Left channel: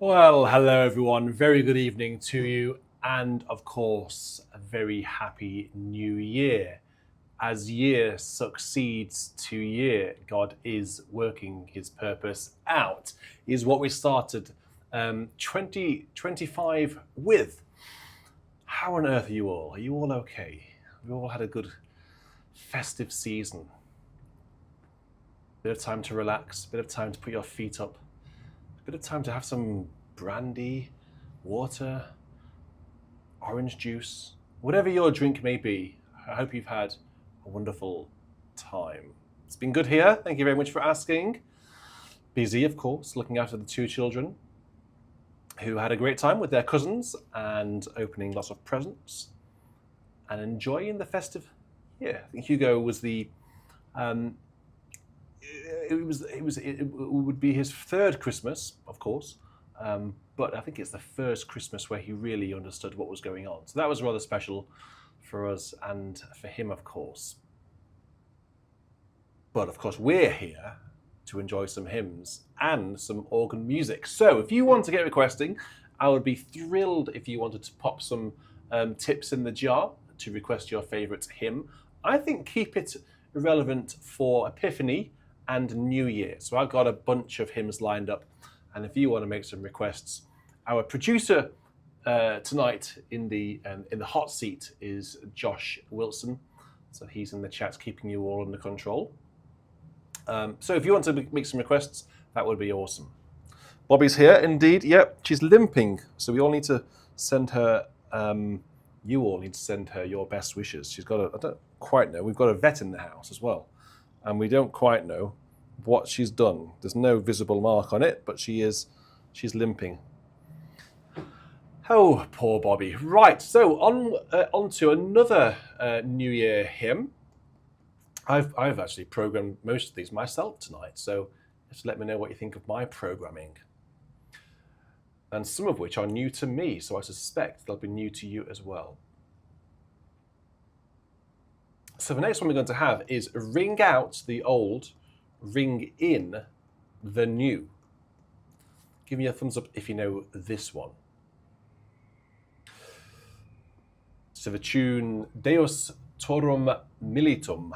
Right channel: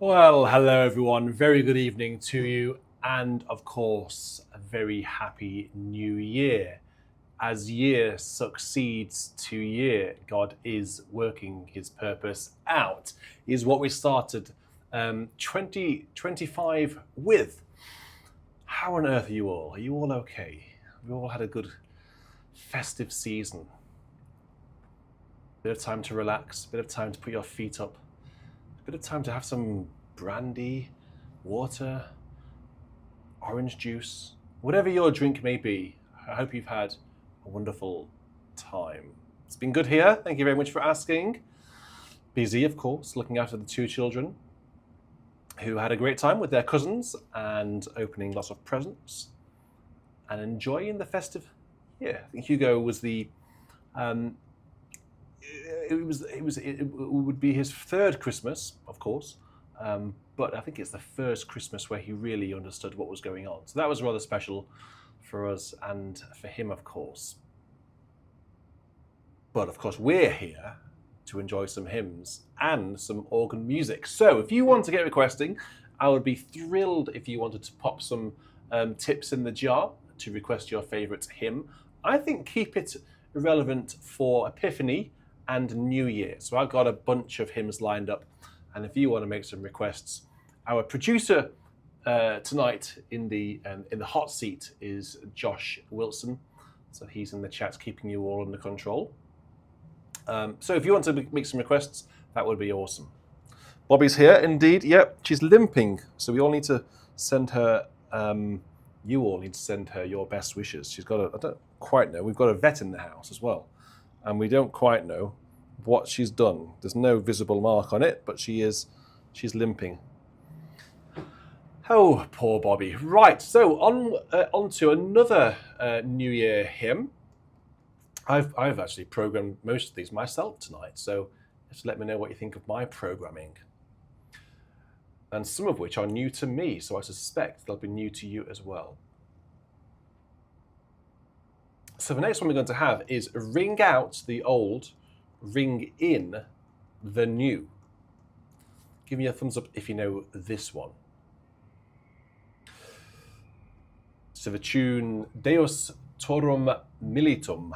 Well, hello everyone. Very good evening to you, and of course, a very happy new year. As year succeeds to year, God is working his purpose out, is what we started 2025 with. How on earth are you all? Are you all okay? Have you all had a good festive season? Bit of time to relax, bit of time to put your feet up, a bit of time to have some brandy, water, orange juice, whatever your drink may be. I hope you've had a wonderful time. It's been good here. Thank you very much for asking. Busy, of course, looking after the two children who had a great time with their cousins and opening lots of presents and enjoying the festive year. I think Hugo was the it would be his third Christmas, of course, but I think it's the first Christmas where he really understood what was going on. So that was rather special for us and for him, of course. But of course, we're here to enjoy some hymns and some organ music. So if you want to get requesting, I would be thrilled if you wanted to pop some tips in the jar to request your favourite hymn. I think keep it relevant for Epiphany and New Year. So I've got a bunch of hymns lined up, and if you want to make some requests, our producer tonight in the hot seat is Josh Wilson. So he's in the chat, keeping you all under control. So if you want to make some requests, that would be awesome. Bobby's here, indeed. Yep, she's limping, so we all need to send her. You all need to send her your best wishes. She's got I don't quite know. We've got a vet in the house as well, and we don't quite know what she's done. There's no visible mark on it, but she's limping. Oh, poor Bobby. Right, so on to another New Year hymn. I've actually programmed most of these myself tonight, so just let me know what you think of my programming. And some of which are new to me, so I suspect they'll be new to you as well. So the next one we're going to have is Ring Out the Old, Ring In the New. Give me a thumbs up if you know this one. So the tune Deus Torum Militum.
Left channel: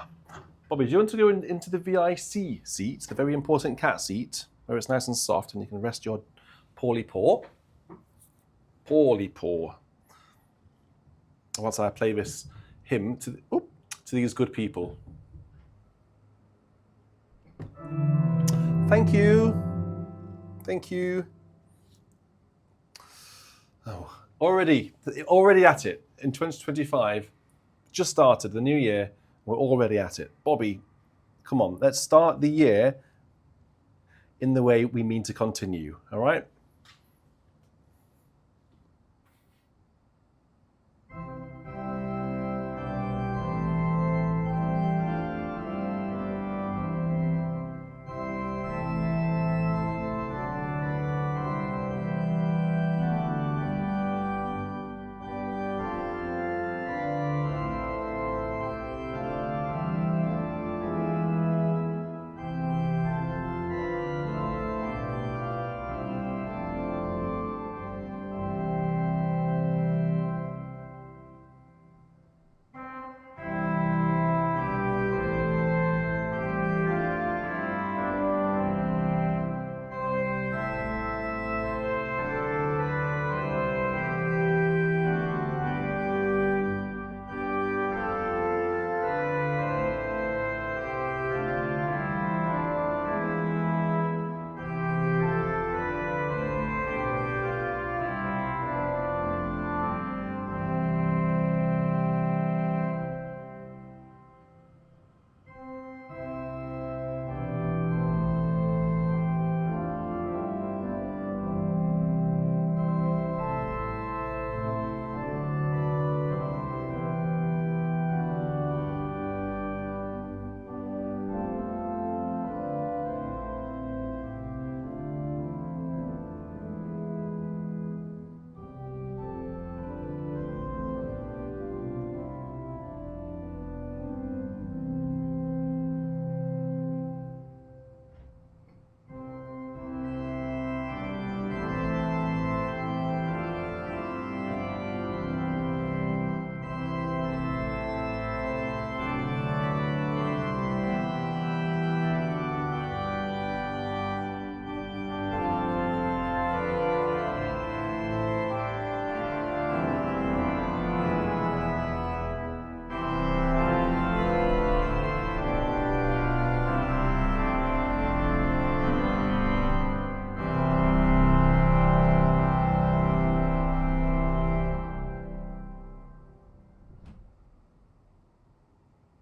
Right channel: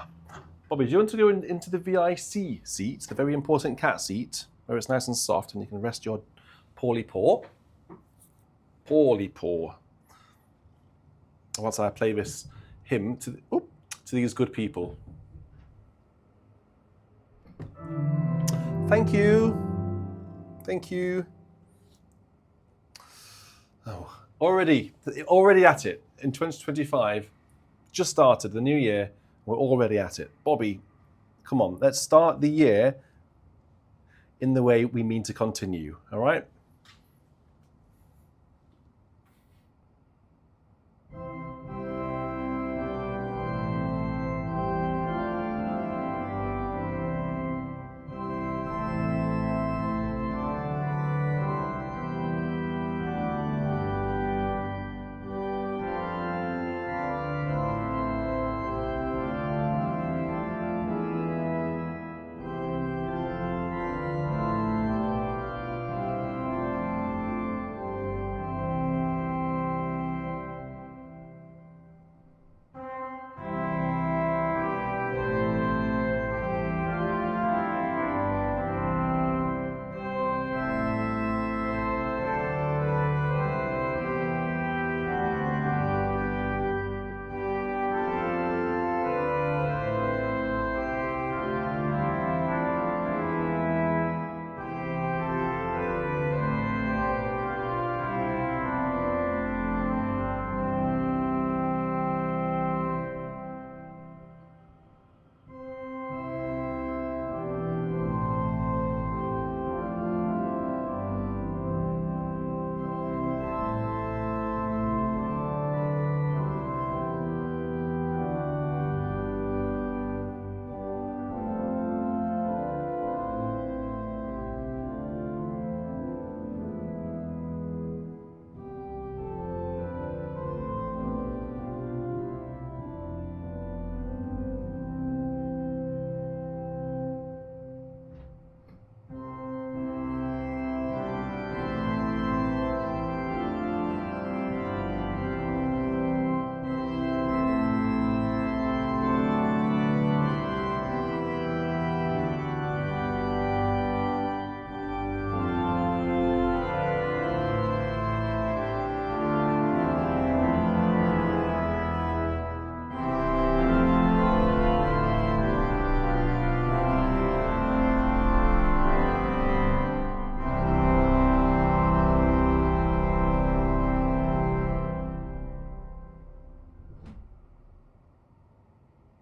Bobby, do you want to go into the VIC seat, the very important cat seat, where it's nice and soft and you can rest your poorly paw? Poorly paw. Once I play this hymn to these good people. Thank you. Thank you. Oh, already at it in 2025. Just started the new year. We're already at it. Bobby, come on, let's start the year in the way we mean to continue, all right?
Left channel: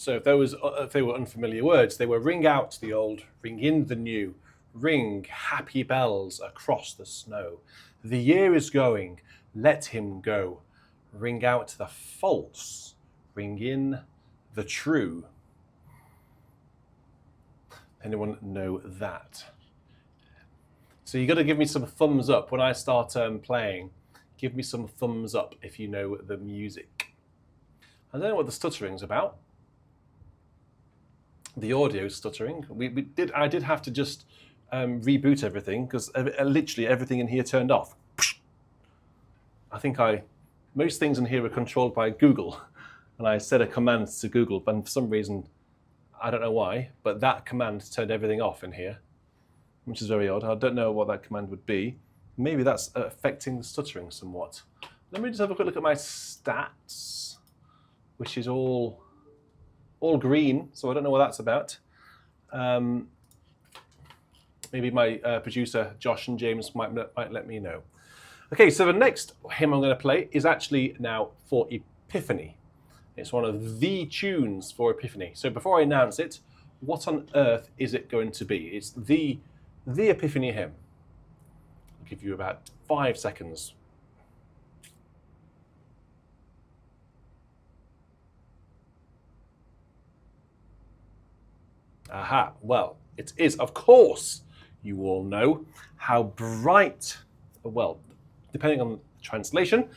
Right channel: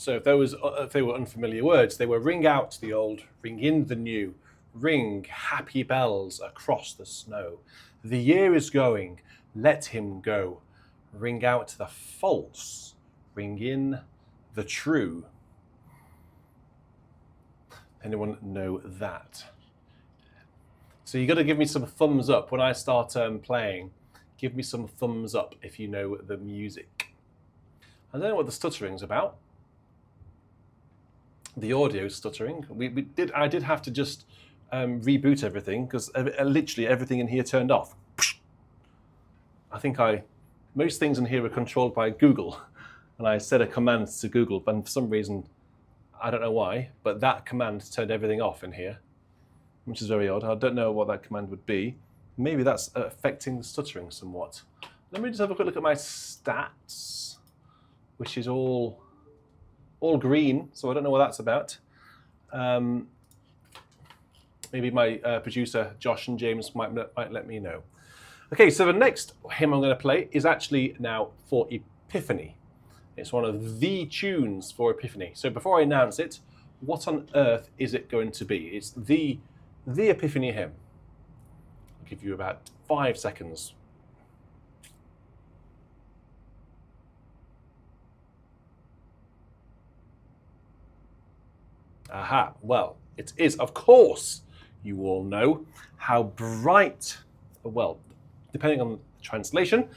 So if they were unfamiliar words, they were ring out the old, ring in the new, ring happy bells across the snow. The year is going, let him go. Ring out the false, ring in the true. Anyone know that? So you got to give me some thumbs up when I start playing. Give me some thumbs up if you know the music. I don't know what the stuttering's about. The audio stuttering. I did have to just reboot everything because literally everything in here turned off. I think most things in here are controlled by Google, and I set a command to Google, but for some reason, I don't know why, but that command turned everything off in here, which is very odd. I don't know what that command would be. Maybe that's affecting the stuttering somewhat. Let me just have a quick look at my stats, which is all green, so I don't know what that's about. Maybe my producer, Josh and James, might let me know. Okay, so the next hymn I'm going to play is actually now for Epiphany. It's one of the tunes for Epiphany. So before I announce it, what on earth is it going to be? It's the Epiphany hymn. I'll give you about 5 seconds. Aha, well, it is, of course, you all know, how bright, well, depending on the translation,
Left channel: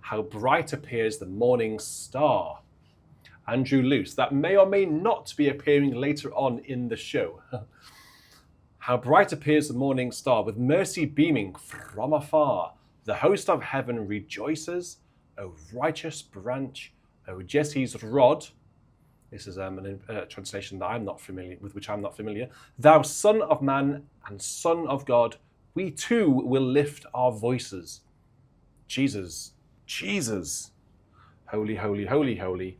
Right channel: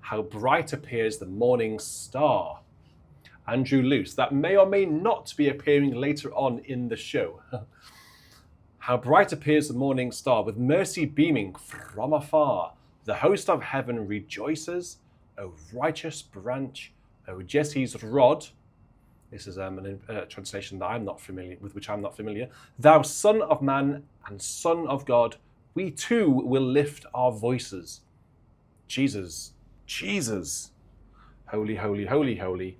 how bright appears the morning star. Andrew Luce, that may or may not be appearing later on in the show. How bright appears the morning star, with mercy beaming from afar. The host of heaven rejoices, O righteous branch, O Jesse's rod. This is a translation that I'm not familiar with, which I'm not familiar. Thou Son of Man and Son of God, we too will lift our voices. Jesus, Jesus, holy, holy, holy, holy,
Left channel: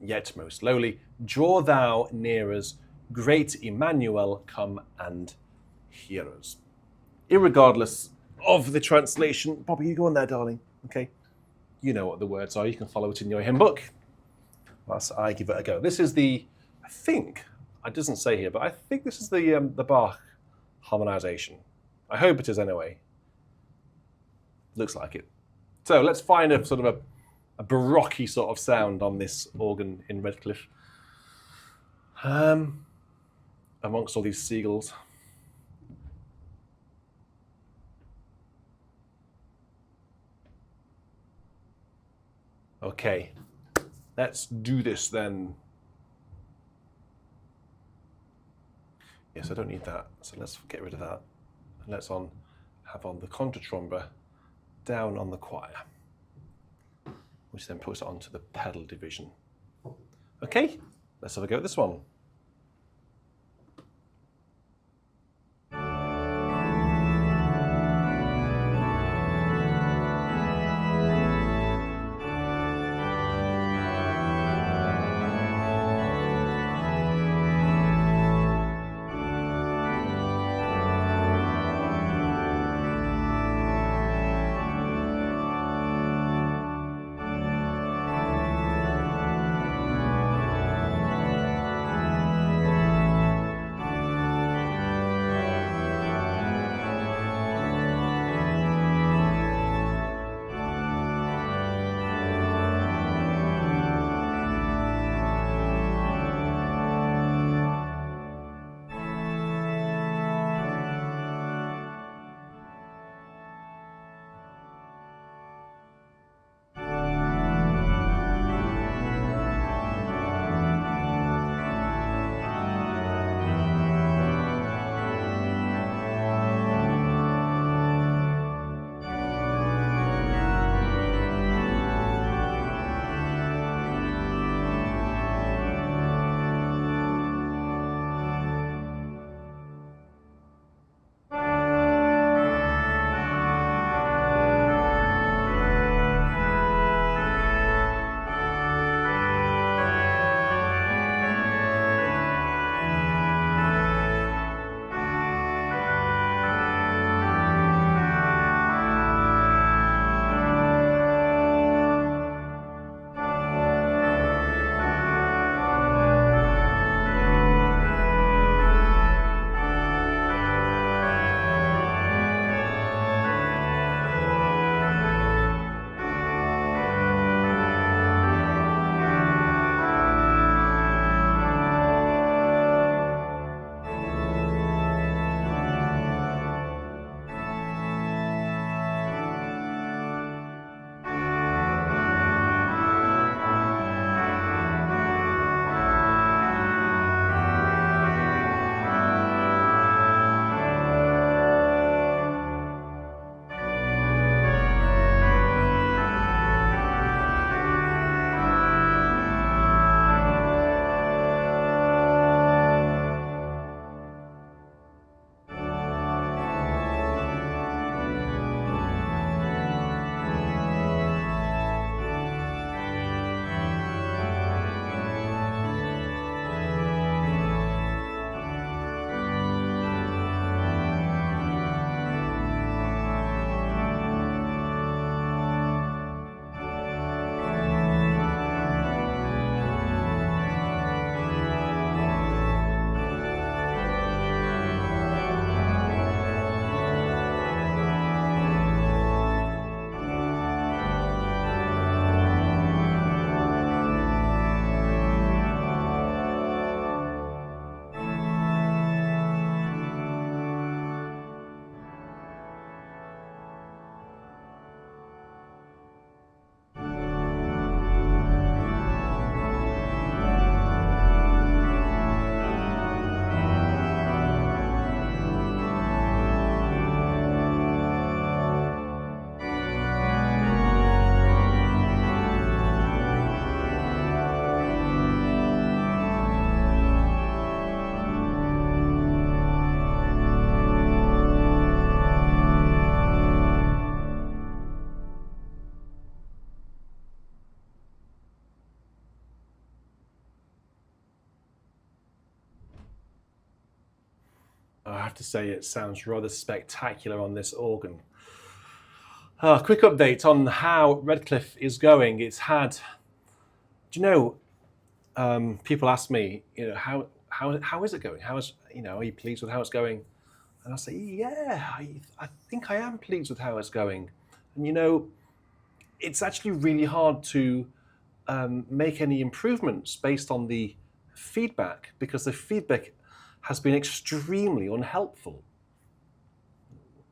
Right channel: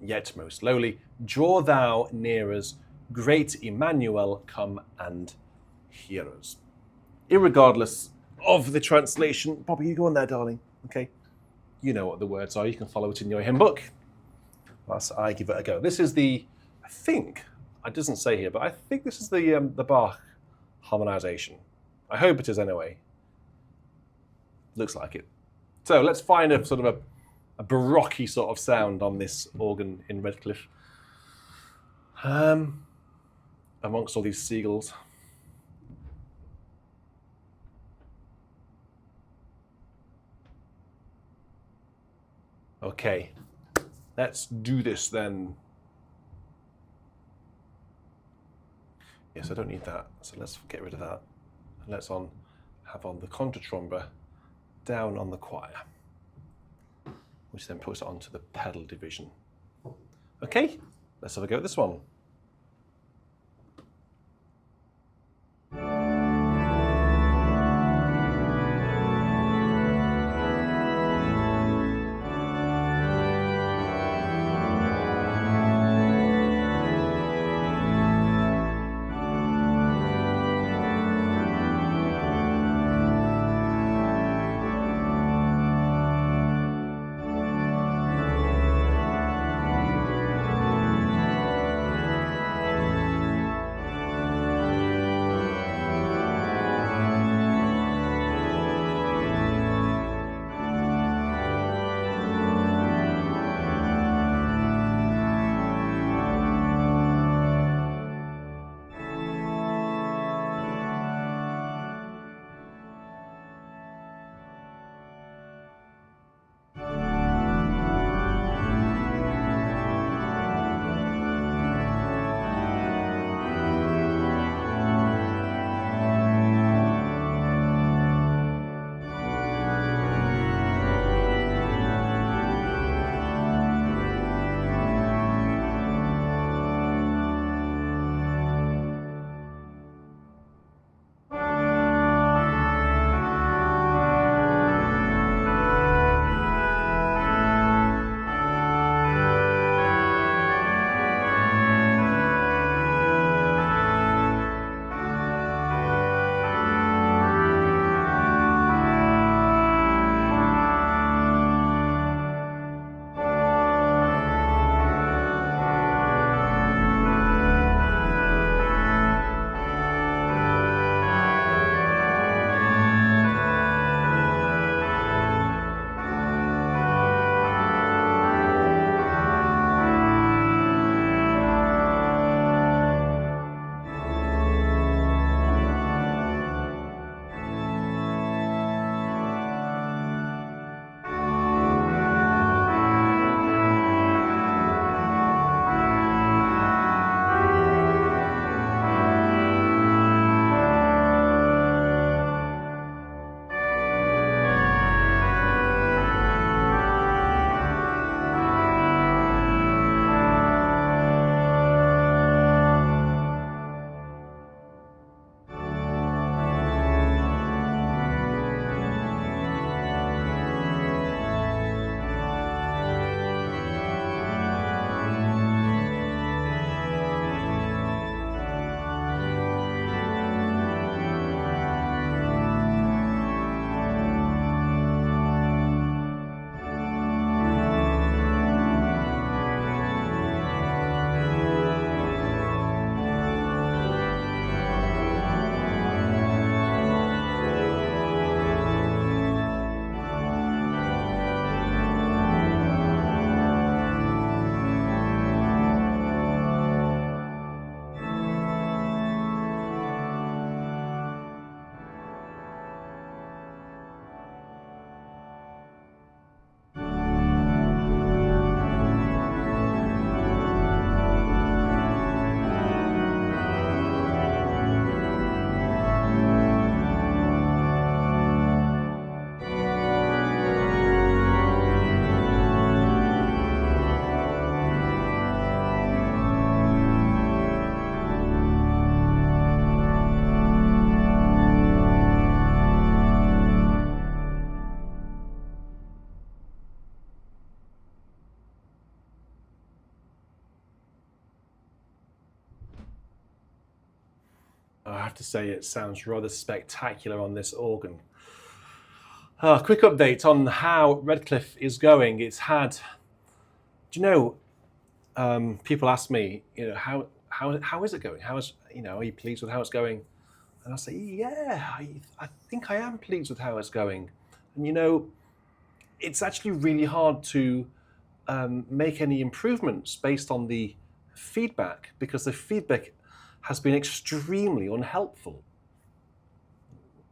yet most lowly. Draw thou near us, great Emmanuel, come and hear us. Irregardless of the translation, Bobby, you go on there, darling. Okay, you know what the words are. You can follow it in your hymn book. Whilst I give it a go. This is I think, it doesn't say here, but I think this is the Bach harmonization. I hope it is anyway. Looks like it. So let's find a sort of a baroque sort of sound on this organ in Redcliffe. Amongst all these seagulls. Okay. Let's do this then. Yes, I don't need that, so let's get rid of that. And let's have on the contratromba down on the choir, which then puts it onto the pedal division. Okay, let's have a go at this one. I have to say it sounds rather spectacular on this organ. Quick update on how Redcliffe is going. It's had, do you know, people ask me, you know, how is it going? Are you pleased with how it's going? And I say, yeah, I think I am pleased with how it's going. And you know, it's actually really hard to make any improvements based on the feedback, because the feedback has been extremely unhelpful.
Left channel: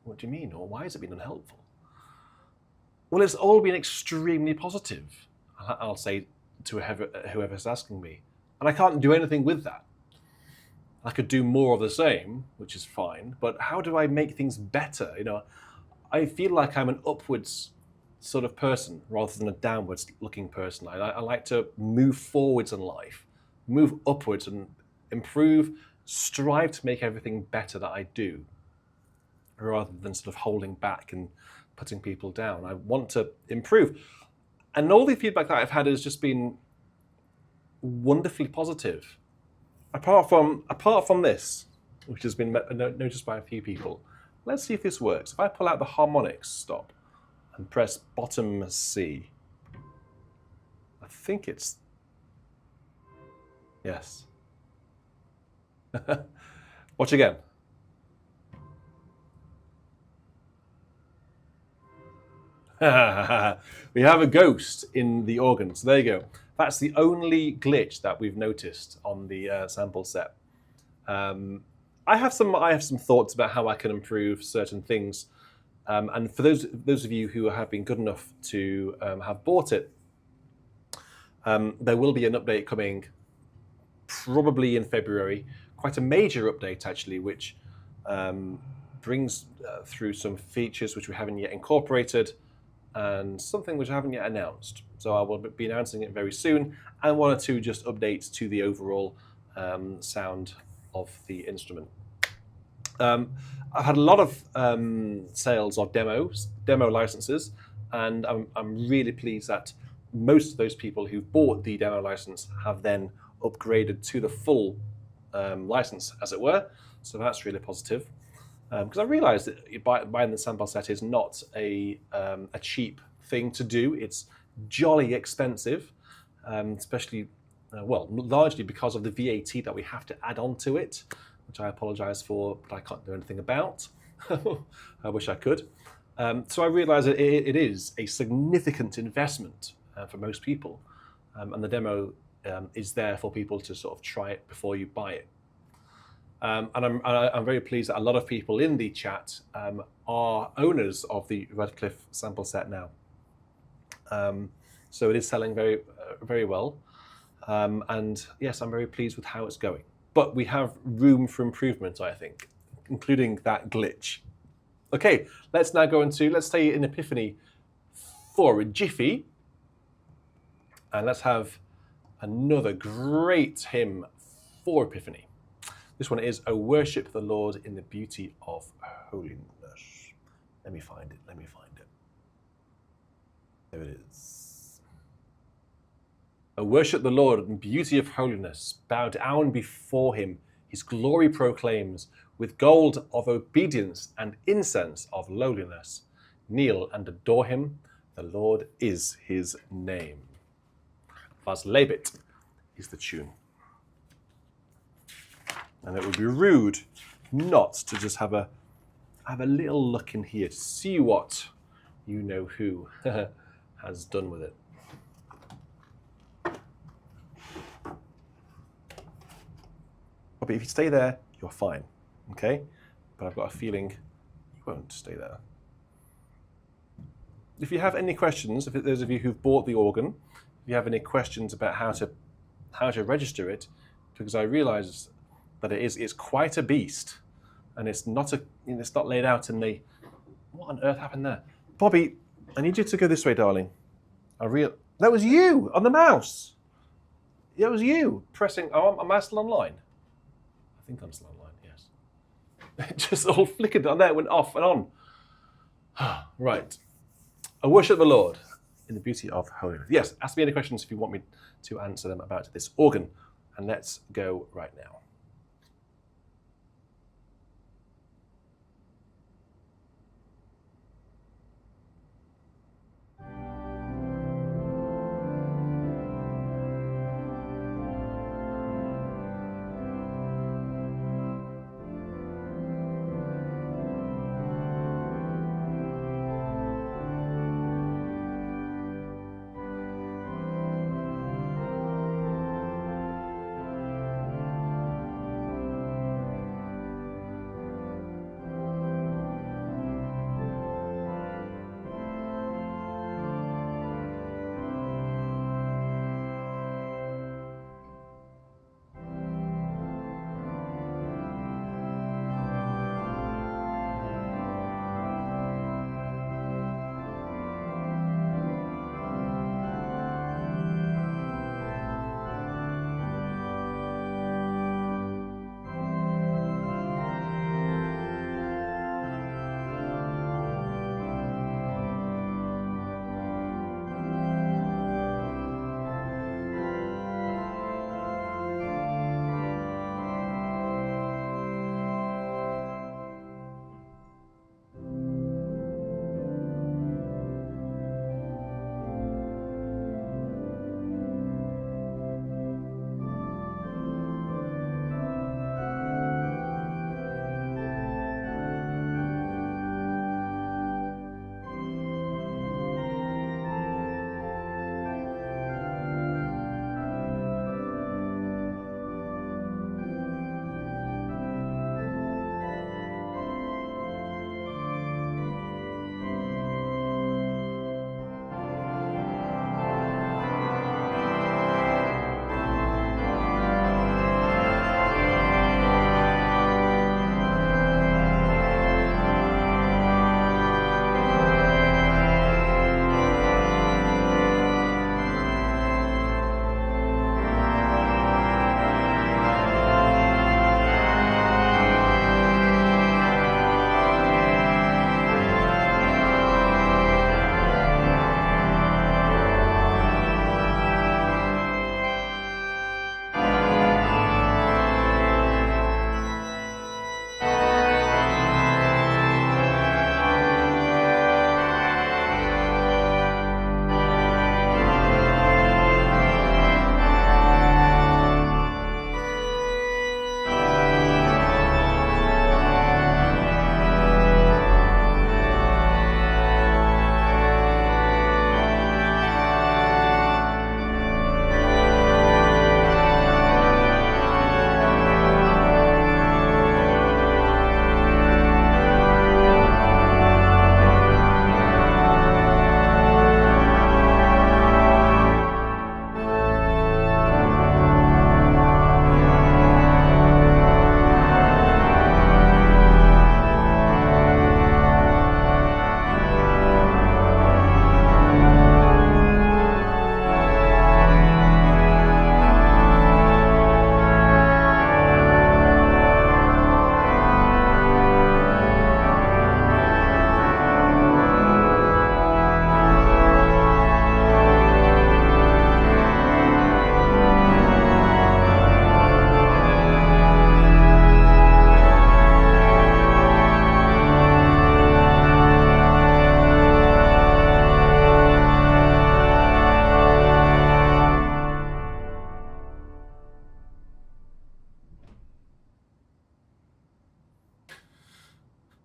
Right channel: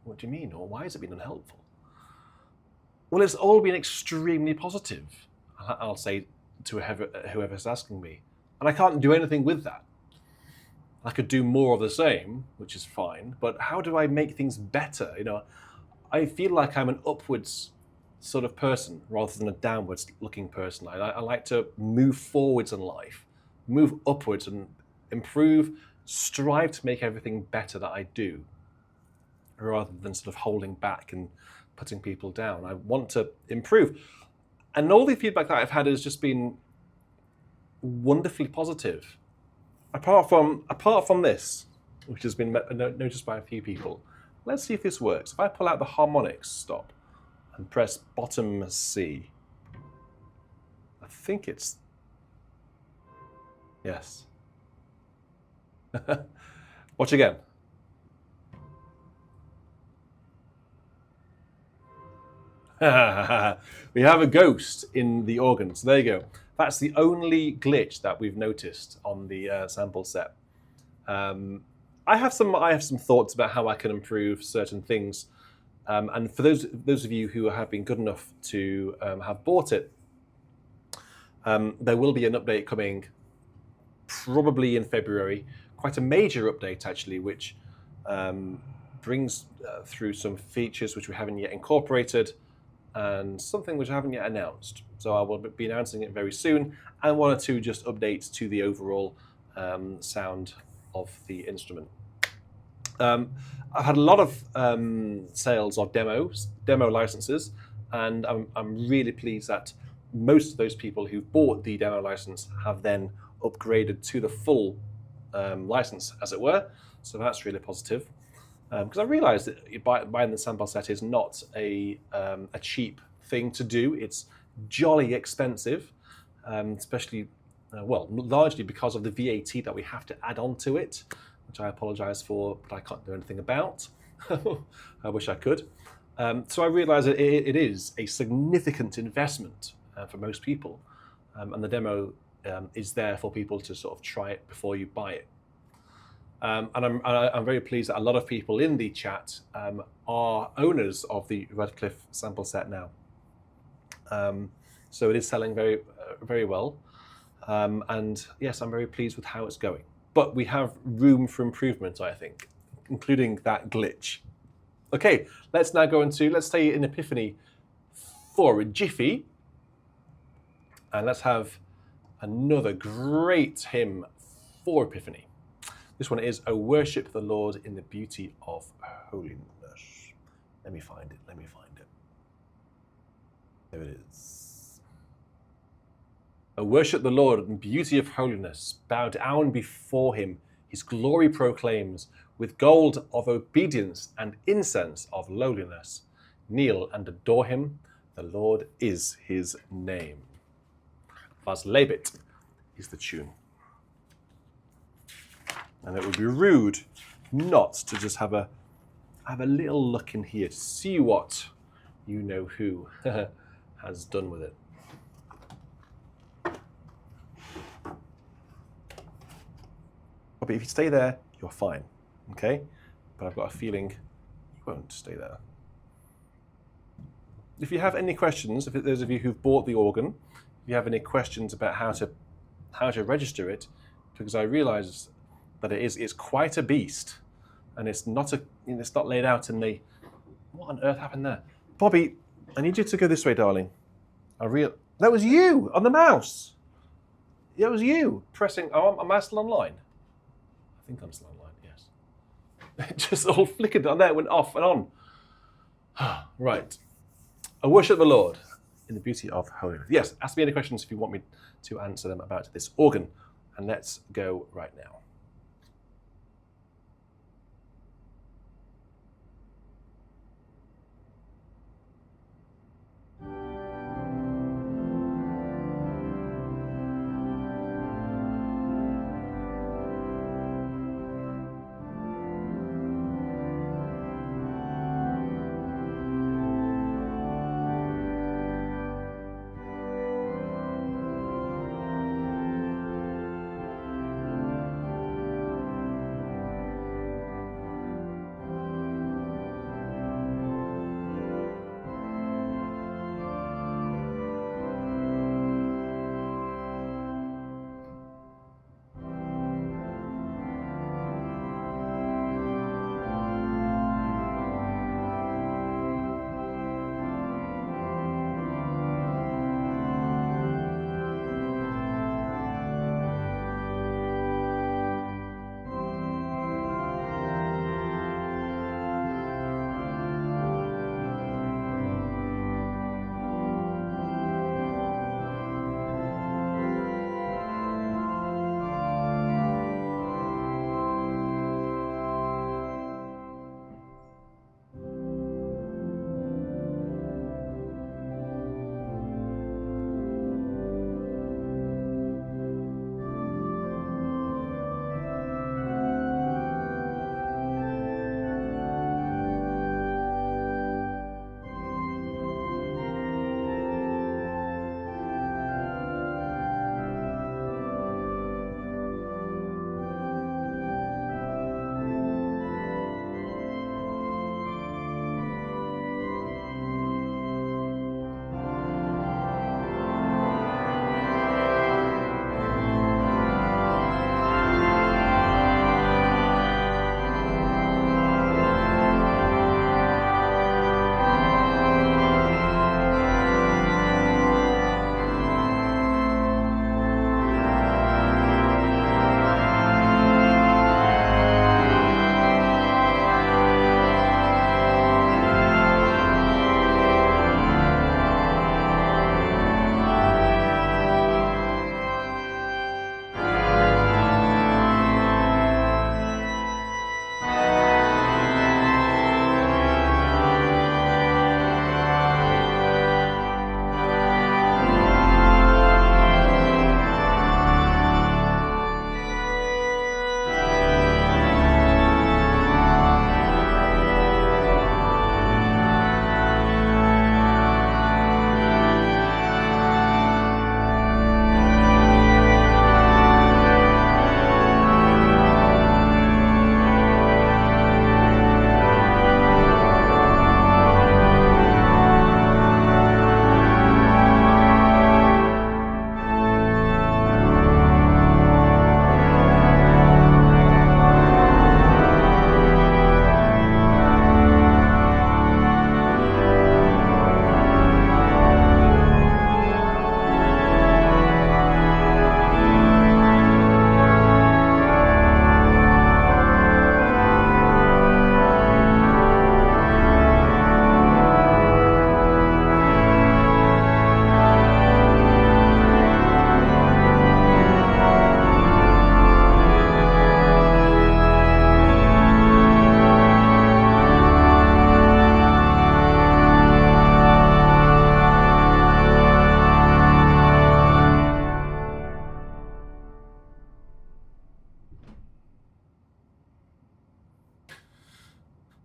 What do you mean? Or why has it been unhelpful? Well, it's all been extremely positive, I'll say to whoever's asking me. And I can't do anything with that. I could do more of the same, which is fine, but how do I make things better? You know, I feel like I'm an upwards sort of person rather than a downwards looking person. I like to move forwards in life, move upwards and improve, strive to make everything better that I do, rather than sort of holding back and putting people down. I want to improve. And all the feedback that I've had has just been wonderfully positive. Apart from this, which has been noticed by a few people. Let's see if this works. If I pull out the harmonics stop and press bottom C, I think it's, yes. Watch again. We have a ghost in the organ. So there you go. That's the only glitch that we've noticed on the sample set. I have some thoughts about how I can improve certain things. And for those of you who have been good enough to have bought it, there will be an update coming probably in February. Quite a major update actually, which brings through some features which we haven't yet incorporated, and something which I haven't yet announced. So I will be announcing it very soon, and one or two just updates to the overall sound of the instrument. I've had a lot of sales of demo licenses, and I'm really pleased that most of those people who bought the demo license have then upgraded to the full license, as it were. So that's really positive. Because I realised that buying the sample set is not a cheap thing to do. It's jolly expensive, especially, largely because of the VAT that we have to add on to it, which I apologise for, but I can't do anything about. I wish I could. So I realised that it is a significant investment for most people, and the demo is there for people to sort of try it before you buy it. And I'm very pleased that a lot of people in the chat are owners of the Redcliffe sample set now. So it is selling very, very well. And yes, I'm very pleased with how it's going. But we have room for improvement, I think, including that glitch. Okay, let's now go into, let's stay in Epiphany for a jiffy. And let's have another great hymn for Epiphany. This one is, "O worship the Lord in the beauty of holiness." Let me find it. There it is. "O worship the Lord in beauty of holiness. Bow down before him. His glory proclaims. With gold of obedience and incense of lowliness. Kneel and adore him. The Lord is his name." "Was lebet" is the tune. And it would be rude not to just have a little look in here to see what you know who has done with it. But if you stay there, you're fine, okay? But I've got a feeling you won't stay there. If you have any questions, if those of you who've bought the organ, if you have any questions about how to register it, because I realise that it's quite a beast, and it's not laid out in the. What on earth happened there, Bobby? I need you to go this way, darling. That was you on the mouse. That was you pressing. Oh, am I still online? I think I'm still online. Yes. It just all flickered on there, went off and on. Right. "I worship the Lord in the beauty of holiness." Yes. Ask me any questions if you want me to answer them about this organ, and let's go right now.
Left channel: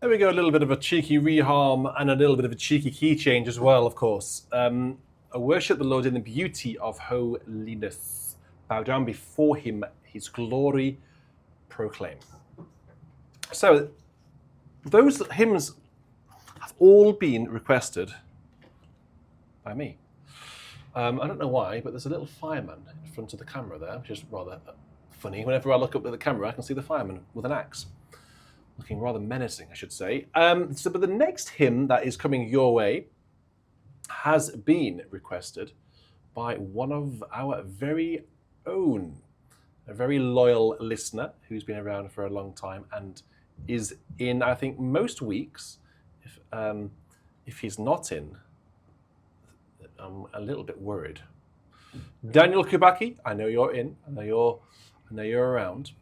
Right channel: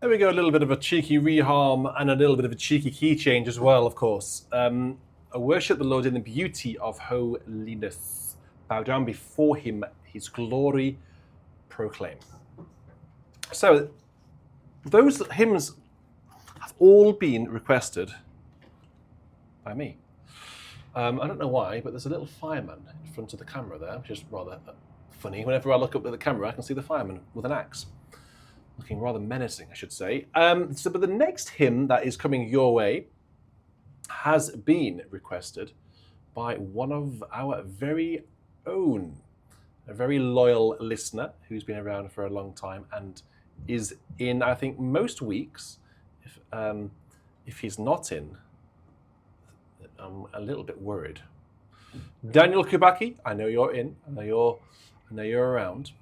There we go, a little bit of a cheeky reharm and a little bit of a cheeky key change as well, of course. I worship the Lord in the beauty of holiness. Bow down before him, his glory proclaim. So, those hymns have all been requested by me. I don't know why, but there's a little fireman in front of the camera there, which is rather funny. Whenever I look up at the camera, I can see the fireman with an axe. Looking rather menacing, I should say. But the next hymn that is coming your way has been requested by one of our very own, a very loyal listener who's been around for a long time and is in, I think, most weeks. If he's not in, I'm a little bit worried. Daniel Kubaki, I know you're in. I know you're around.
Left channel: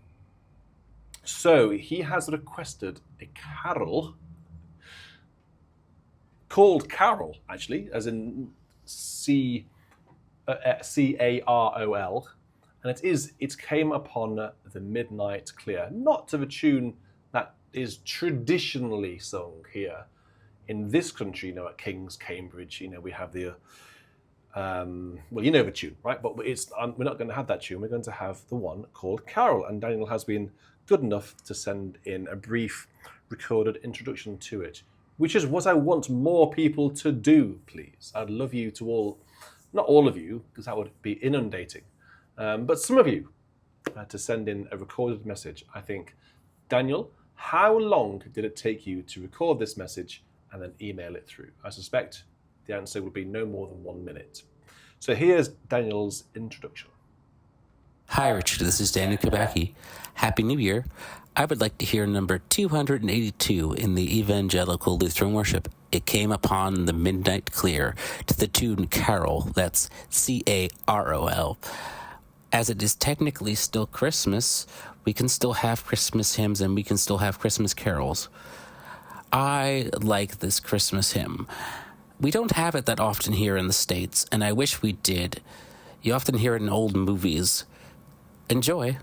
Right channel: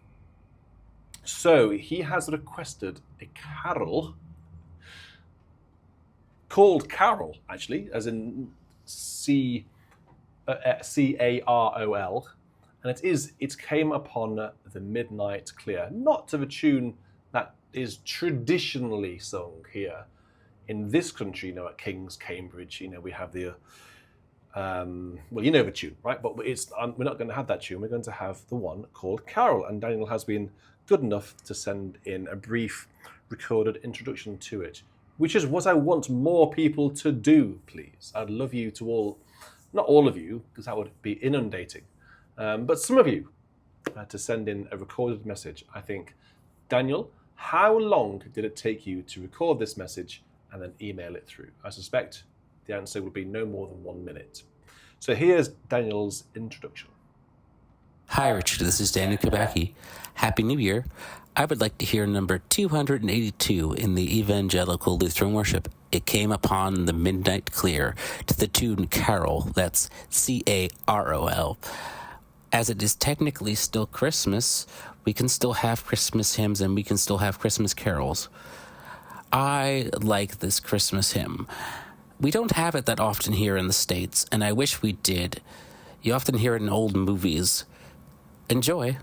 So he has requested a carol called Carol, actually, as in C-A-R-O-L, and it came upon the midnight clear, not to the tune that is traditionally sung here in this country. At King's, Cambridge, we have the well, you know the tune, right? But we're not going to have that tune. We're going to have the one called Carol, and Daniel has been good enough to send in a brief recorded introduction to it, which is what I want more people to do, please. I'd love you to all, not all of you, because that would be inundating, but some of you to send in a recorded message. I think, Daniel, how long did it take you to record this message and then email it through? I suspect the answer would be no more than 1 minute. So here's Daniel's introduction. Hi, Richard. This is Daniel Kubaki. Happy New Year. I would like to hear number 282 in the Evangelical Lutheran Worship. It came upon the midnight clear to the tune Carol. That's C-A-R-O-L. As it is technically still Christmas, we can still have Christmas hymns and we can still have Christmas carols. I like this Christmas hymn. We don't have it that often here in the States, and I wish we did. You often hear it in old movies. Enjoy.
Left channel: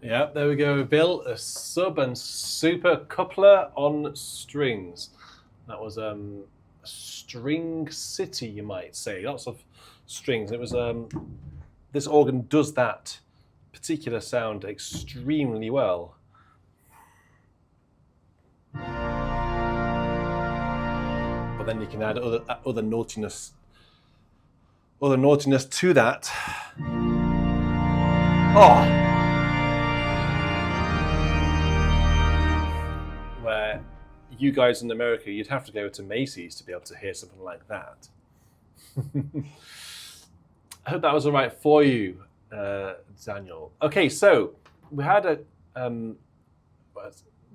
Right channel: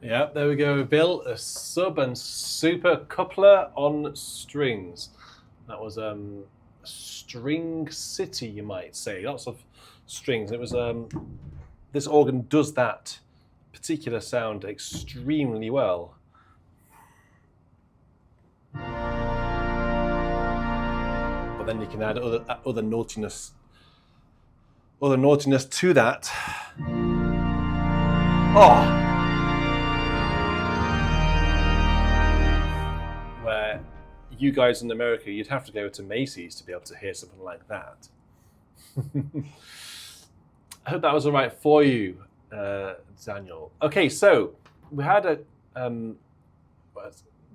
Yeah, there we go, Bill. A sub and super coupler on strings. That was String City, you might say. Lots of strings. It was this organ does that particular sound extremely well. But then you can add other naughtiness to that. Oh, where you guys in America, you'd have to go to Macy's to be able to hear something like that. I hope that was all right for you, Daniel. Okay, so we had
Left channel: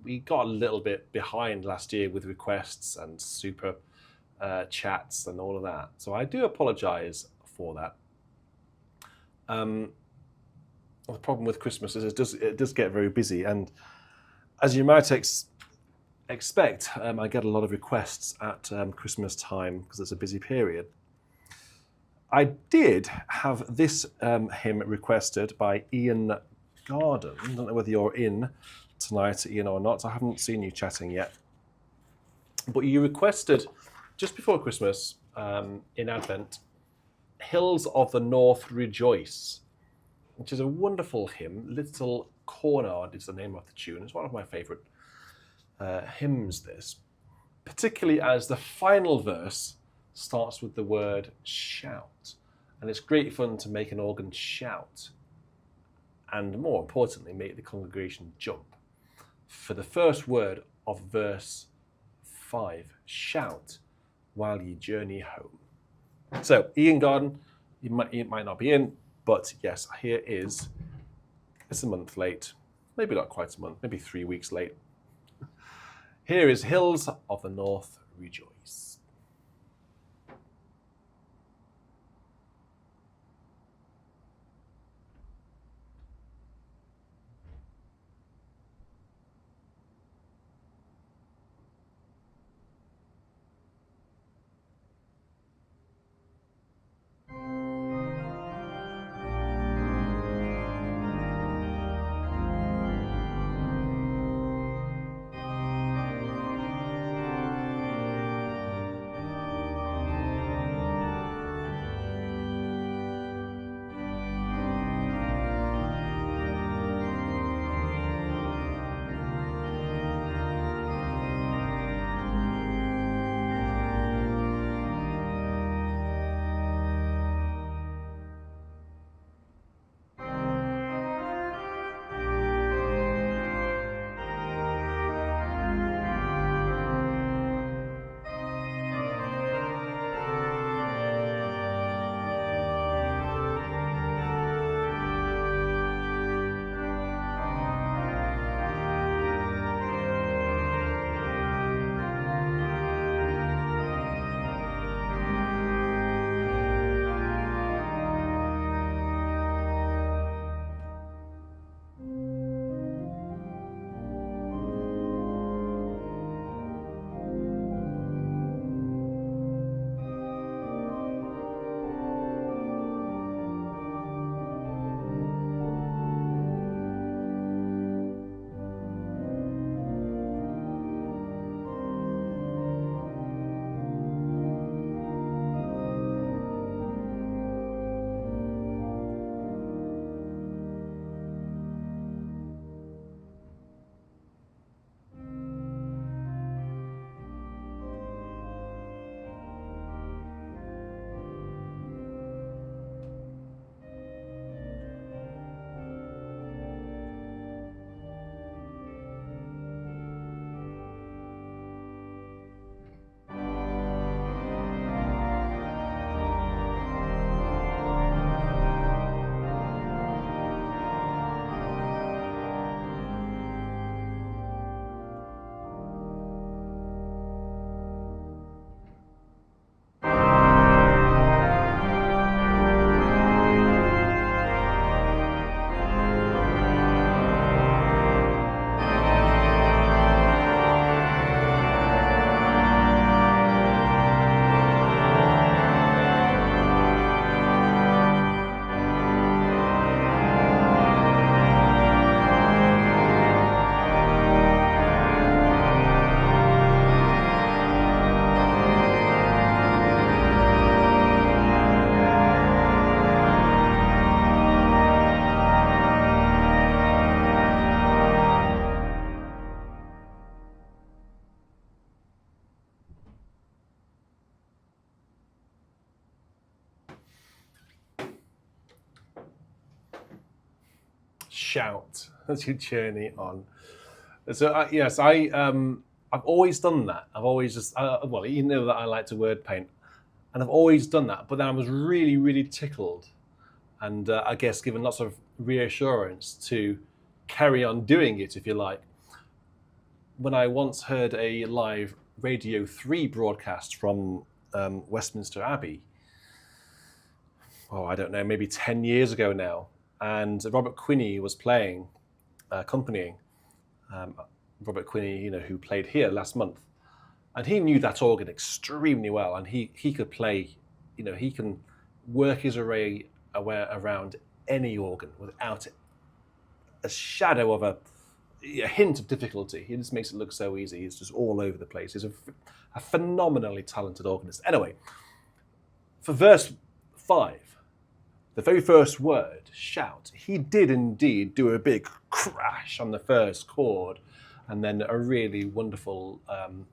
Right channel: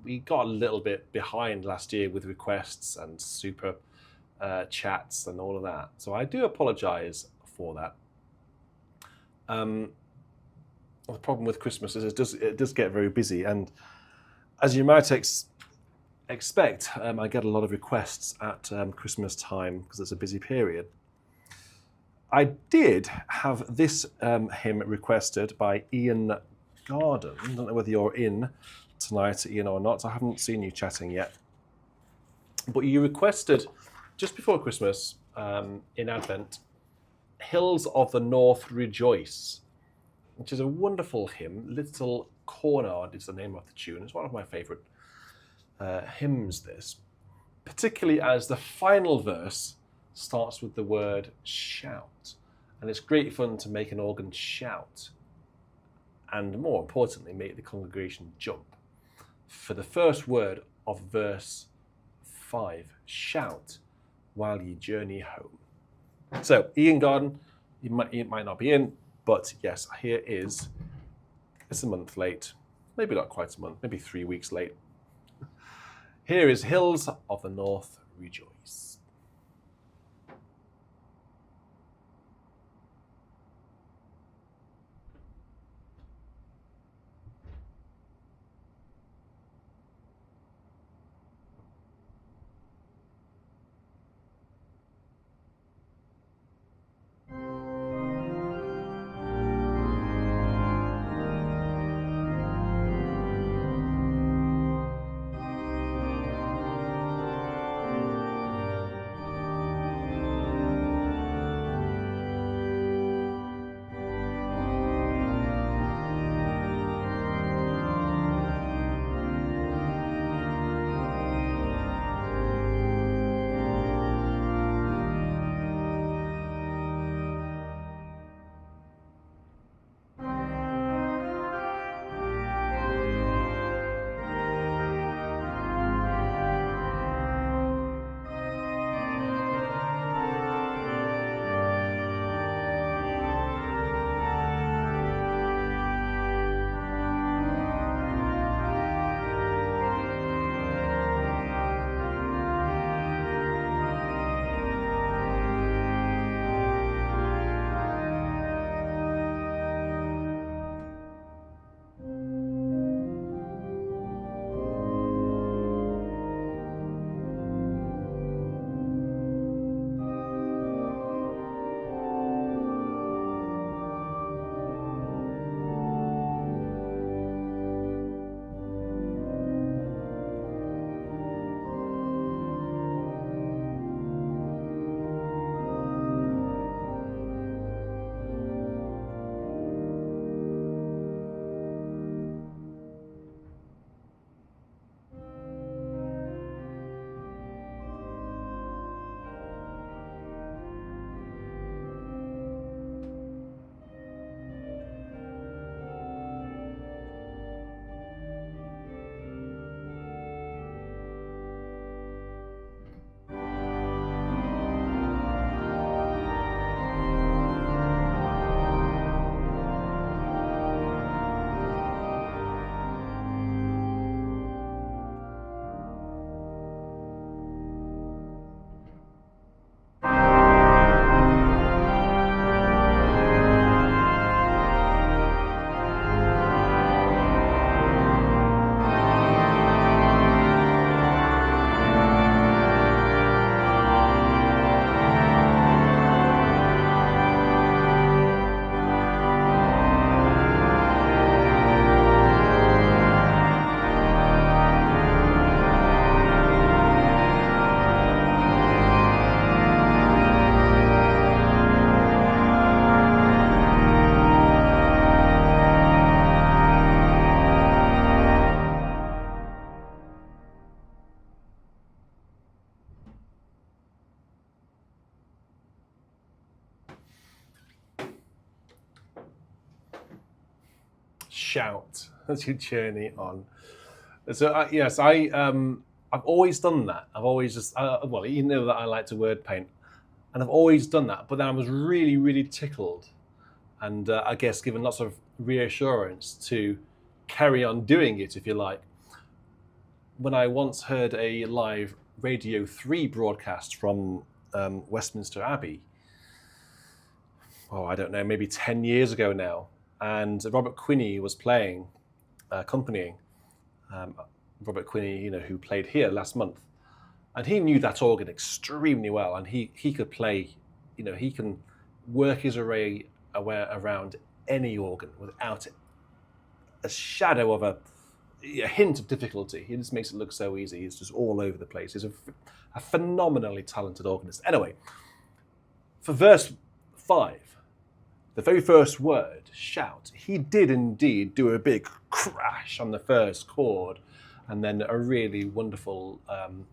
we got a little bit behind last year with requests and super chats and all of that. So I do apologize for that. The problem with Christmas is it does get very busy, and as you might expect, I get a lot of requests at Christmas time because it's a busy period. I did have this hymn requested by Ian Garden. I don't know whether you're in tonight, Ian, or not. I haven't seen you chatting yet. But you requested, just before Christmas, in Advent, Hills of the North Rejoice, which is a wonderful hymn. Little Cornard is the name of the tune. It's one of my favourite hymns, this. Particularly as the final verse starts with the word shout. And it's great fun to make an organ shout. And more importantly, make the congregation jump. For the first word of verse 5, shout while ye journey home. So, Ian Garden, you might not be in, but yes, here is, it's a month late, maybe not quite a month, maybe 3 weeks late. Here is Hills of the North Rejoice. shout as you journey on. So yes, I've always done that. I've always just well, you know that I like to word paint, and I've always done that. But then I was really, really tickled, and I guess given lots of reassurance to carry on doing it, if you like, when I once heard a live Radio 3 broadcast from Westminster Abbey. Oh, I don't know, maybe 10 years ago now, and Robert Quinney was playing, accompanying. Robert Quinney, you know, who played here last month, and he knew that organ extremely well, and he could play, you know, he can work his array around any organ without a shadow of a hint of difficulty. He just makes it look so easy. He's just all over the place. He's a phenomenally talented organist. Anyway, for verse 5, the very first word, shout, he did indeed do a big crash on the first chord, and then a really wonderful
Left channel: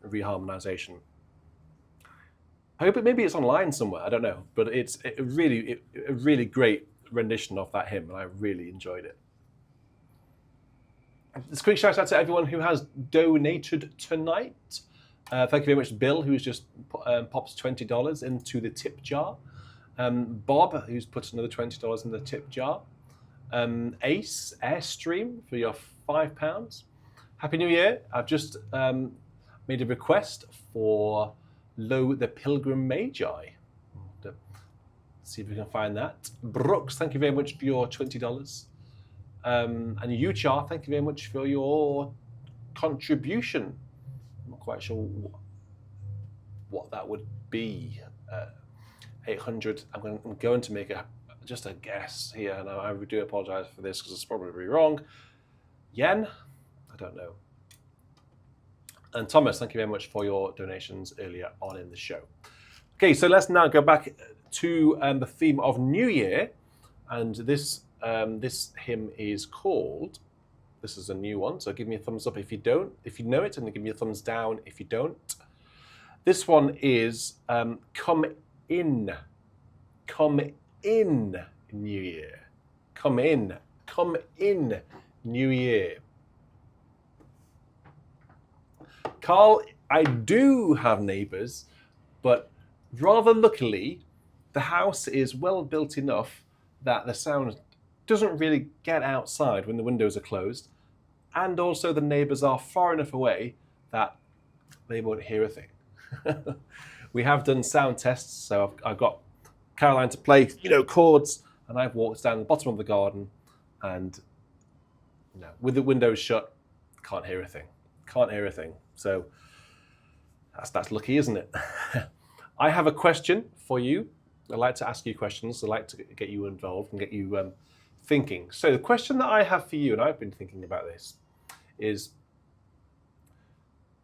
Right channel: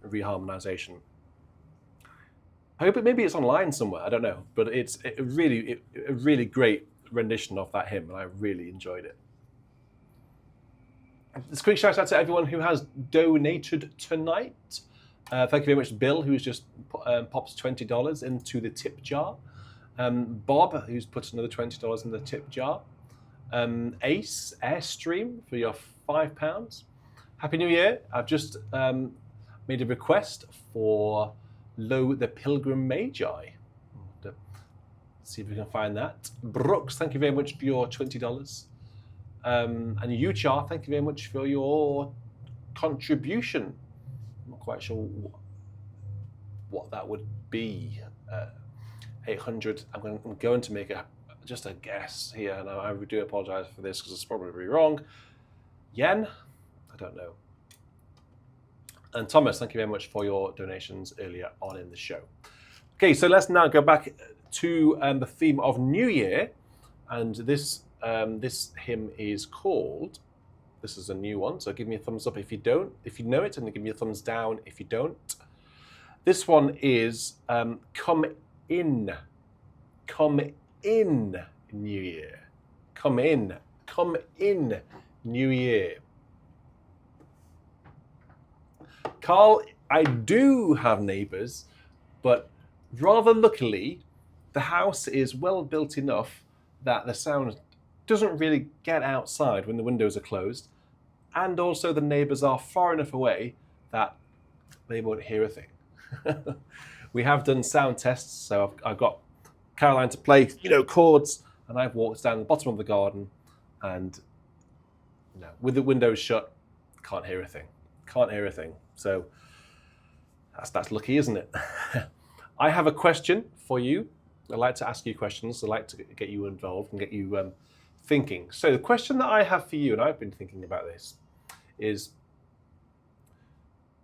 reharmonization. I hope maybe it's online somewhere, I don't know, but it's a really great rendition of that hymn, and I really enjoyed it. This quick shout out to everyone who has donated tonight. Thank you very much, Bill, who's just popped $20 into the tip jar. Bob, who's put another $20 in the tip jar. Ace, Airstream, for your £5. Happy New Year. I've just made a request for Lo the Pilgrim Magi. See if we can find that. Brooks, thank you very much for your $20. And Uchar, thank you very much for your contribution. I'm not quite sure what that would be. 800. I'm going to make just a guess here, and I do apologize for this because it's probably wrong. Yen? I don't know. And Thomas, thank you very much for your donations earlier on in the show. Okay, so let's now go back to the theme of New Year, and this hymn is called. This is a new one, so give me a thumbs up if you know it, and give me a thumbs down if you don't. This one is Come In, New Year. Come in, New Year. Carl, I do have neighbours, but rather luckily, the house is well built enough that the sound doesn't really get outside when the windows are closed, and also the neighbours are far enough away that they won't hear a thing. We have done sound tests, so I've got Caroline to play, chords, and I've walked down the bottom of the garden, and with the windows shut, can't hear a thing. So that's lucky, isn't it? I have a question for you. I like to ask you questions. I like to get you involved and get you thinking. So the question that I have for you, and I've been thinking about this, is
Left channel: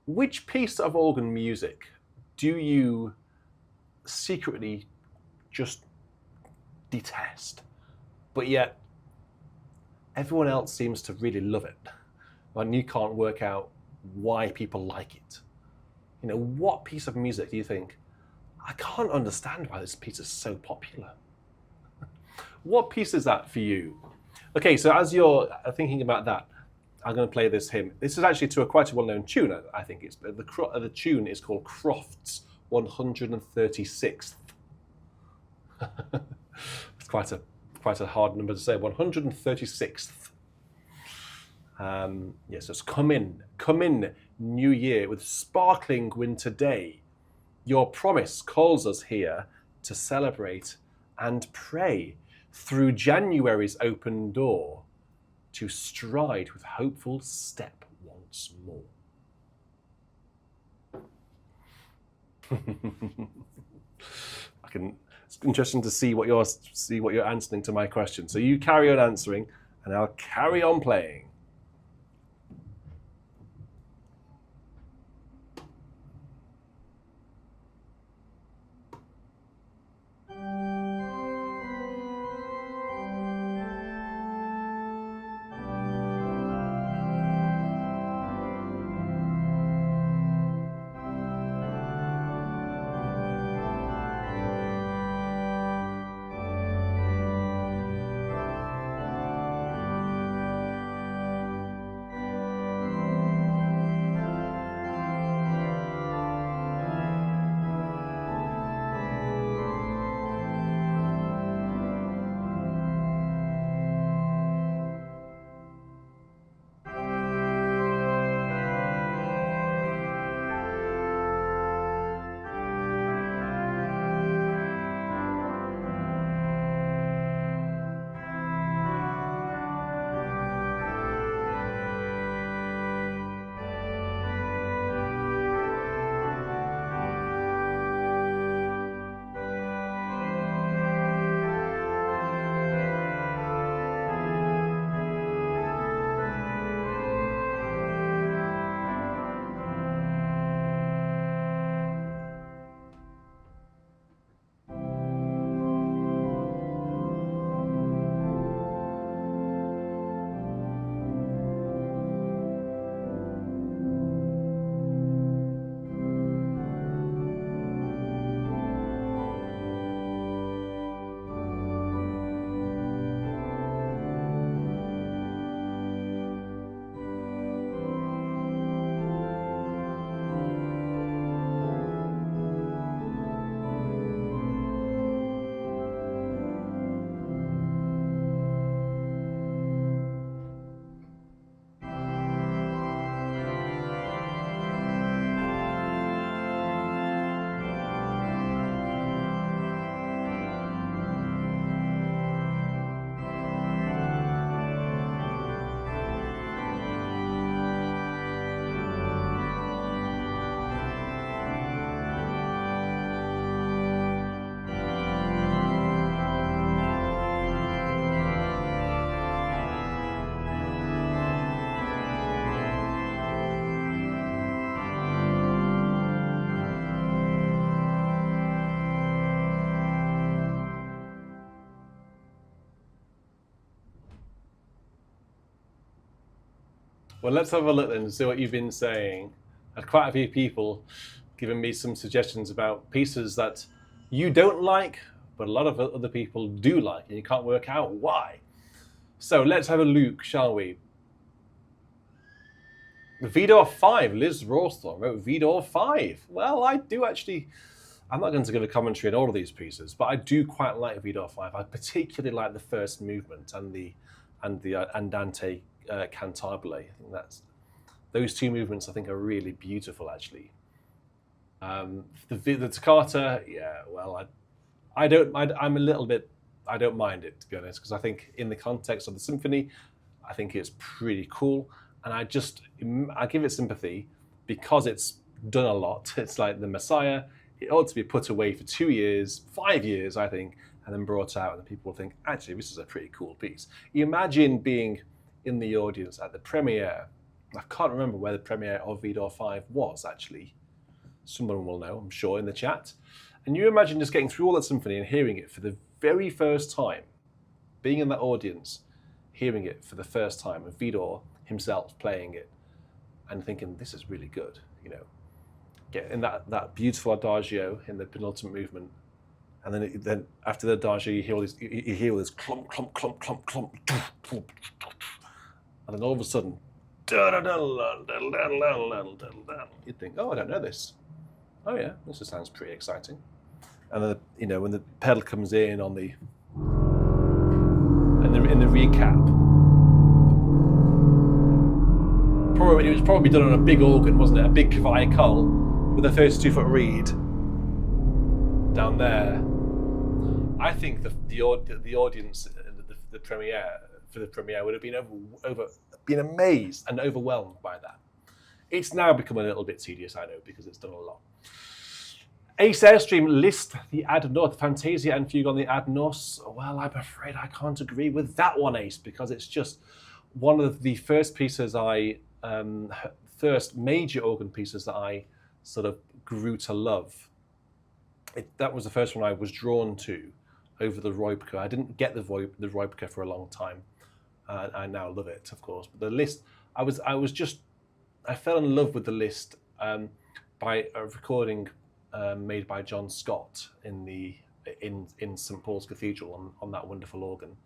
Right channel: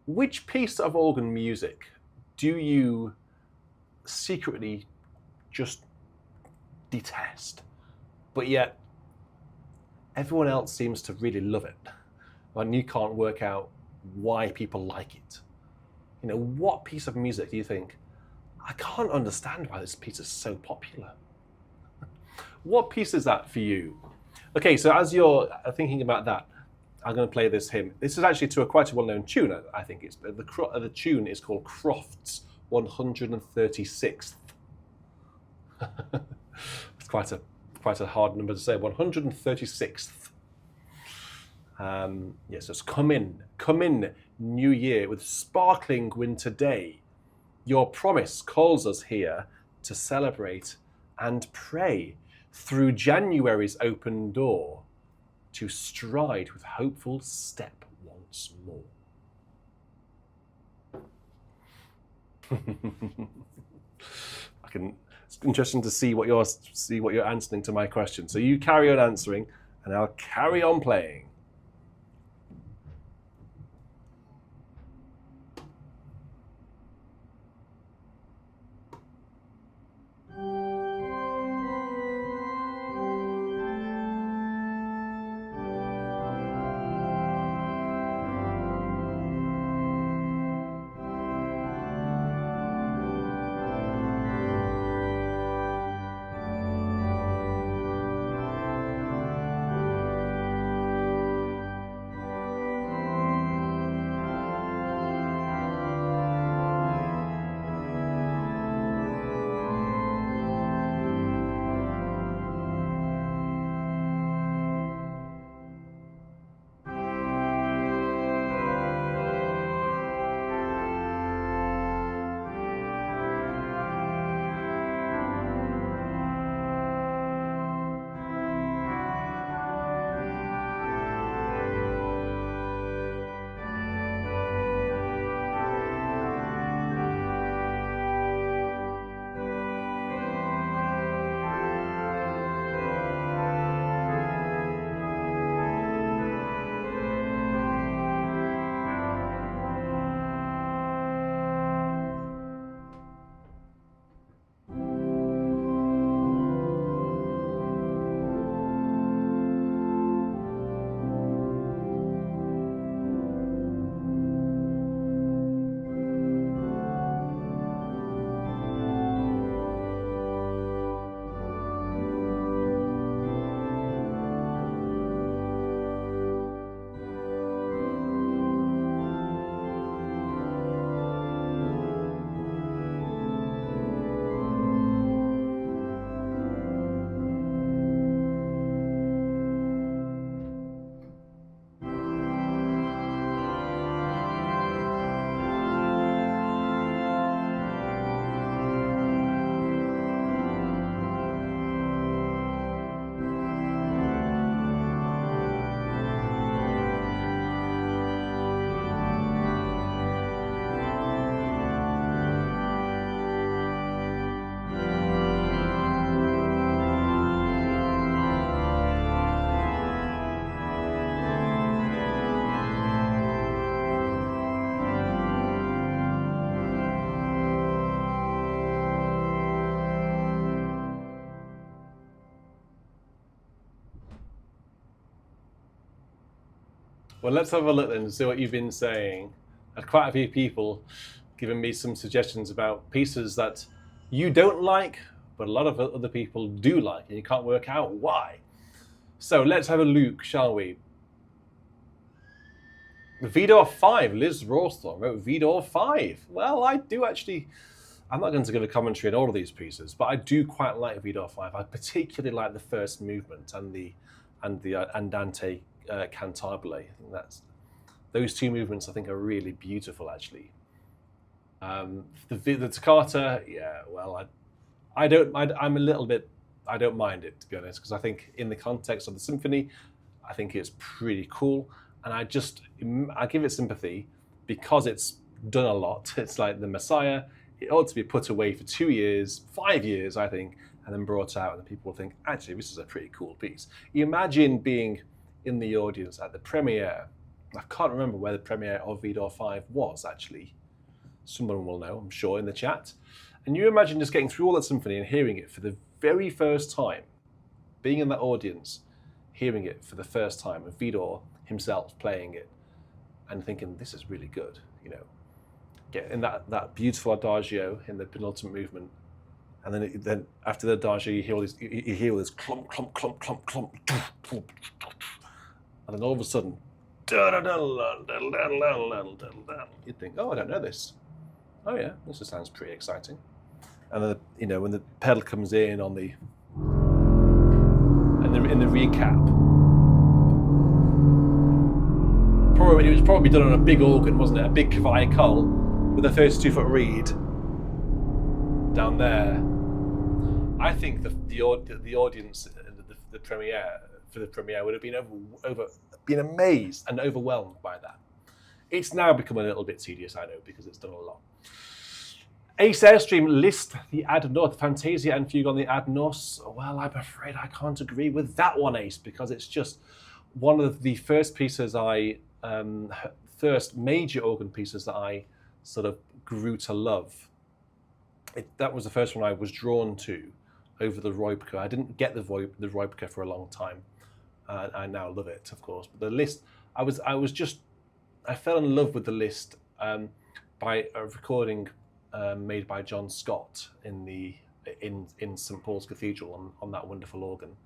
which piece of organ music do you secretly just detest, but yet everyone else seems to really love it, and you can't work out why people like it? What piece of music do you think, I can't understand why this piece is so popular? What piece is that for you? Okay, so as you're thinking about that, I'm going to play this hymn. This is actually to quite a well-known tune, I think. The tune is called Croft's 136th. It's quite a hard number to say. 136th. Yes, it's come in, New Year, with sparkling winter day. Your promise calls us here to celebrate and pray through January's open door, to stride with hopeful step once more. It's interesting to see what you're answering to my question. So you carry on answering, and I'll carry on playing. Well, let's have a look then and see what you've been saying. Had quite a few people giving me some suggestions about pieces that you don't like, but a lot of other people do like, and you can't work out why. So let's have a look, shall we? Vidor 5, Liz Rawsthorne wrote Vidor 5. Well, I do actually, I'm not going to give a commentary on all of these pieces, but I do quite like Vidor 5. I particularly like the first movement and the Andante Cantabile. I think those two movements I think are really beautiful actually. The toccata, yeah, well, I'm a little bit, I don't mind it, to be honest, because I think in the context of the symphony, I think it's pretty cool. And I give it sympathy because it's done a lot. It's like the Messiah. It ought to be put away for 2 years, 5 years, I think, and then brought out, and people will think, actually, this is a pretty cool piece. You imagine being in the audience at the premiere. I can't remember where the premiere of Vidor 5 was, actually. Someone will know, I'm sure, in the chat. And you imagine just getting through all that symphony and hearing it for the very first time, being in that audience, hearing it for the first time, and Vidor himself playing it, and thinking, this is really good, you know. Get in that beautiful adagio in the penultimate movement, and then after the adagio, you hear all this clump, clump, clump, clump, clump, clump, and then all of a sudden, you'd think, oh, I don't know this. Oh yeah, this sounds pretty exciting. And then, you know, when the pedal comes in on the in the recap, it was probably done on a big organ, wasn't it? A big cavaille with a 32-foot reed down there. I think the audience, the premiere for the premiere would have been been amazed and overwhelmed by that. It's now become a little bit tedious, I know, because it's done a lot. Ace Airstream, Liszt the Ad North, Fantasia and Fugue on the Ad Nos. Well, I'm afraid I can't agree with that one, Ace, because it's just one of the first pieces first major organ pieces that I sort of grew to love. That was the first one I was drawn to over the Roipka. I didn't get the Roipka for a long time. I now love it, of course. But the Liszt, I fell in love with the Liszt by a recording made by John Scott in St Paul's Cathedral on that wonderful organ.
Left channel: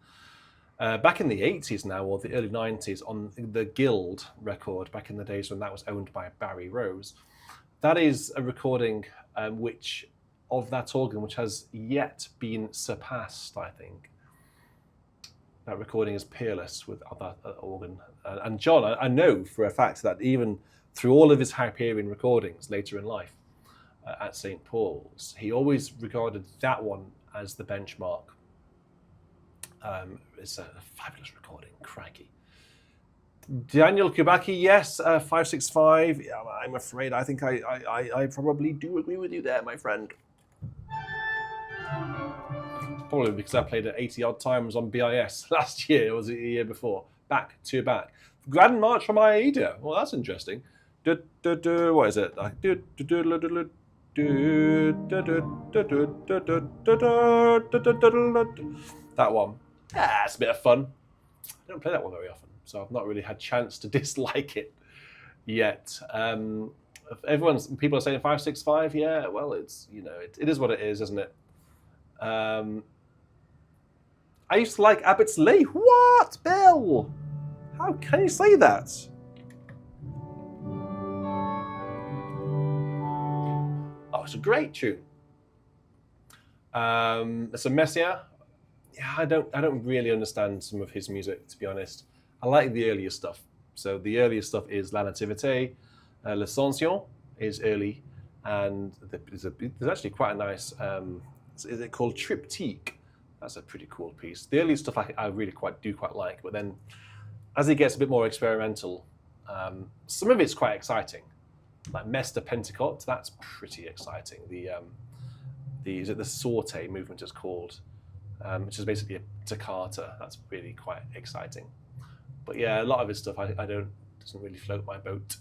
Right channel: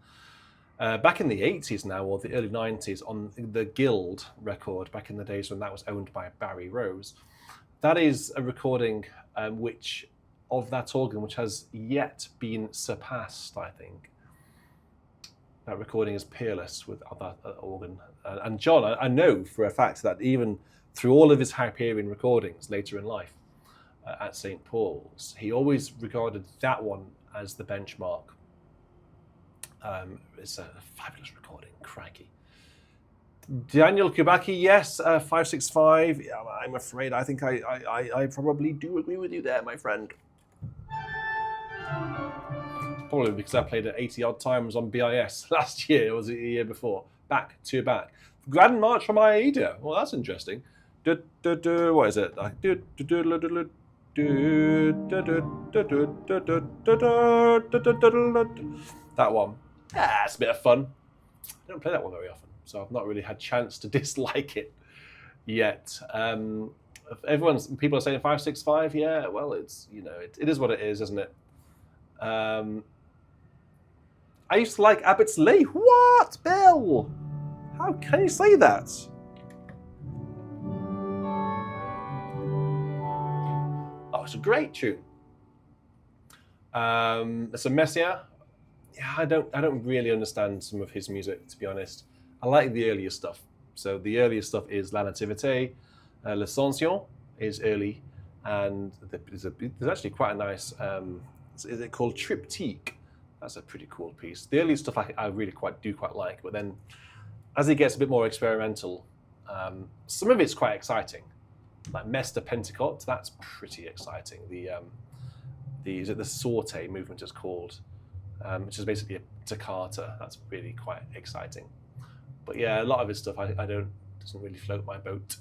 Back in the 80s now, or the early 90s, on the Guild record, back in the days when that was owned by Barry Rose. That is a recording of that organ which has yet been surpassed, I think. That recording is peerless with that organ. And John, I know for a fact that even through all of his Hyperion recordings later in life at St. Paul's, he always regarded that one as the benchmark. It's a fabulous recording, crikey. Daniel Kubacki, yes, 565. Yeah, I'm afraid I think I probably do agree with you there, my friend. Probably because I played it 80 odd times on BIS last year, or was it the year before? Back to back. Grand March from Aida. Well, that's interesting. What is it? That one. Yeah, it's a bit of fun. I don't play that one very often, so I've not really had a chance to dislike it yet. People are saying 565. Yeah, well, it's, you know, it is what it is, isn't it? I used to like Abbott's Lee. What, Bill? How can you say that? Oh, it's a great tune. It's a Messiah. Yeah, I don't really understand some of his music, to be honest. I like the earlier stuff. So the earlier stuff is La Nativité, L'Ascension is early, and there's actually quite a nice. Is it called Triptyque? That's a pretty cool piece. The early stuff I really quite like, but then as it gets a bit more experimental, some of it's quite exciting. Like Mester Pentecote, that's pretty exciting. The Sorte movement is called, which is basically a toccata. That's really quite exciting. But yeah, a lot of his stuff doesn't really float my boat.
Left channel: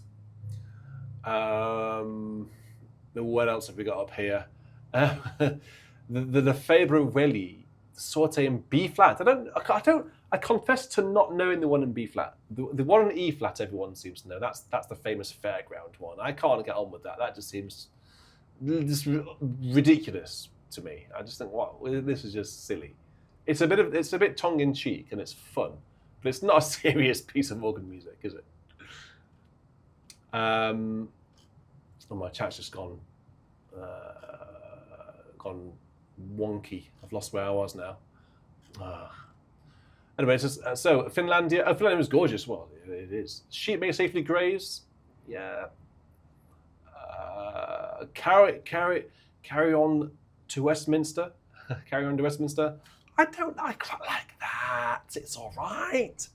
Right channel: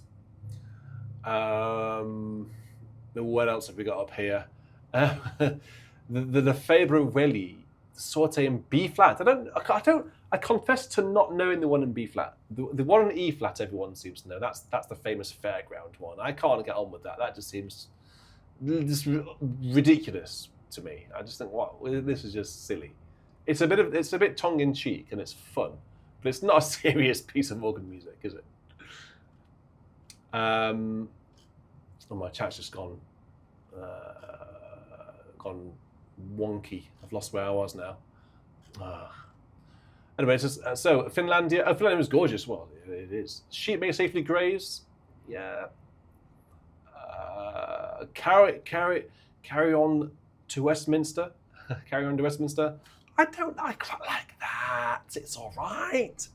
What else have we got up here? The Febro Welli Sorte in B flat. I confess to not knowing the one in B flat. The one in E flat, everyone seems to know. That's the famous fairground one. I can't get on with that. That just seems just ridiculous to me. I just think, wow, this is just silly. It's a bit tongue in cheek and it's fun, but it's not a serious piece of organ music, is it? Oh, my chat's just gone wonky. I've lost where I was now. Anyway, so Finlandia. Oh, Finlandia was gorgeous. Well, it is. Sheep may safely graze. Yeah. Carry on to Westminster. Carry on to Westminster. I quite like that. It's all right.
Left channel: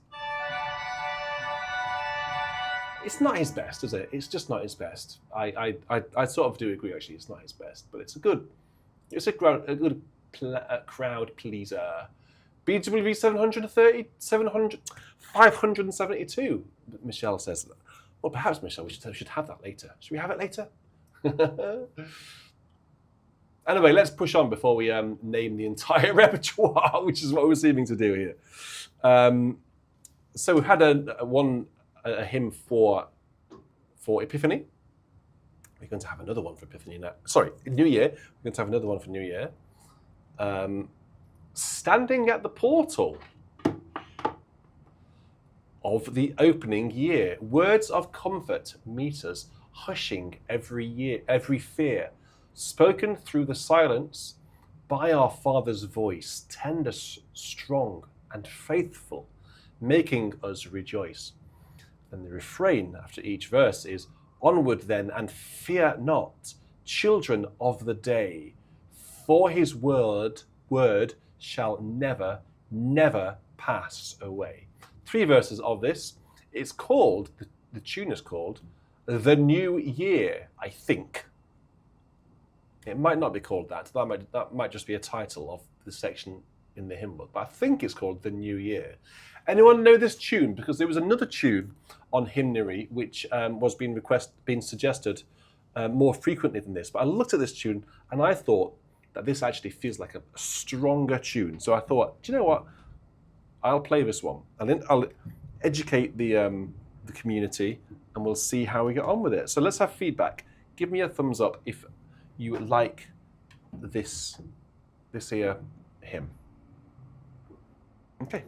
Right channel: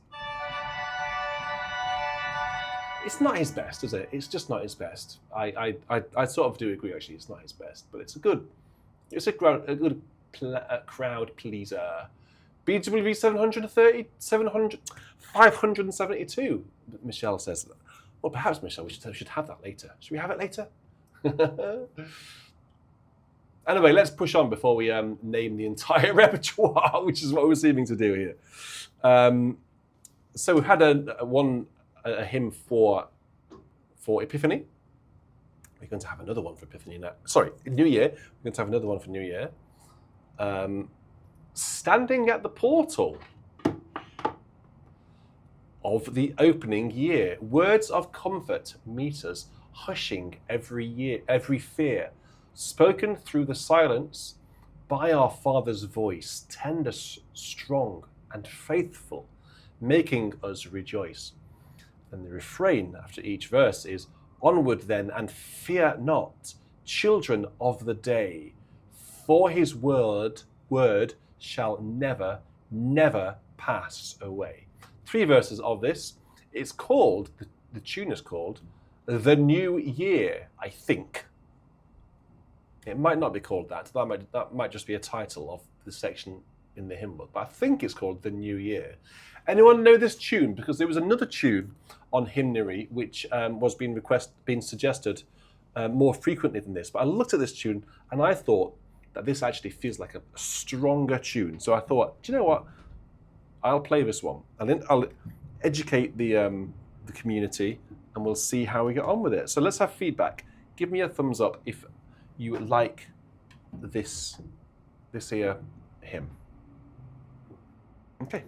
It's not his best, is it? It's just not his best. I sort of do agree. Actually, it's not his best, but it's a good crowd pleaser. BWV 572. Michelle says, well, perhaps Michelle, we should have that later. Should we have it later? Anyway, let's push on before we name the entire repertoire, which is what we're seeming to do here. So we've had a hymn for Epiphany. We're going to have another one for Epiphany now. Sorry, New Year. We're going to have another one for New Year. Standing at the portal of the opening year, words of comfort meet us, hushing every fear, spoken through the silence by our Father's voice, tender, strong, and faithful, making us rejoice. And the refrain after each verse is, onward then, and fear not, children of the day, for his word shall never, never pass away. 3 verses of this. It's called, the tune is called, The New Year, I think. It might not be called that. That might just be a title of the section in the hymn book, but I think it's called The New Year. Anyone know this tune? Because there was another tune on Hymnary which was being suggested more frequently than this. But I looked at this tune and I thought that this actually feels like a stronger tune. So I thought, do you know what? I'll play this one, and then I'll educate the community, and we'll see how we get on with it. So let's have feedback. Give me a thumbs up if you like this here hymn. Okay.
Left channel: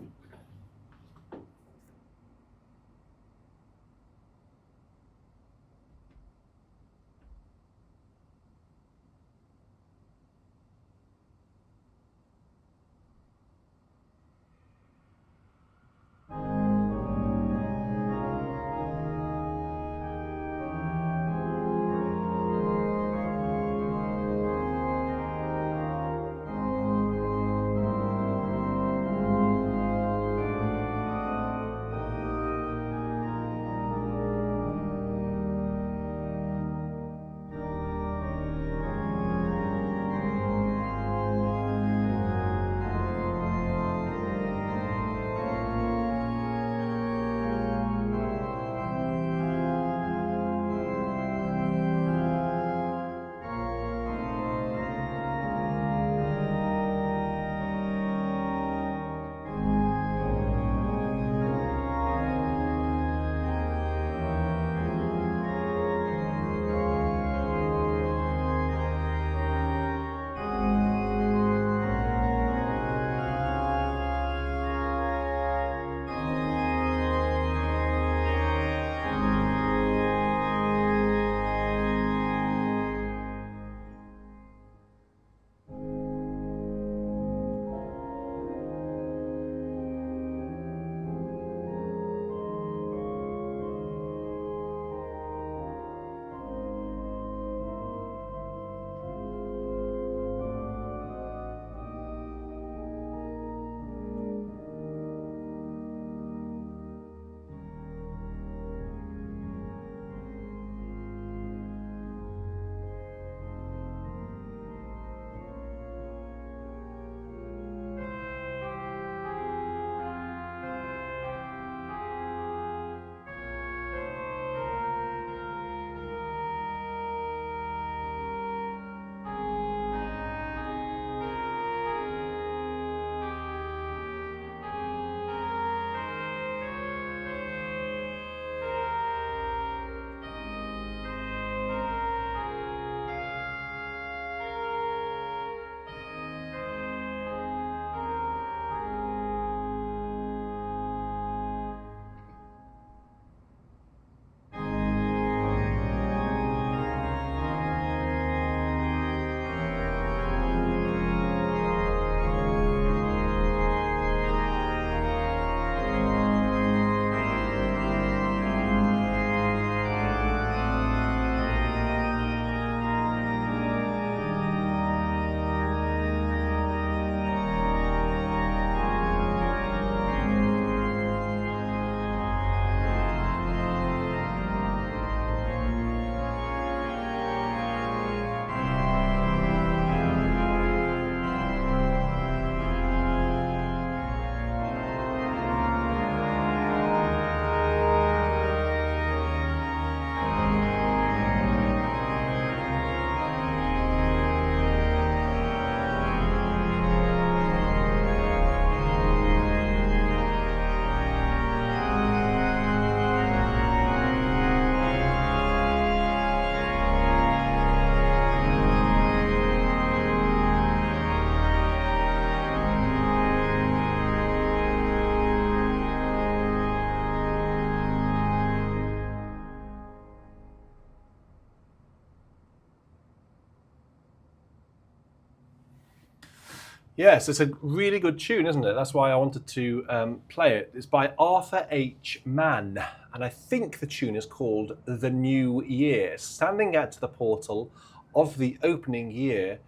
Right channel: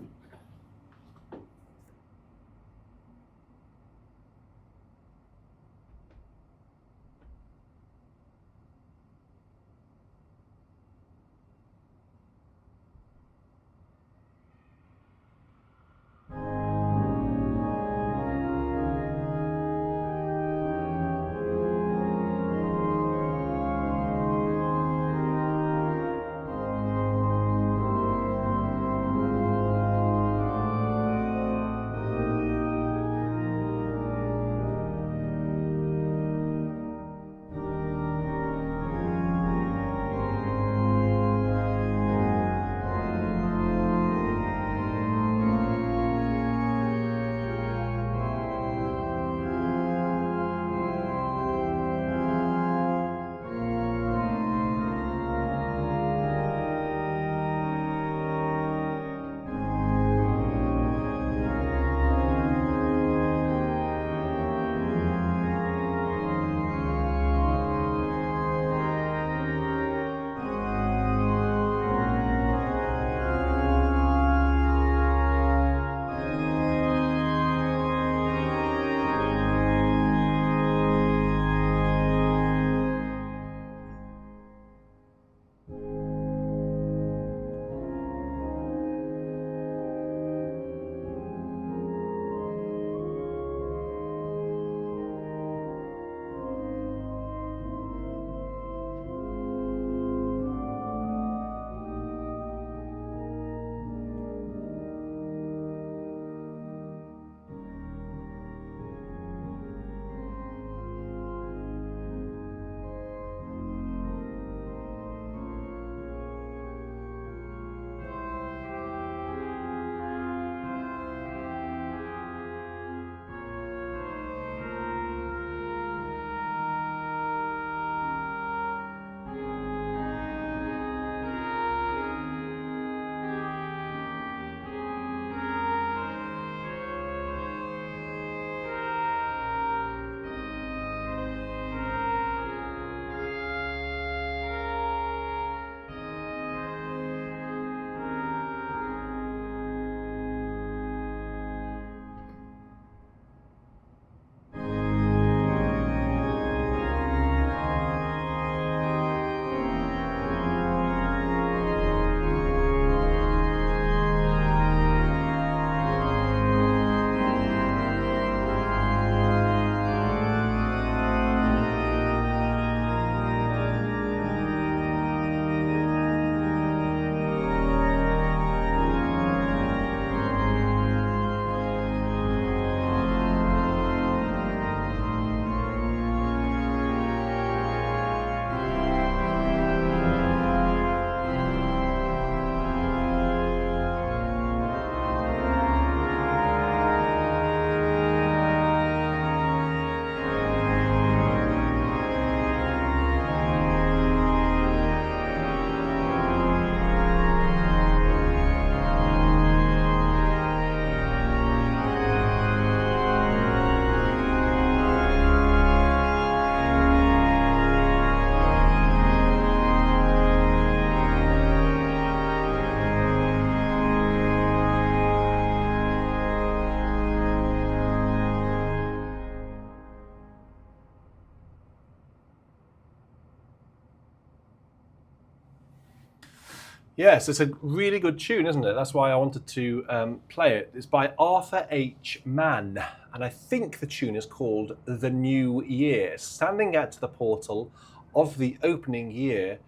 Yes, it's a really good tune, isn't it? That's why I wanted to play it. It's by Arthur H. Mann, and I think the tune is called The New Year. Standing at the portal of the opening year,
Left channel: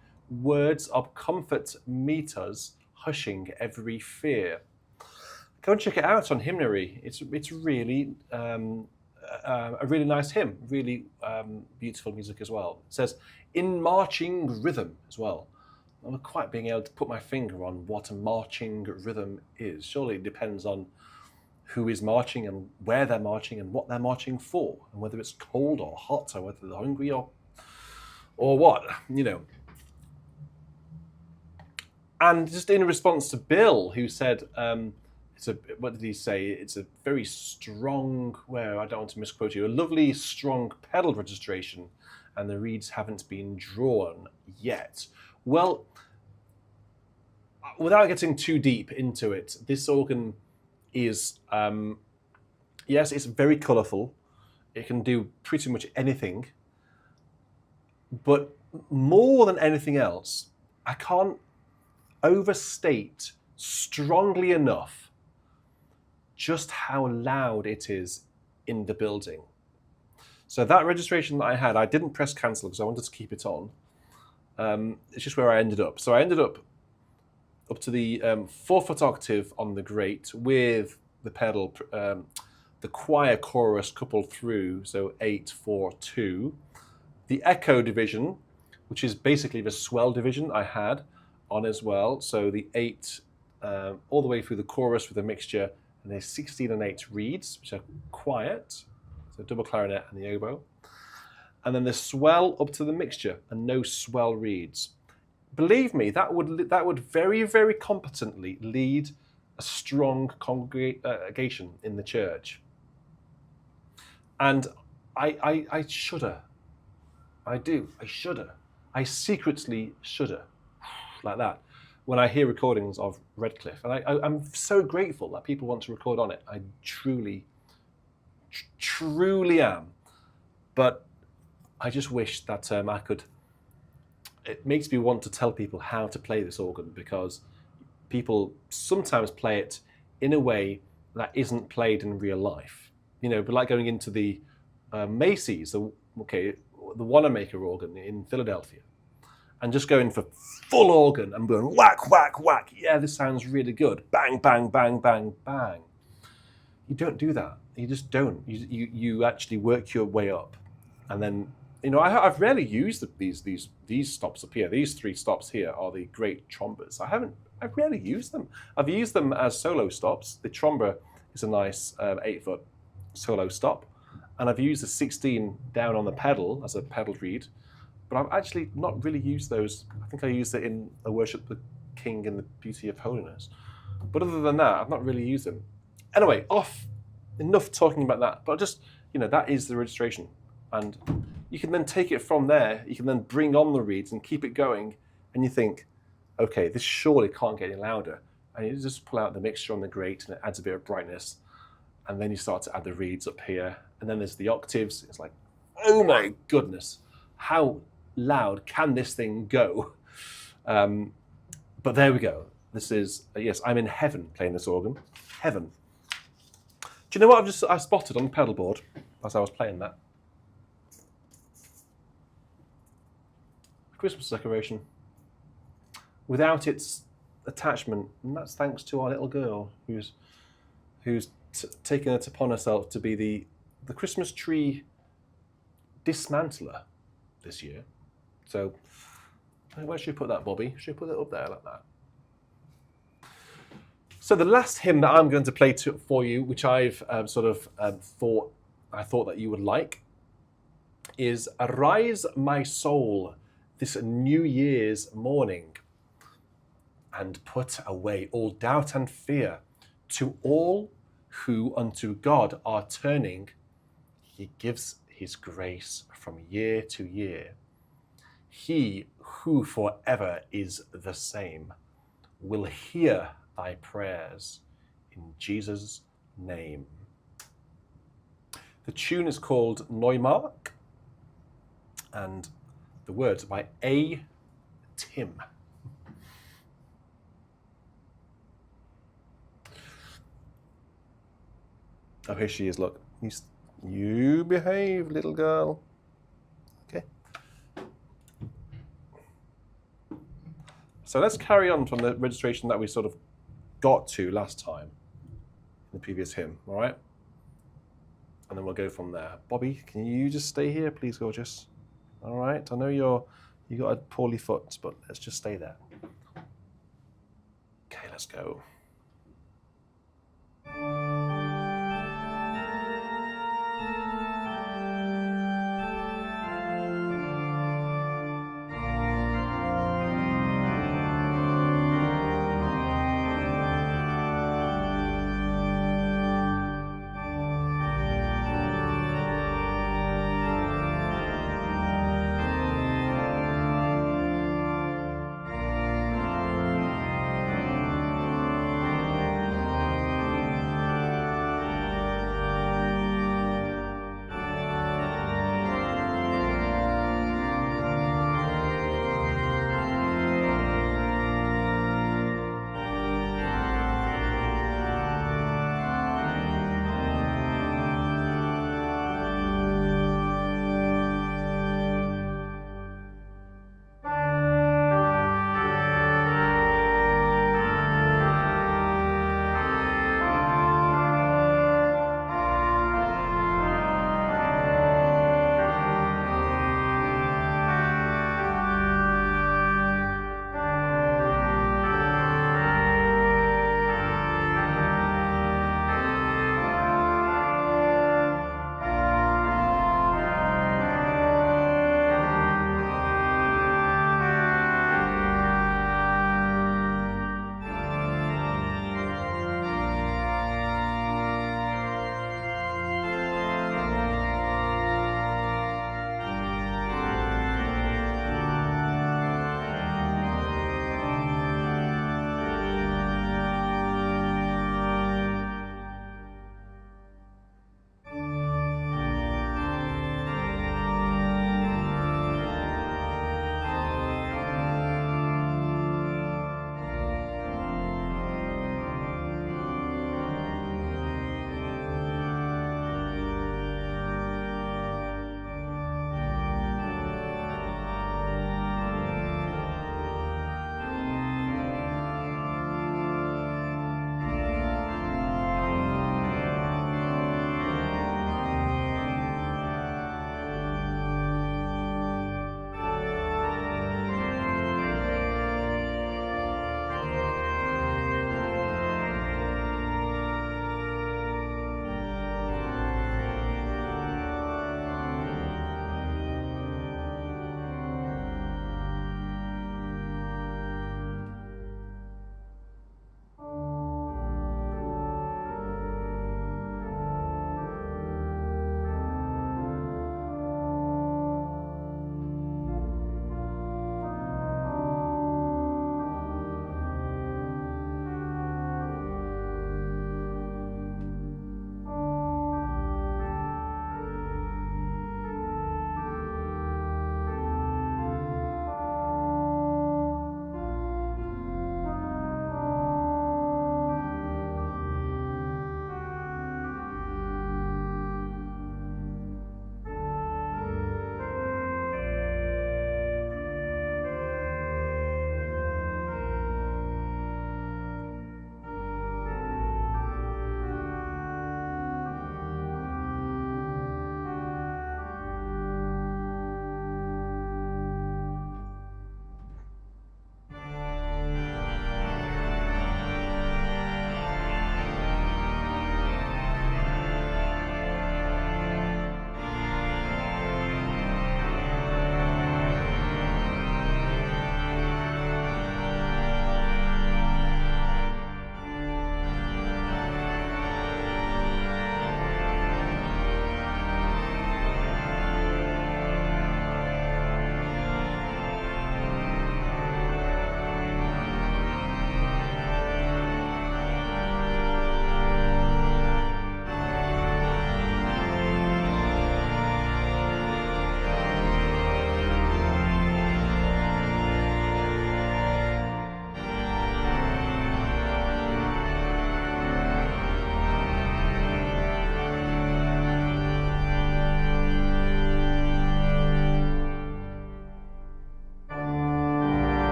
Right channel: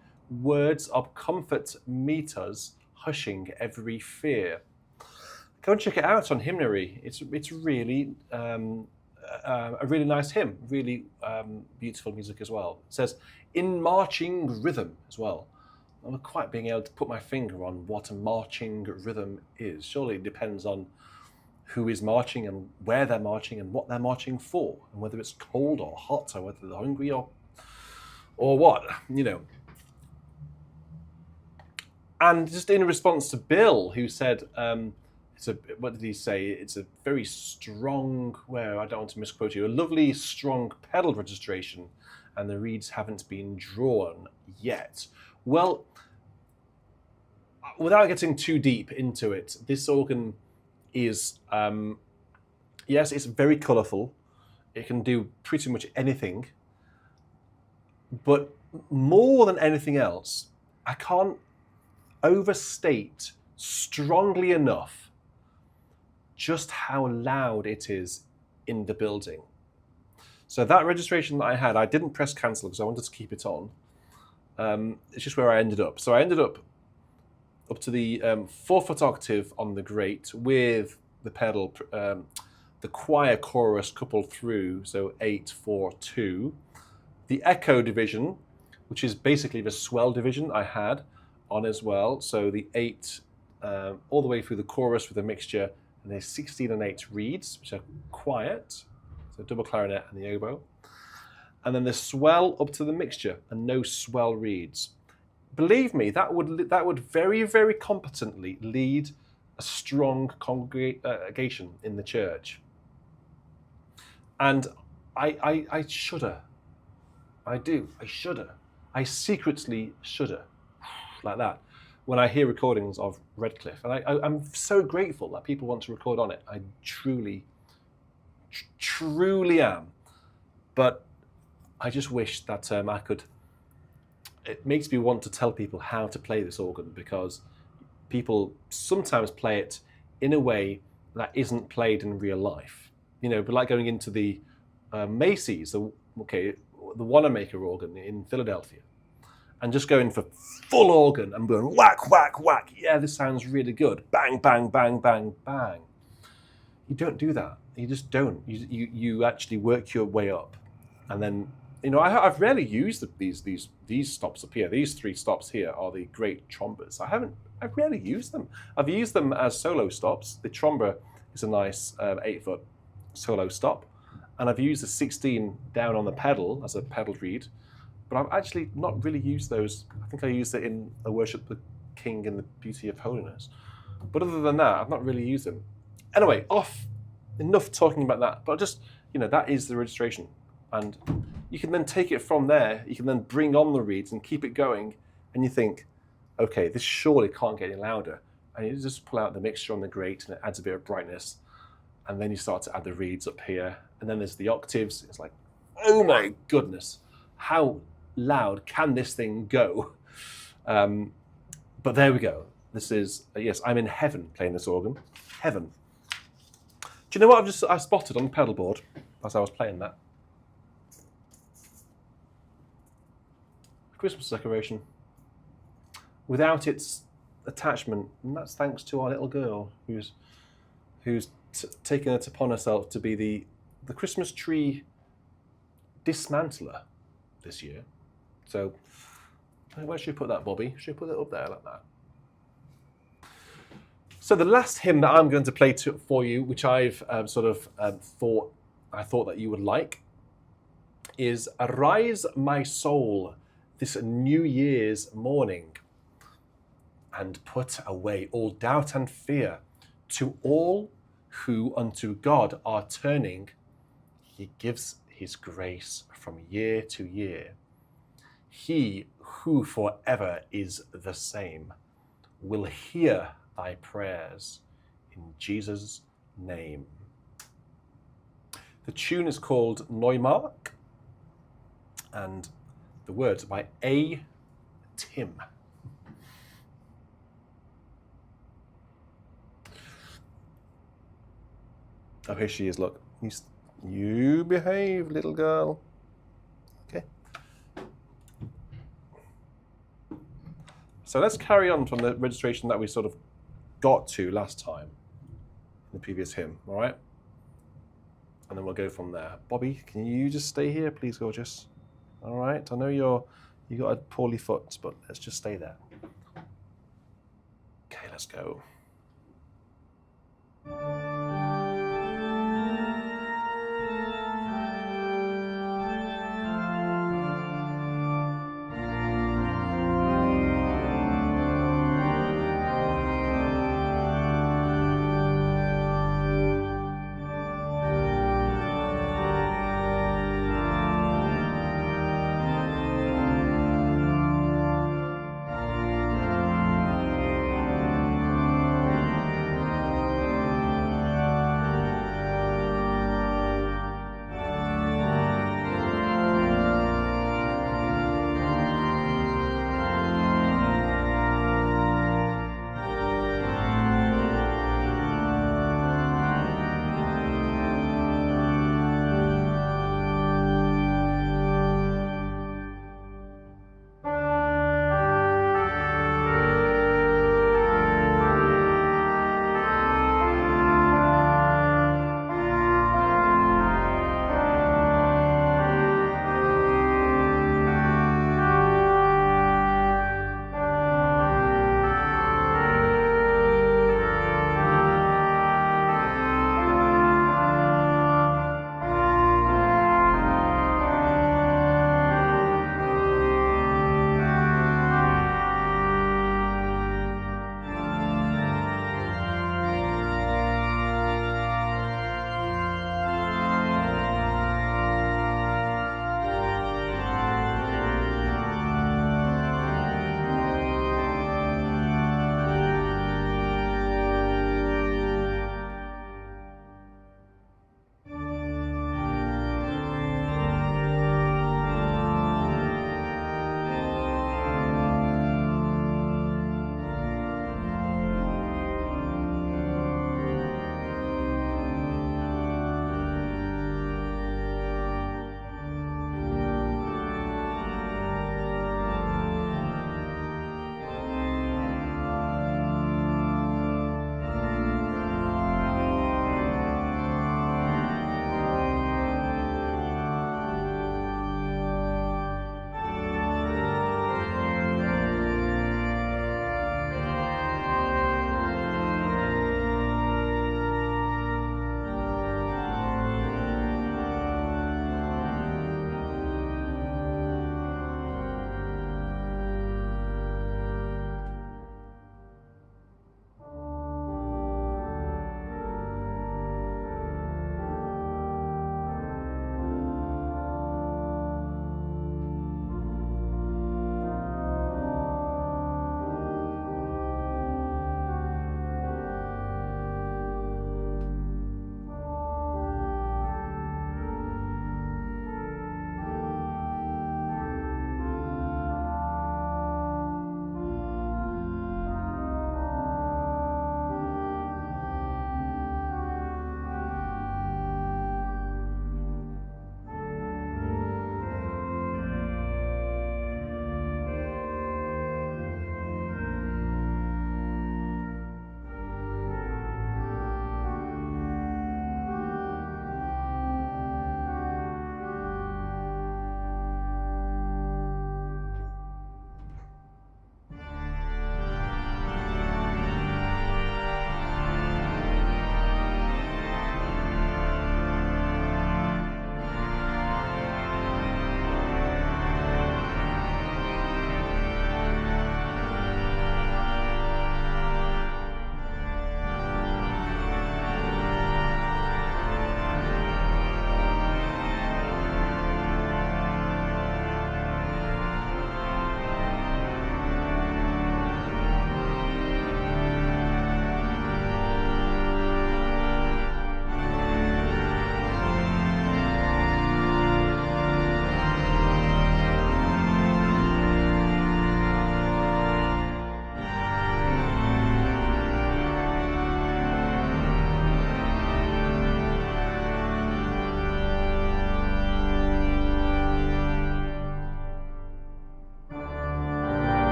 words of comfort meet us, hushing every fear. Go and check it out on Hymnary. It's really a really nice hymn, really beautiful music as well. It says, in marching rhythm as well. I'm not quite being able to put my finger on what a marching rhythm is. Surely it depends on who is marching and where they're marching and what they're marching for, and whether it's cold or hot, or whether they're hungry or what, you know. And just in response to Bill, who said, what did he say? It's a very strong, I don't want to misquote you, a lovely, strong pedal registration, and the reeds haven't been drawn yet. Well, without getting too deep into it, this organ is, yes, it's very colourful. It can do pretty much anything. But more than anything else, I can't overstate strongly enough just how loud it is in the building. So that registration that I had, I didn't press cancel because I wanted to keep it on. It's just where I ended up. So I ended up to the 4-foot octave on the grate with the pedal, the choir chorus coupled through, so 8, 4, 2. The echo division, which is basically the swell division, I had on as well. So the 8 all the way through the chorus with a mixture, and there's 16 and 8 reeds, which are quiet, so double clarinet and the oboe. And then the swell up to the mixture, and no swell reeds. Believe me, that would very, very competently lead a strong congregation in the church. And I shudder. I do. I shudder. I secretly shudder like that when I hear recordings of Redcliffe. And I'm so grateful that people want to record on it. I truly am. But I just wish that I could. It makes me want to tell people how to play this organ, because people sometimes play it in a way that isn't played in real life. You know, but like going into the Macy's, the Wanamaker organ in Philadelphia, and just going for full organ and going whack, whack, whack. Yeah, this sounds really good. Bang, bang, bang, bang, bang. You don't do that. You just don't. You actually work your way up, and then. You know, I've rarely used these stops up here. These 3 stops here are the great trombas. I've rarely used them. I've used them as solo stops. The tromba is a nice 8-foot solo stop, and I've used the 16 down on the pedal as a pedal reed. But I've actually not really used those. I think I used it in a Worship the King in the Beauty of Holiness. But other than that, I've not really used them. Anyway, enough talking about that. But just, you know, that is the registration. And you can then take it from there. You can then bring on the reeds and keep it going. And you think, okay, this surely can't get any louder. And you just pull out the mixture on the grate, and it adds a bit of brightness. And then you start to add the reeds up here. And then there's the octaves. It's like, oh my goodness, how loud can this thing go? But there we go. This is, yes, I'm in heaven playing this organ. Heaven. Do you know what I spotted on the pedal board as I was playing that? Christmas decoration without its attachment, and that's thanks to our little girl who's taken it upon herself to be the Christmas tree dismantler this year. So where should we put that, Bobby? Should we put it up there like that? So the last hymn that I'm going to play for you, which I've thought that you would like, is "Arise, my soul, this New Year's morning, and put away all doubt and fear. To all who unto God are turning, he gives his grace from year to year. He who forever is the same will hear thy prayers in Jesus' name." The tune is called Neumark, and the words by A. Tim. Oh, here she is, look. You behave, little girl. Okay. So let's carry on from the registration that we sort of got to last time in the previous hymn, all right? And then we'll go from there. Bobby, can you just stay here, please, gorgeous? All right, I know you got a poorly foot, but let's just stay there. Okay, let's go.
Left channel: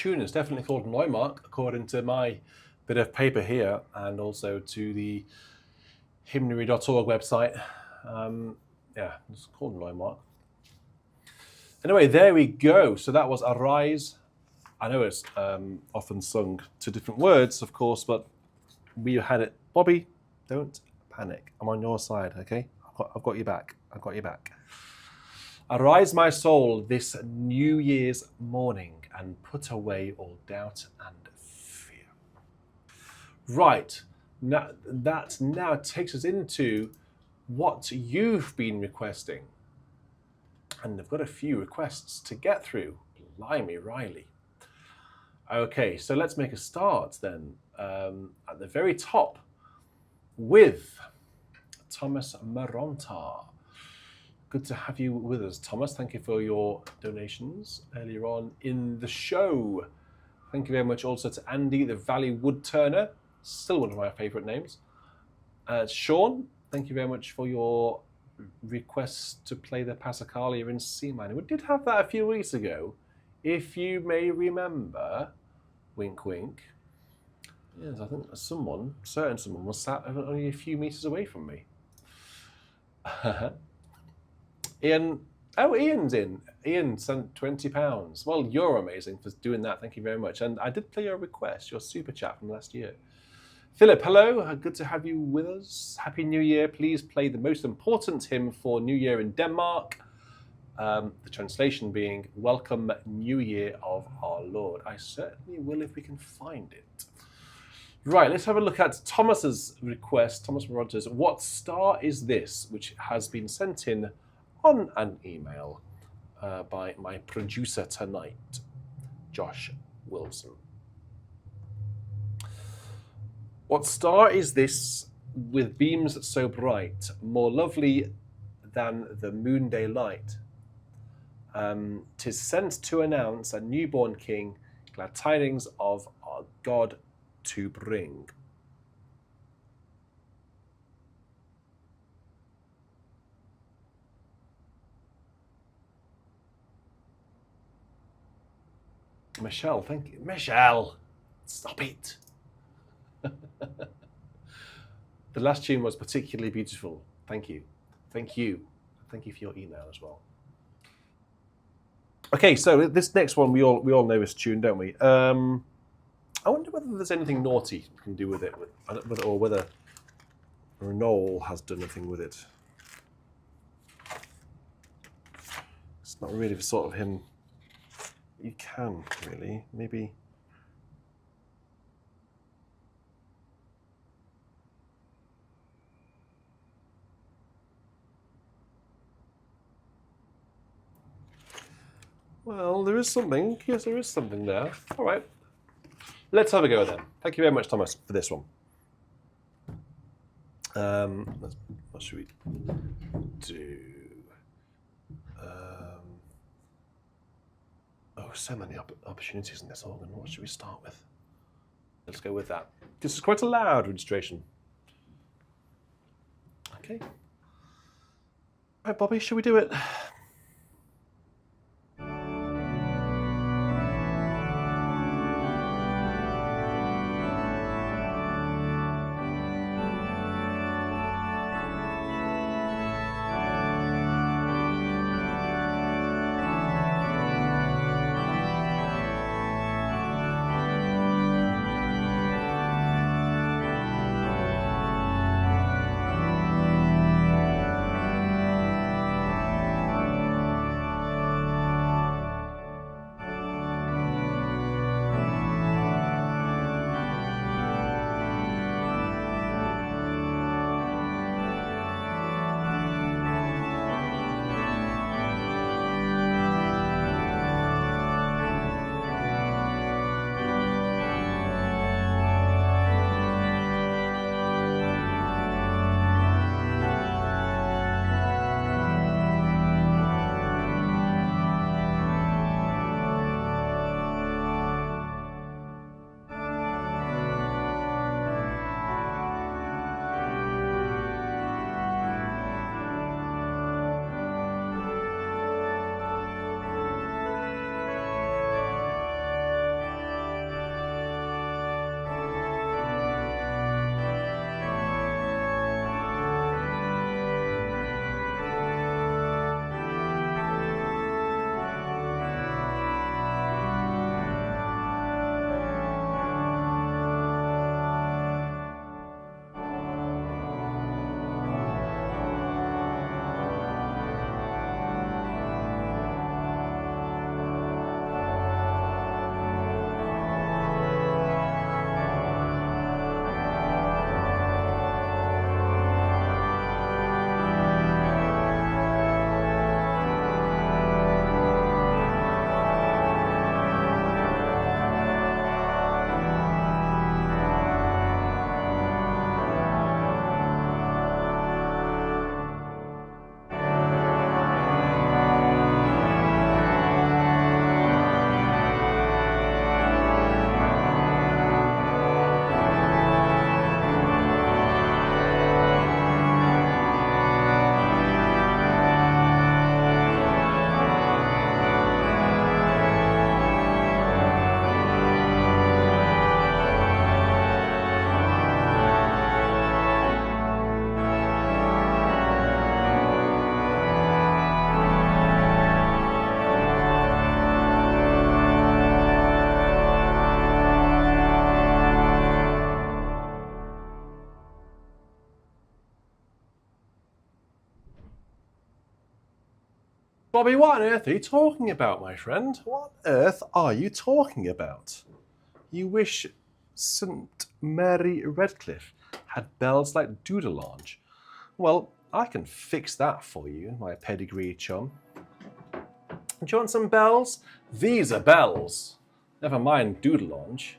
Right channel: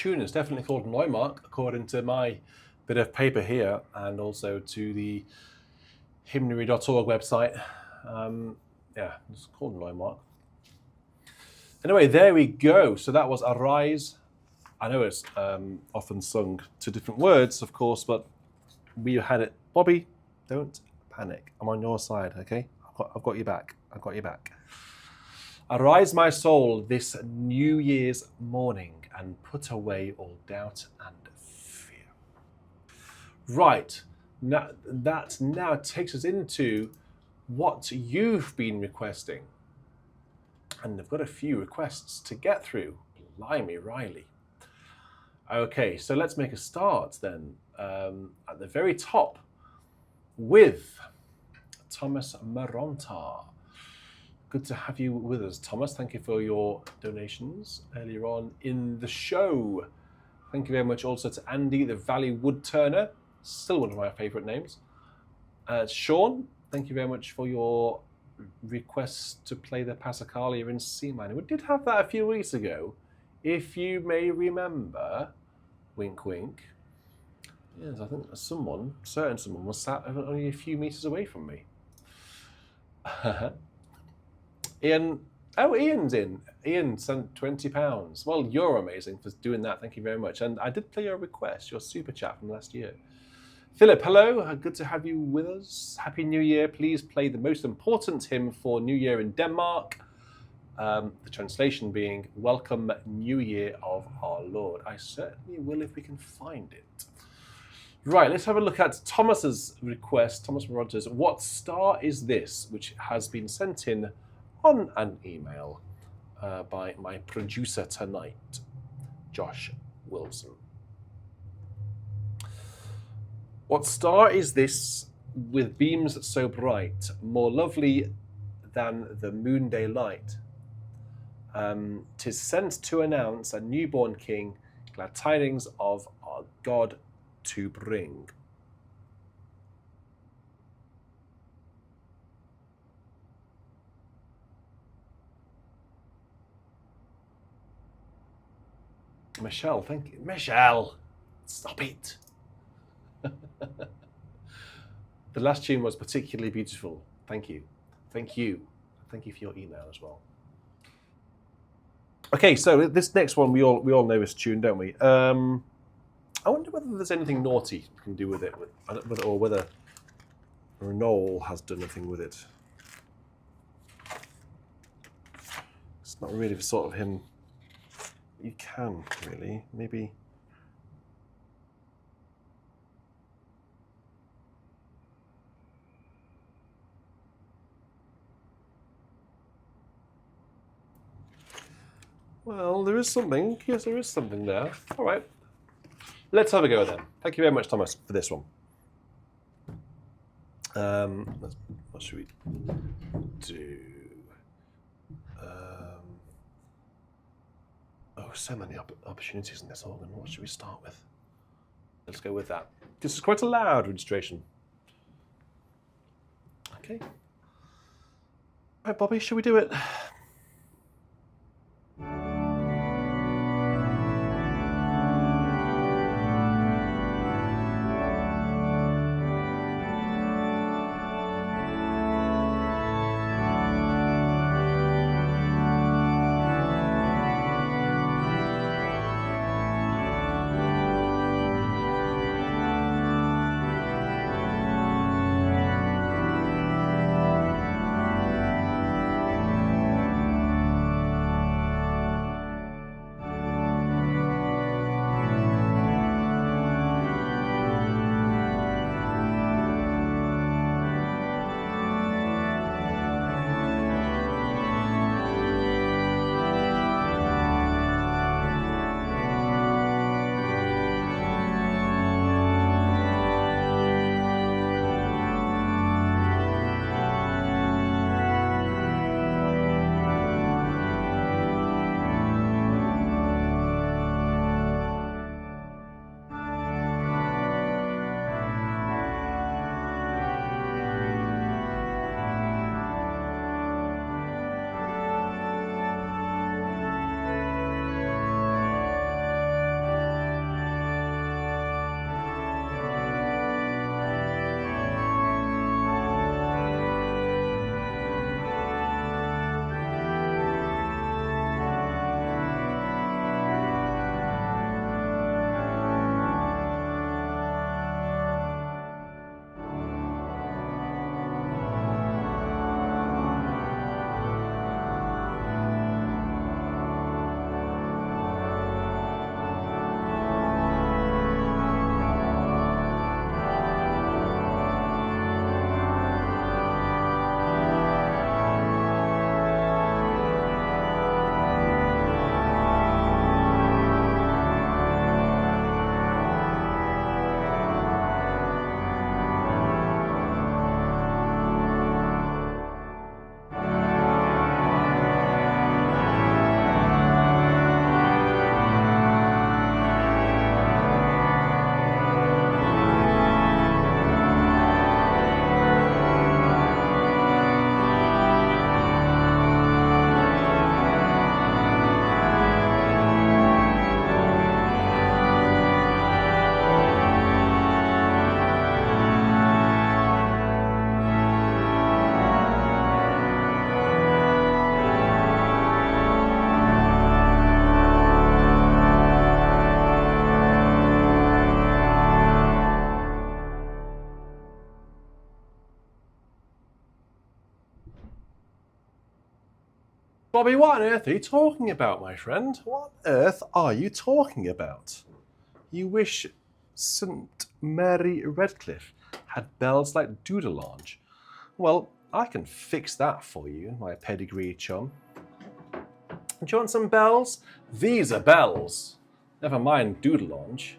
tune is definitely called Neumark, according to my bit of paper here, and also to the hymnary.org website. Yeah, it's called Neumark. Anyway, there we go. So that was Arise. I know it's often sung to different words, of course, but we had it. Bobby, don't panic. I'm on your side, okay? I've got you back. I've got you back. Arise, my soul, this New Year's morning, and put away all doubt and fear. Right, now that now takes us into what you've been requesting. And I've got a few requests to get through. Blimey, Riley. Okay, so let's make a start then at the very top with Thomas Maronta. Good to have you with us, Thomas. Thank you for your donations earlier on in the show. Thank you very much also to Andy, the Valley Wood Turner, still one of my favourite names. Sean, thank you very much for your request to play the Passacaglia in C minor. We did have that a few weeks ago, if you may remember. Wink, wink. Yes, I think someone was sat only a few meters away from me. Ian's in. Ian sent £20. Well, you're amazing for doing that. Thank you very much. And I did play your request, your super chat from last year. Philip, hello. Good to have you with us. Happy New Year. Please play the most important hymn for New Year in Denmark. The translation being, Welcome New Year of our Lord. I certainly will if we can find it. Right, let's have a look at Thomas's request, Thomas Rogers. What star is this? Which has been sent in on an email by my producer tonight, Josh Wilson. What star is this with beams so bright, more lovely than the noonday light? 'Tis sent to announce a newborn king, glad tidings of our God to bring. Michelle, thank you. Michelle, stop it. The last tune was particularly beautiful. Thank you. Thank you. Thank you for your email as well. Okay, so this next one we all know this tune, don't we? I wonder whether there's anything naughty we can do with it, or whether Noel has done anything with it. It's not really the sort of hymn you can, really. Maybe. Well, there is something. Yes, there is something there. All right. Let's have a go then. Thank you very much, Thomas, for this one. What should we do? So many opportunities in this organ. What should we start with? Let's go with that. This is quite a loud registration. Okay. All right, Bobby, should we do it? Bobby, what on earth are you talking about, my friend? What on earth are you talking about? You wish St. Mary Redcliffe had bells like Doodlelange. Well, I can fix that for you, my pedigree chum. Do you want some bells? These are bells. Never mind Doodlelange.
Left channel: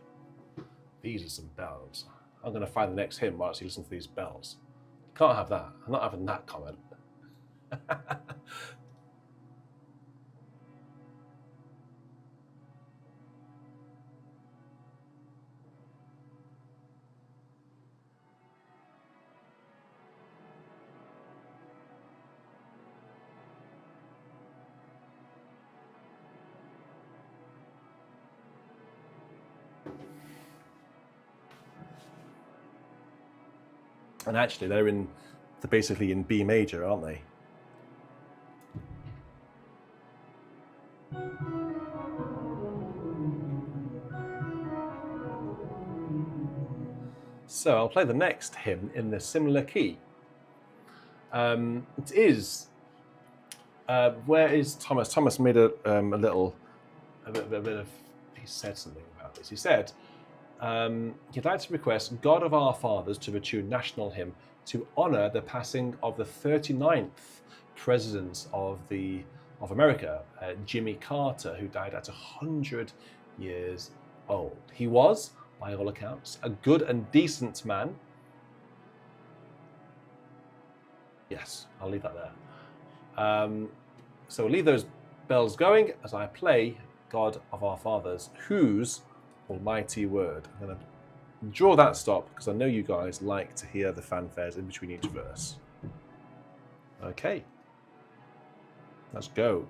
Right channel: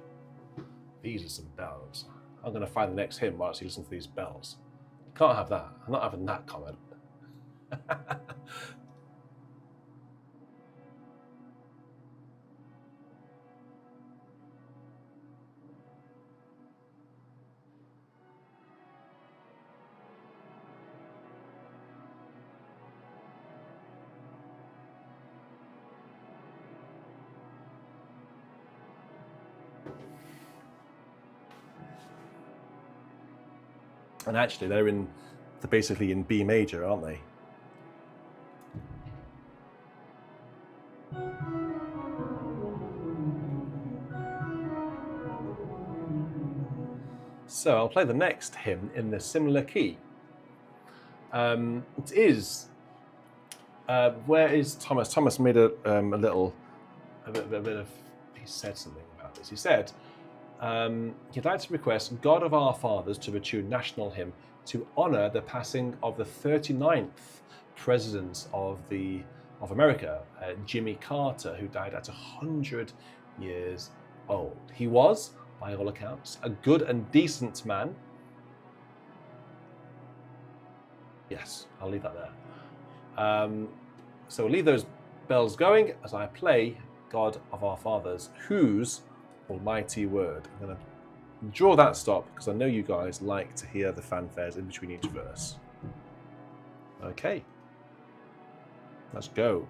These are some bells. I'm going to find the next hymn whilst you listen to these bells. Can't have that. I'm not having that comment. And actually, they're basically in B major, aren't they? So I'll play the next hymn in the similar key. It is. Where is Thomas? Thomas made a bit of. He said something about this. He said he'd like to request "God of Our Fathers" to the tune National Hymn to honour the passing of the 39th President of America, Jimmy Carter, who died at 100 years old. He was, by all accounts, a good and decent man. Yes, I'll leave that there. So we'll leave those bells going as I play God of Our Fathers, whose almighty word. I'm going to draw that stop because I know you guys like to hear the fanfares in between each verse. Okay, let's go.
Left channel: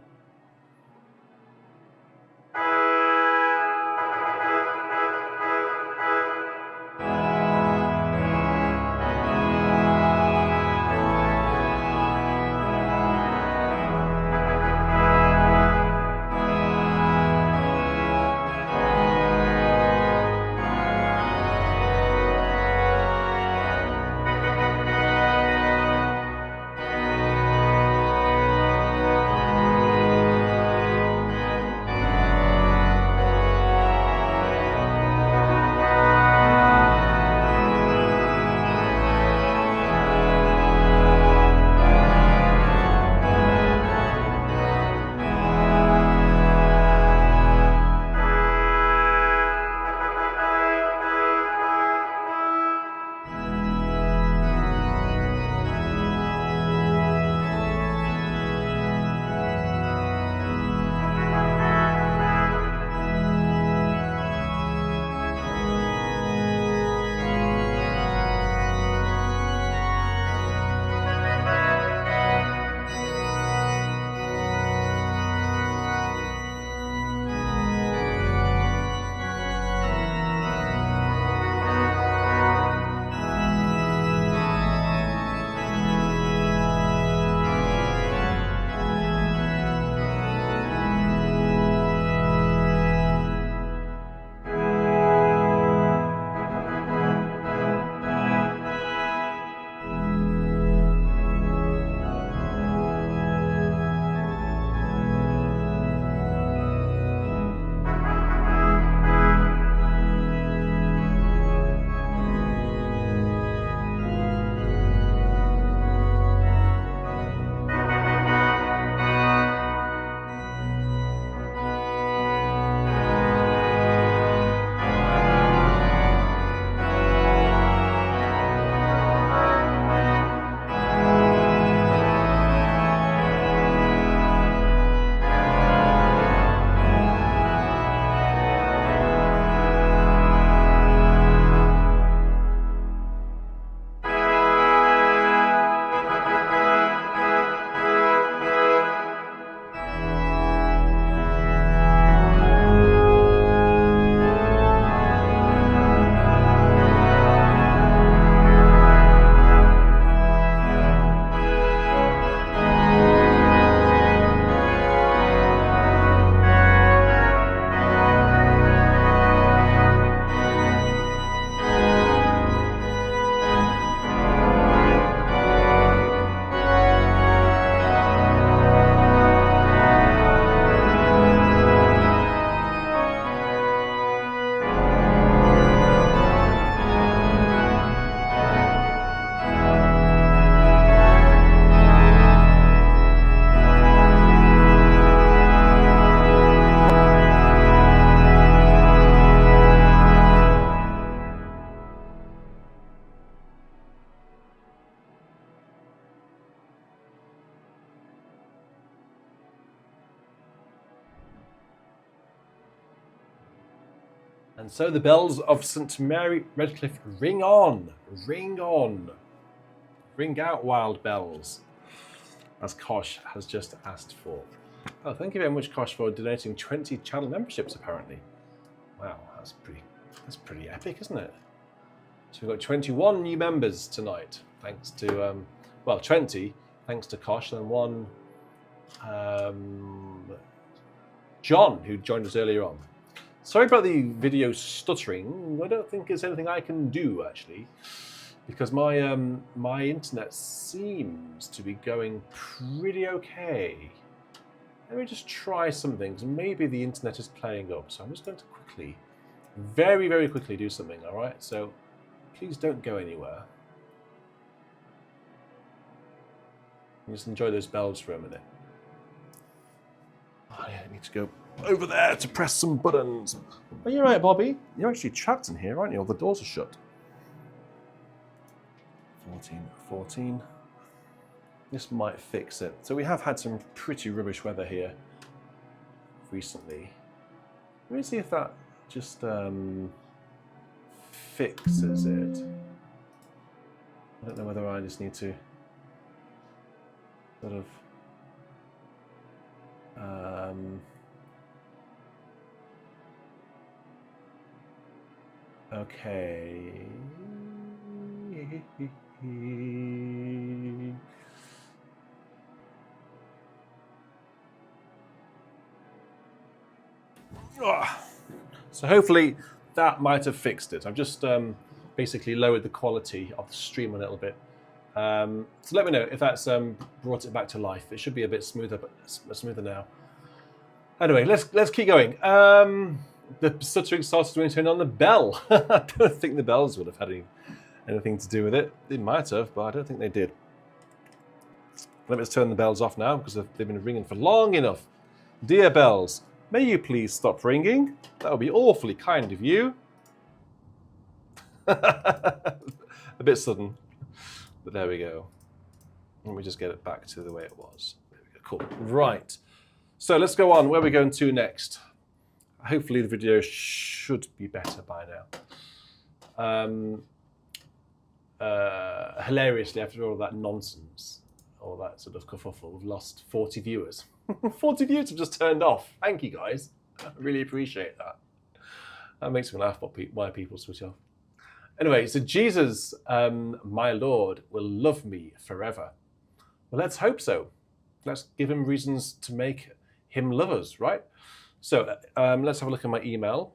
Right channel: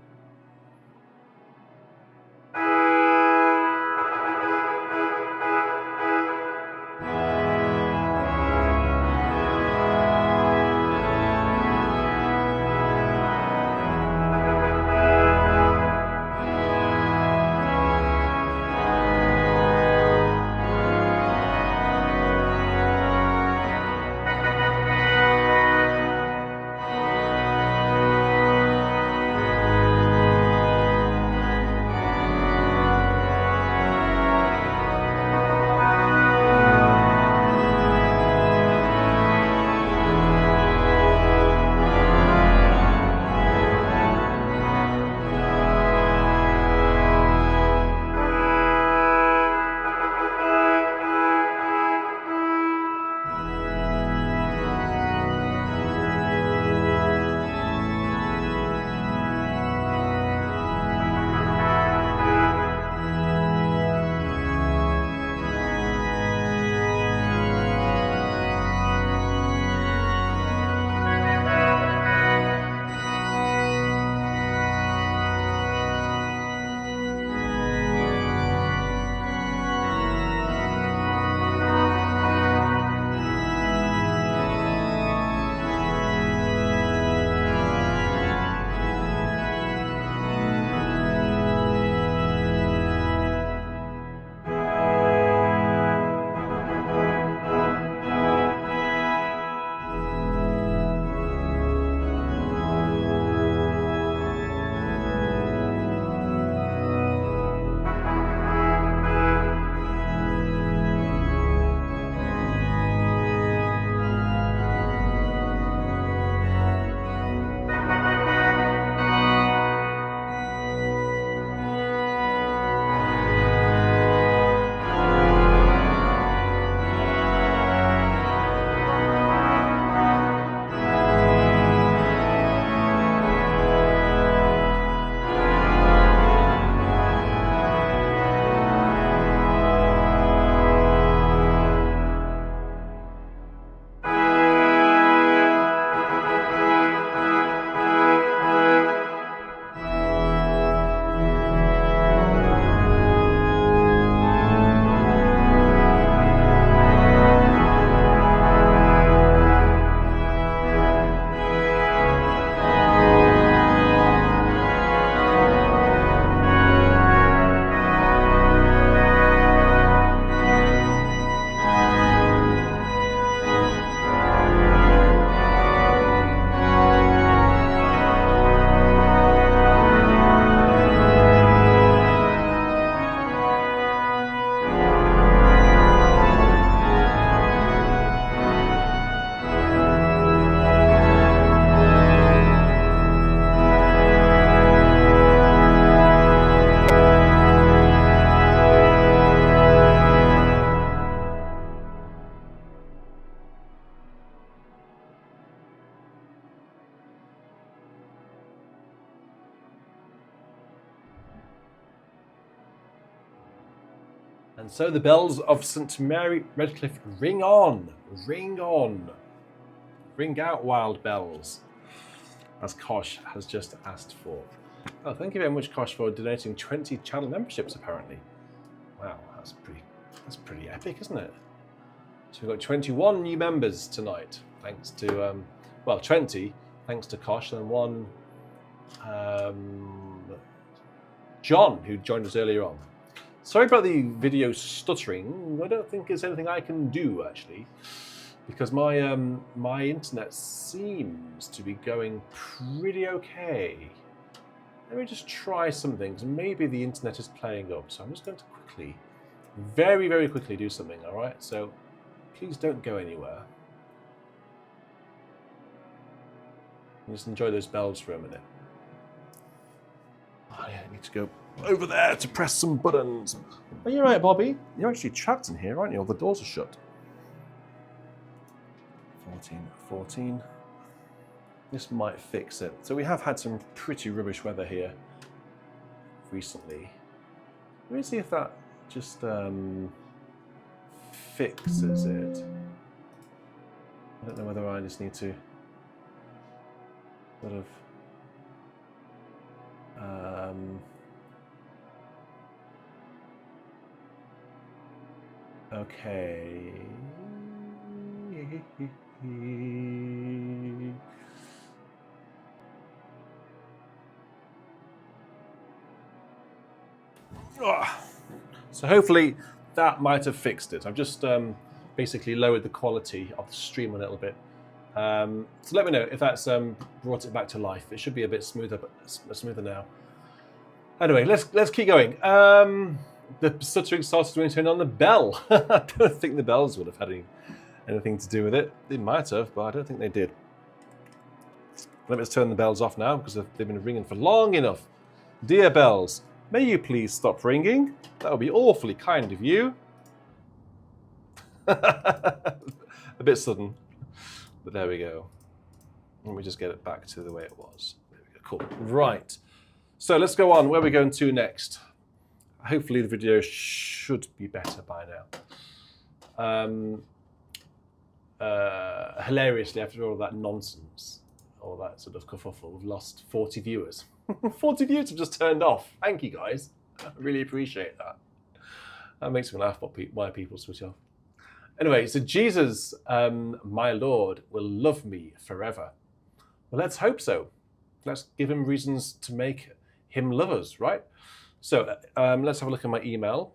So the bells of St Mary Redcliffe ring on, ring on. Ring out, wild bells, as Kosh has just asked for. Oh, thank you very much, Kosh, for donating 20 channel memberships, apparently. Wow, that's pretty epic, isn't it? So we've got 21 new members tonight, thanks to, 20, thanks to Kosh, and one, John, who joined us earlier on. Sorry about the video stuttering. I don't think there's anything I can do, actually, because my my internet seems to be going pretty okay. Let me just try some things. Maybe the internet is playing up, so I'm just going to quickly, very, very quickly do something, all right? So please don't go anywhere. Just enjoy those bells for a minute. Oh, yeah, I need to go over there to press some buttons. Oh, you're right, Bobby. You're actually trapped in here, aren't you? All the doors are shut. 14. This might fix it. So we have had some pretty rubbish weather here recently. Let me see if that just fixes it. I don't know whether I just need to sort of okay. So hopefully that might have fixed it. I've just basically lowered the quality of the stream a little bit. So let me know if that's brought it back to life. It should be a bit smoother, but smoother now. Anyway, let's keep going. The stuttering started when you turned on the bell. I don't think the bells would have had anything to do with it. They might have, but I don't think they did. Let me just turn the bells off now because they've been ringing for long enough. Dear bells, may you please stop ringing? That would be awfully kind of you. A bit sudden, but there we go. Let me just get it back to the way it was. There we go. Cool. Right. So let's go on. Where are we going to next? Hopefully the video should be better by now. Hilariously, after all that nonsense, all that sort of kerfuffle, we've lost 40 viewers. 40 viewers have just turned off. Thank you, guys. I really appreciate that. That makes me laugh why people switch off. Anyway, so Jesus, my Lord, will love me forever. Well, let's hope so. Let's give him reasons to make him love us, right? So let's have a look at my email.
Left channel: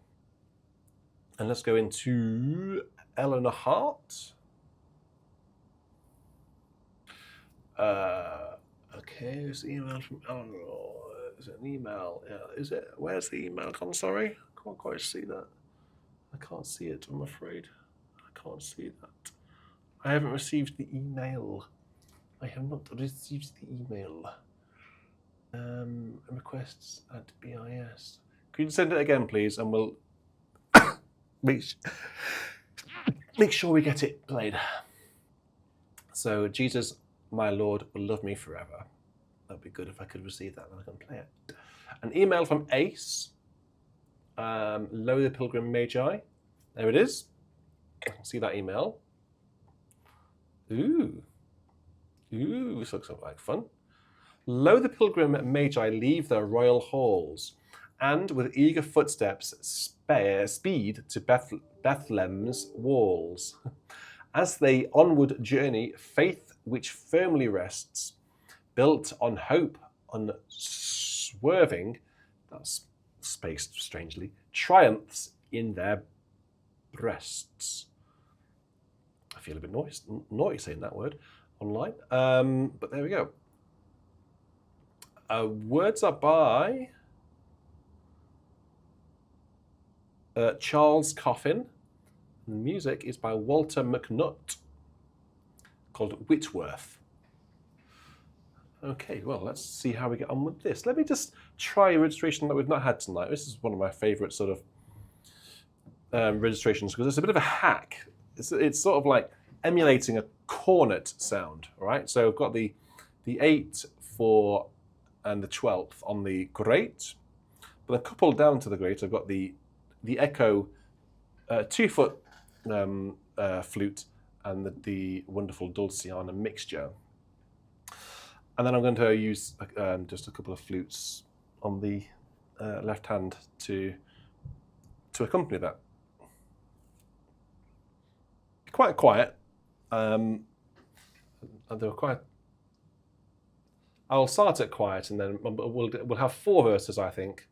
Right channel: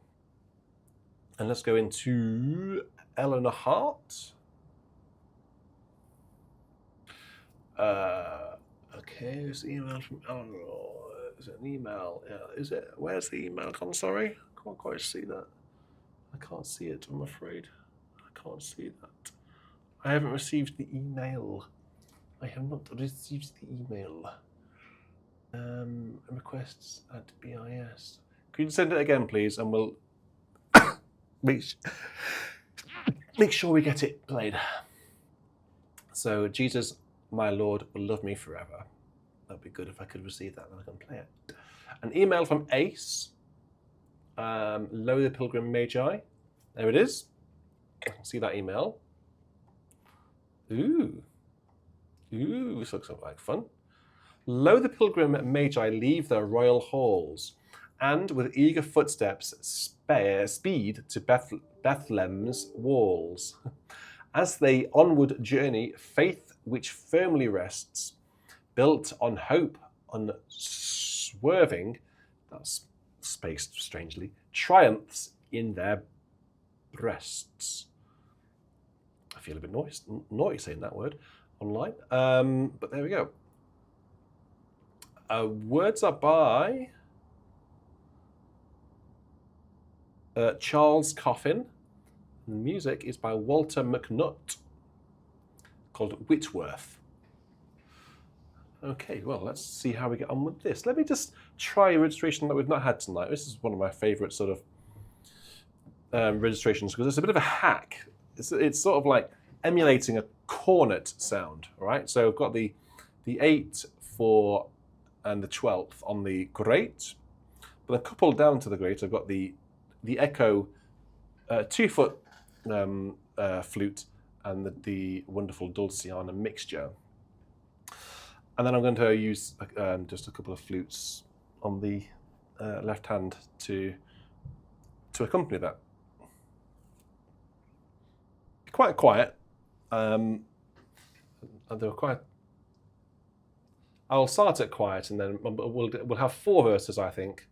And let's go into Eleanor Hart. Okay, there's the email from Eleanor. Is it an email? Yeah, is it? Where's the email gone? Sorry, I can't quite see that. I can't see it, I'm afraid. I can't see that. I haven't received the email. I have not received the email. Requests at BIS. Could you send it again, please? And we'll make sure we get it played. So, Jesus, my Lord, will love me forever. That'd be good if I could receive that, then I can play it. An email from Ace. Lo the Pilgrim Magi. There it is. See that email. Ooh, this looks like fun. Lo the Pilgrim Magi leave their royal halls, and with eager footsteps speed to Bethlehem's walls. As they onward journey, faith which firmly rests, built on hope, unswerving, that's spaced strangely, triumphs in their breasts. I feel a bit naughty saying that word online, but there we go. Words are by Charles Coffin. The music is by Walter McNutt, called Whitworth. Okay, well, let's see how we get on with this. Let me just try a registration that we've not had tonight. This is one of my favourite sort of registrations because it's a bit of a hack. It's sort of like emulating a cornet sound, all right? So I've got the 8, 4, and the 12th on the great, but a couple down to the great, I've got the echo 2-foot flute and the wonderful Dulciana mixture. And then I'm going to use just a couple of flutes on the left hand to accompany that. Quite quiet. And they were quite. I'll start it quiet, and then we'll have 4 verses, I think,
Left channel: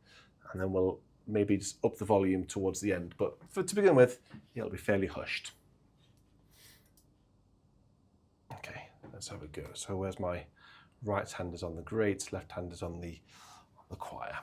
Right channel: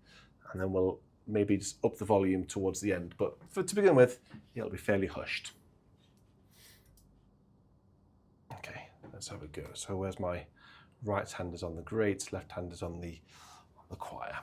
and then we'll maybe just up the volume towards the end. But to begin with, it'll be fairly hushed. Okay, let's have a go. So where's my right hand is on the great, left hand is on the choir.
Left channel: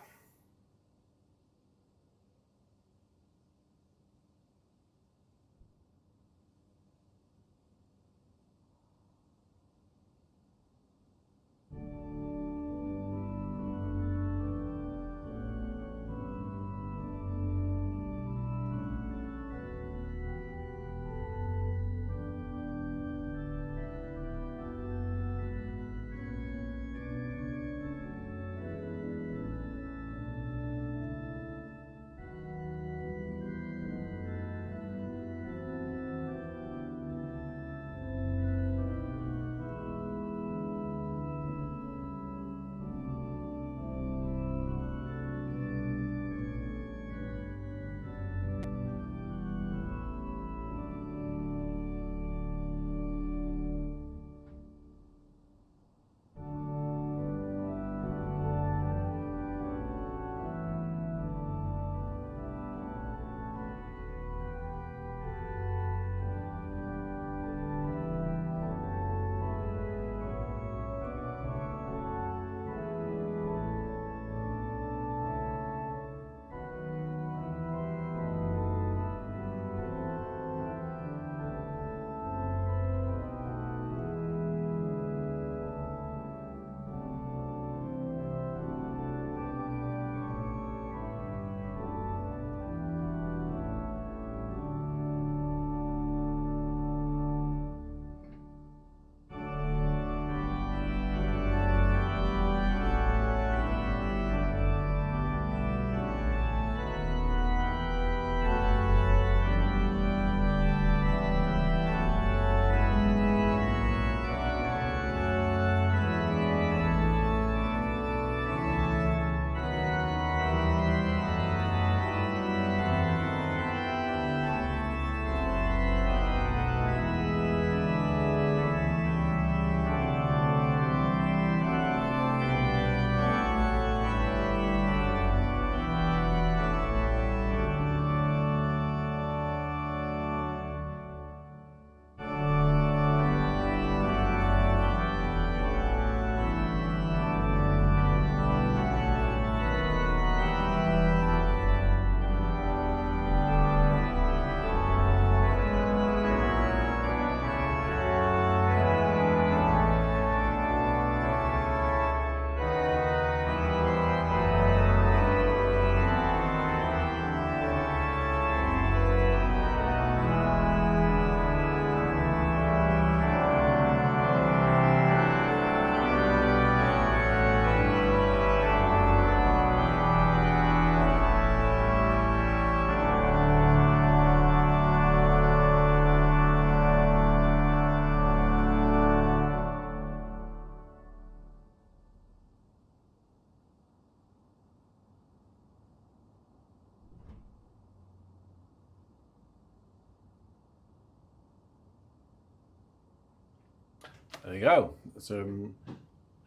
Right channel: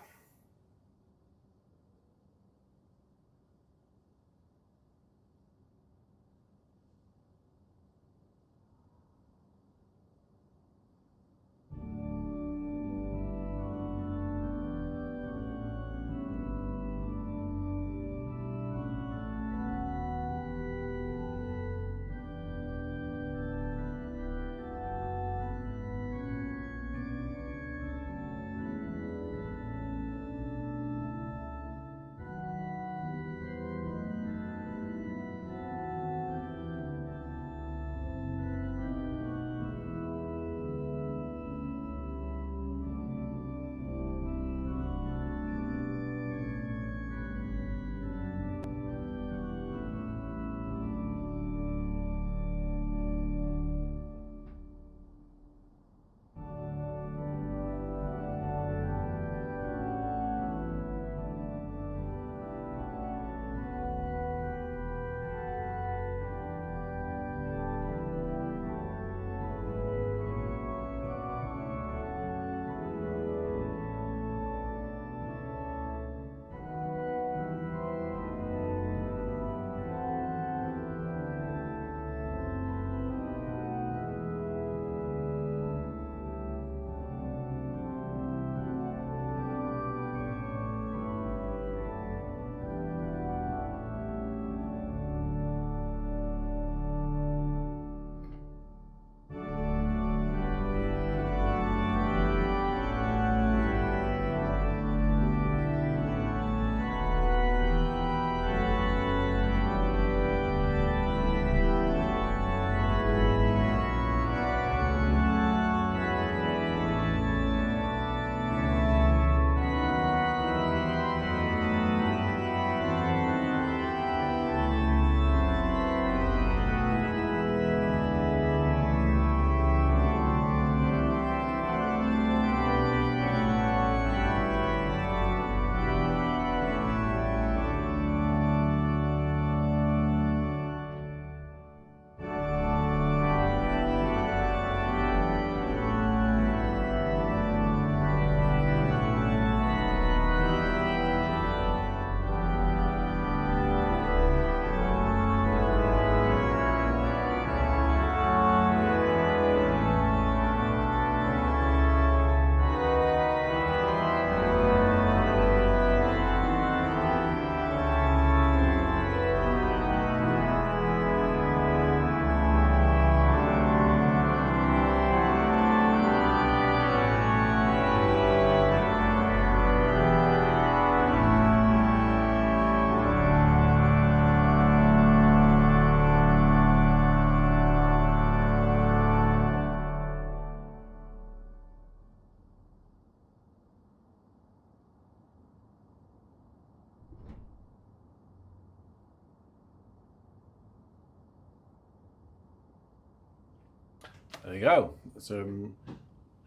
There you go. It's a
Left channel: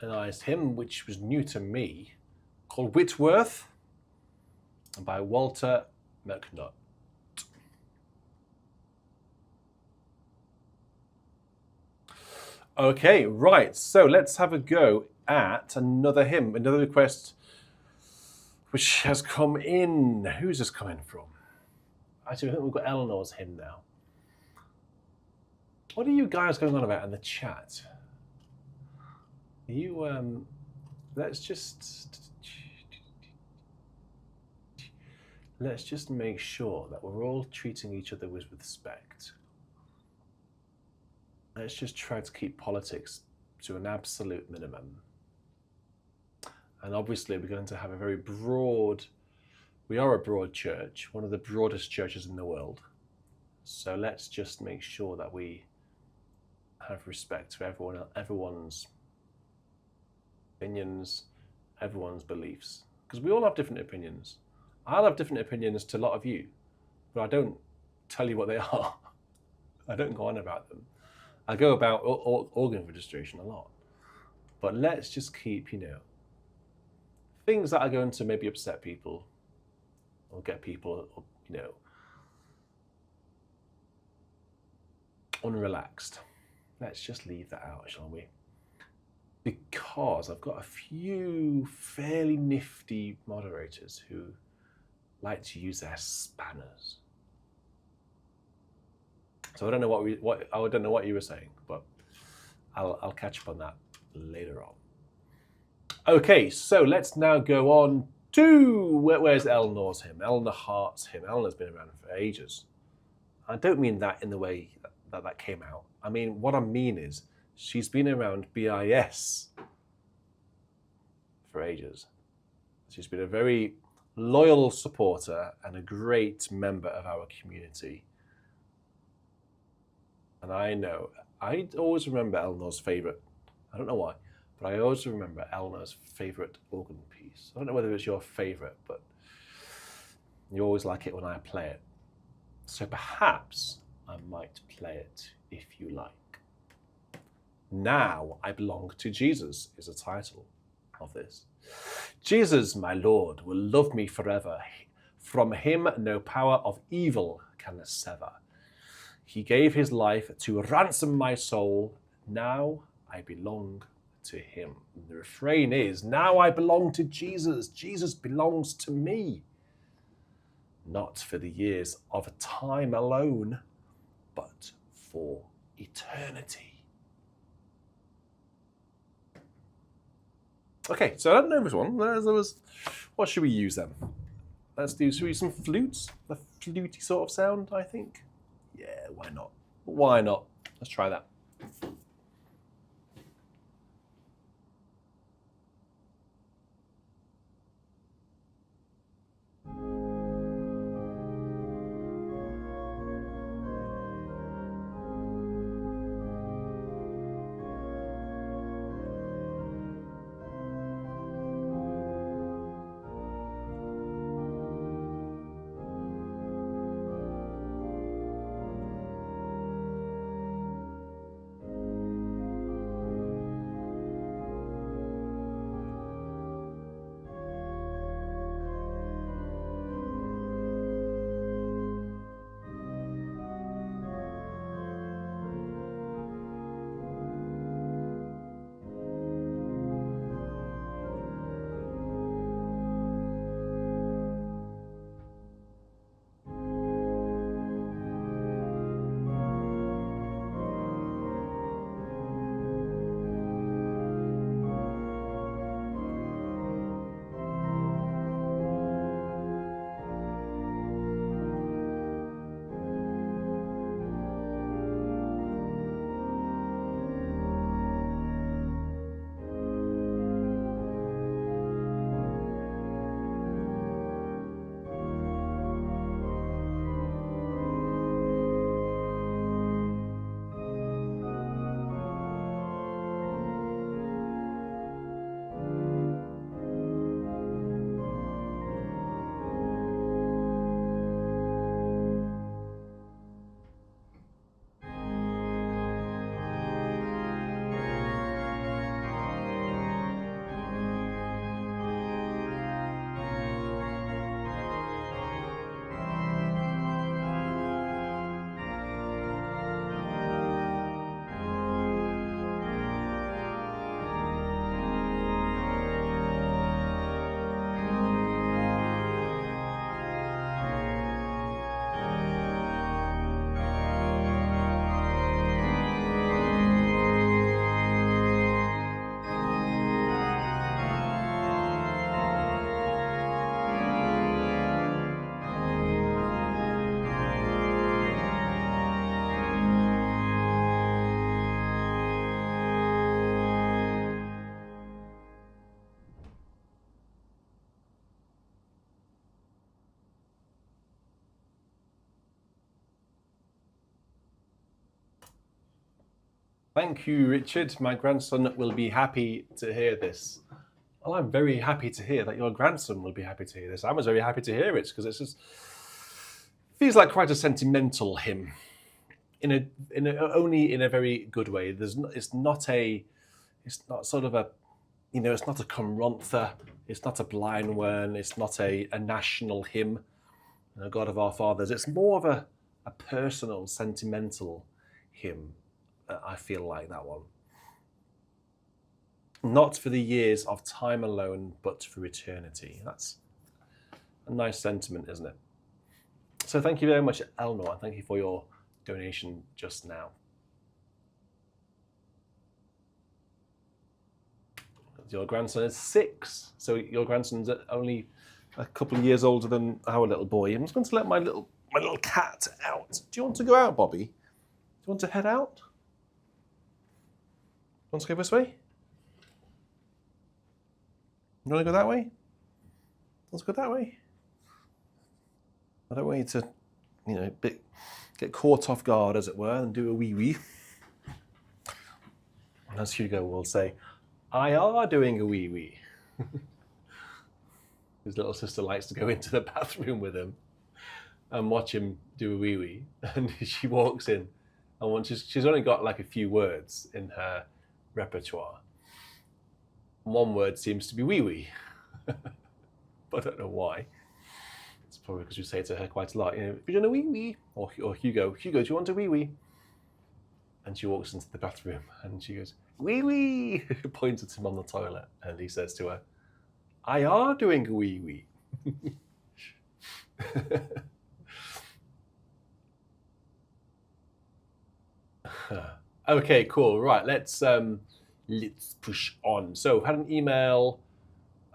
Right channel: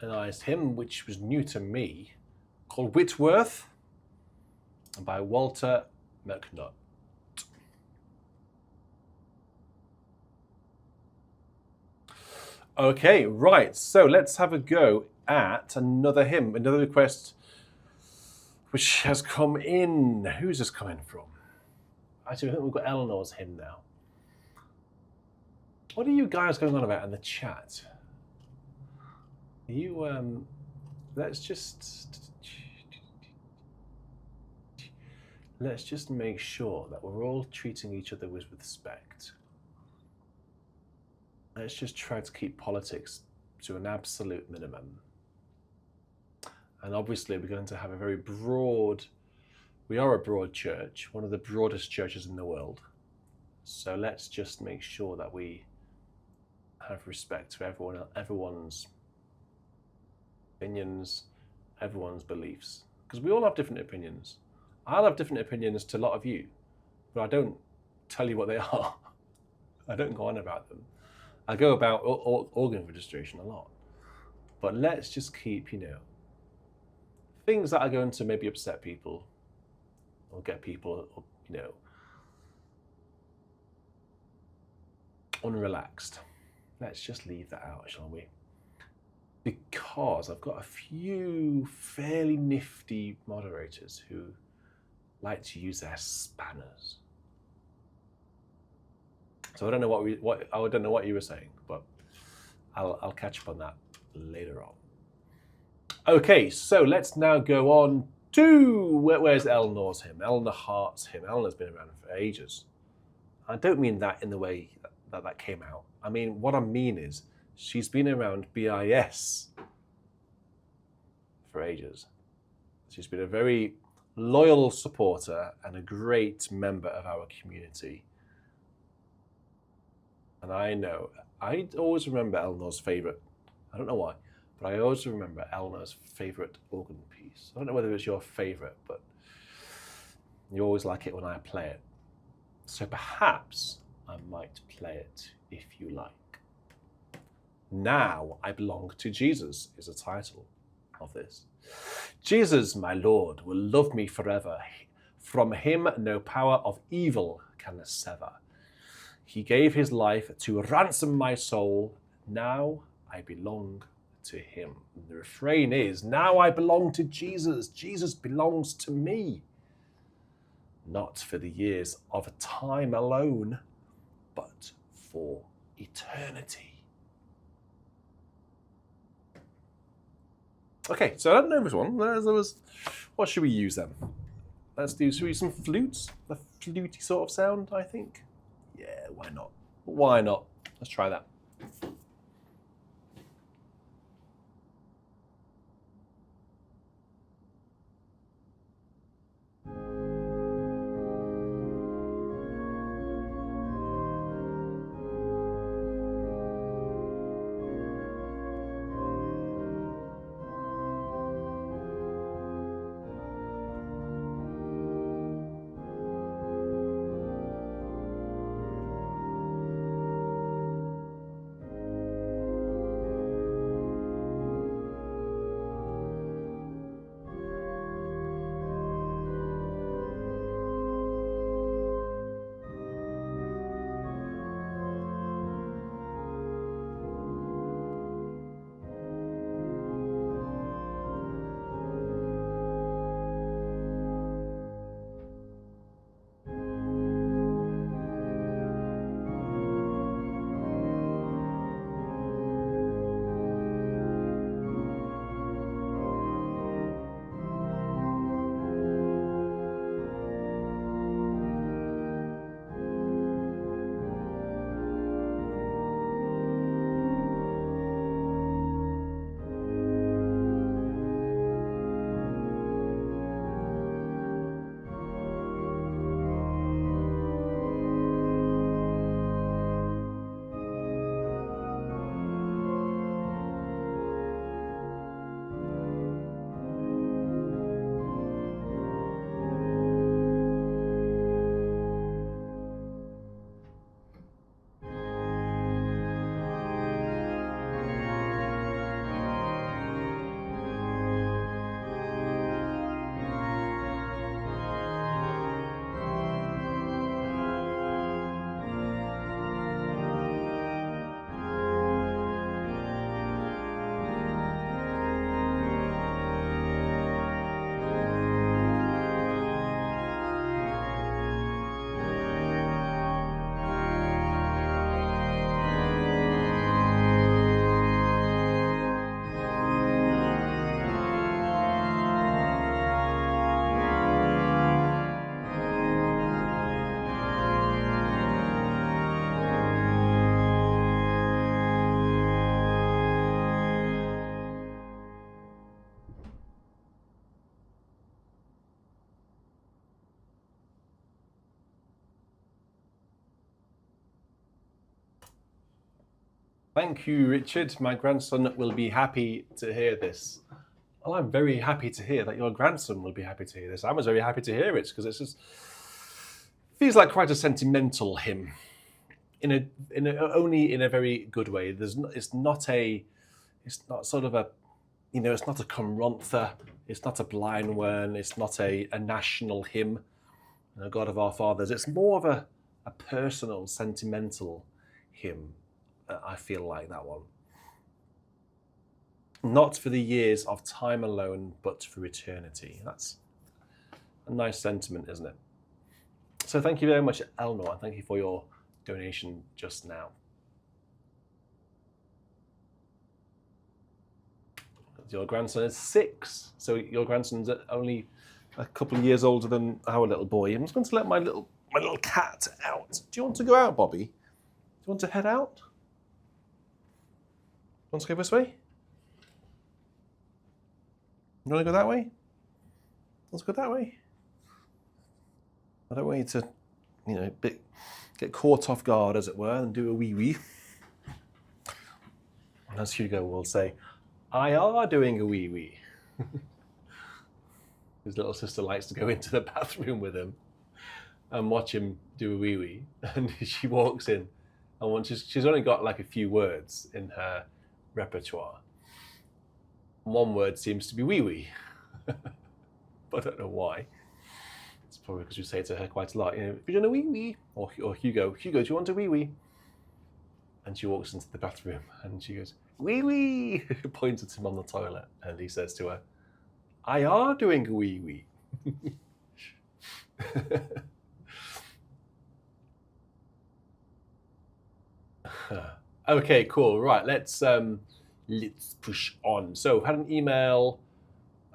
nice hymn which was new to me, called Whitworth by Walter McNutt. Okay, right. So let's have a go at another hymn, another request which has come in. Who's this coming from? Actually, I think we've got Eleanor's hymn now. What are you guys going on about in the chat? You, let's just make sure that we're all treating each other with respect. Let's just try to keep politics to an absolute minimum. And obviously we're going to have a very broad, we are a broad church, one of the broadest churches in the world. So let's just make sure that we have respect for everyone's opinions, everyone's beliefs. Because we all have different opinions. I'll have different opinions to a lot of you, but I don't tell you what they are. I don't go on about them. I go about organ registration a lot. But let's just keep, things that are going to maybe upset people or get people, unrelaxed. Let's just leave that out, shall we? Because I've got a few fairly nifty moderators who like to use their spanners. So I don't know what you were saying, but I'll catch up on that later on. Okay, so let's now go on to where's Eleanor's hymn? Eleanor Hart's hymn. Eleanor's been around for ages. I don't mean that in the way that came out. I mean, what I mean is she's been around BIS for ages. She's been a very loyal supporter and a great member of our community. And I always remember Eleanor's favourite. I don't know why, but I always remember Eleanor's favourite organ piece. I don't know whether it's your favourite, but you always like it when I play it. So perhaps I might play it if you like. Now I Belong to Jesus is the title of this. Jesus, my Lord, will love me forever. From him no power of evil can sever. He gave his life to ransom my soul. Now I belong to him. The refrain is, now I belong to Jesus. Jesus belongs to me. Not for the years of time alone, but for eternity. Okay, so I don't know this one. What should we use then? Should we use some flutes? A fluty sort of sound, I think. Yeah, why not? Why not? Let's try that. Thank you, Richard. My grandson will be happy to hear this. Well, I'm very happy to hear that your grandson will be happy to hear this. I was very happy to hear it because it just feels like quite a sentimental hymn, only in a very good way. It's not sort of a, it's not a comrantha, it's not a blind one, it's not a national hymn, God of our fathers. It's more of a personal, sentimental hymn. I feel like that one. Not for the years of time alone, but for eternity. That's a nice sentiment, isn't it? So thank you very much, Eleanor, and thank you for your donation just now. Your grandson is 6, so your grandson's only a couple of years older than our little boy. I'm just going to let my little cat out. Do you want to go out, Bobby? Do you want to head out? Want to go this way? You want to go that way? Let's go that way. I don't want you to, get caught off guard, as it were, and do a wee-wee. And as Hugo will say, I are doing a wee-wee. His little sister likes to go into the bathroom with him and watch him do a wee-wee. And she walks in, and she's only got like a few words in her repertoire. One word seems to be wee-wee. But I don't know why. It's probably because we say to her quite a lot, have you done a wee-wee? Or Hugo, do you want a wee-wee? And she walks into the bathroom and she goes, wee-wee, points at him on the toilet. And he says to her, I are doing a wee-wee. Okay, cool. Right, let's push on. So I've had an email,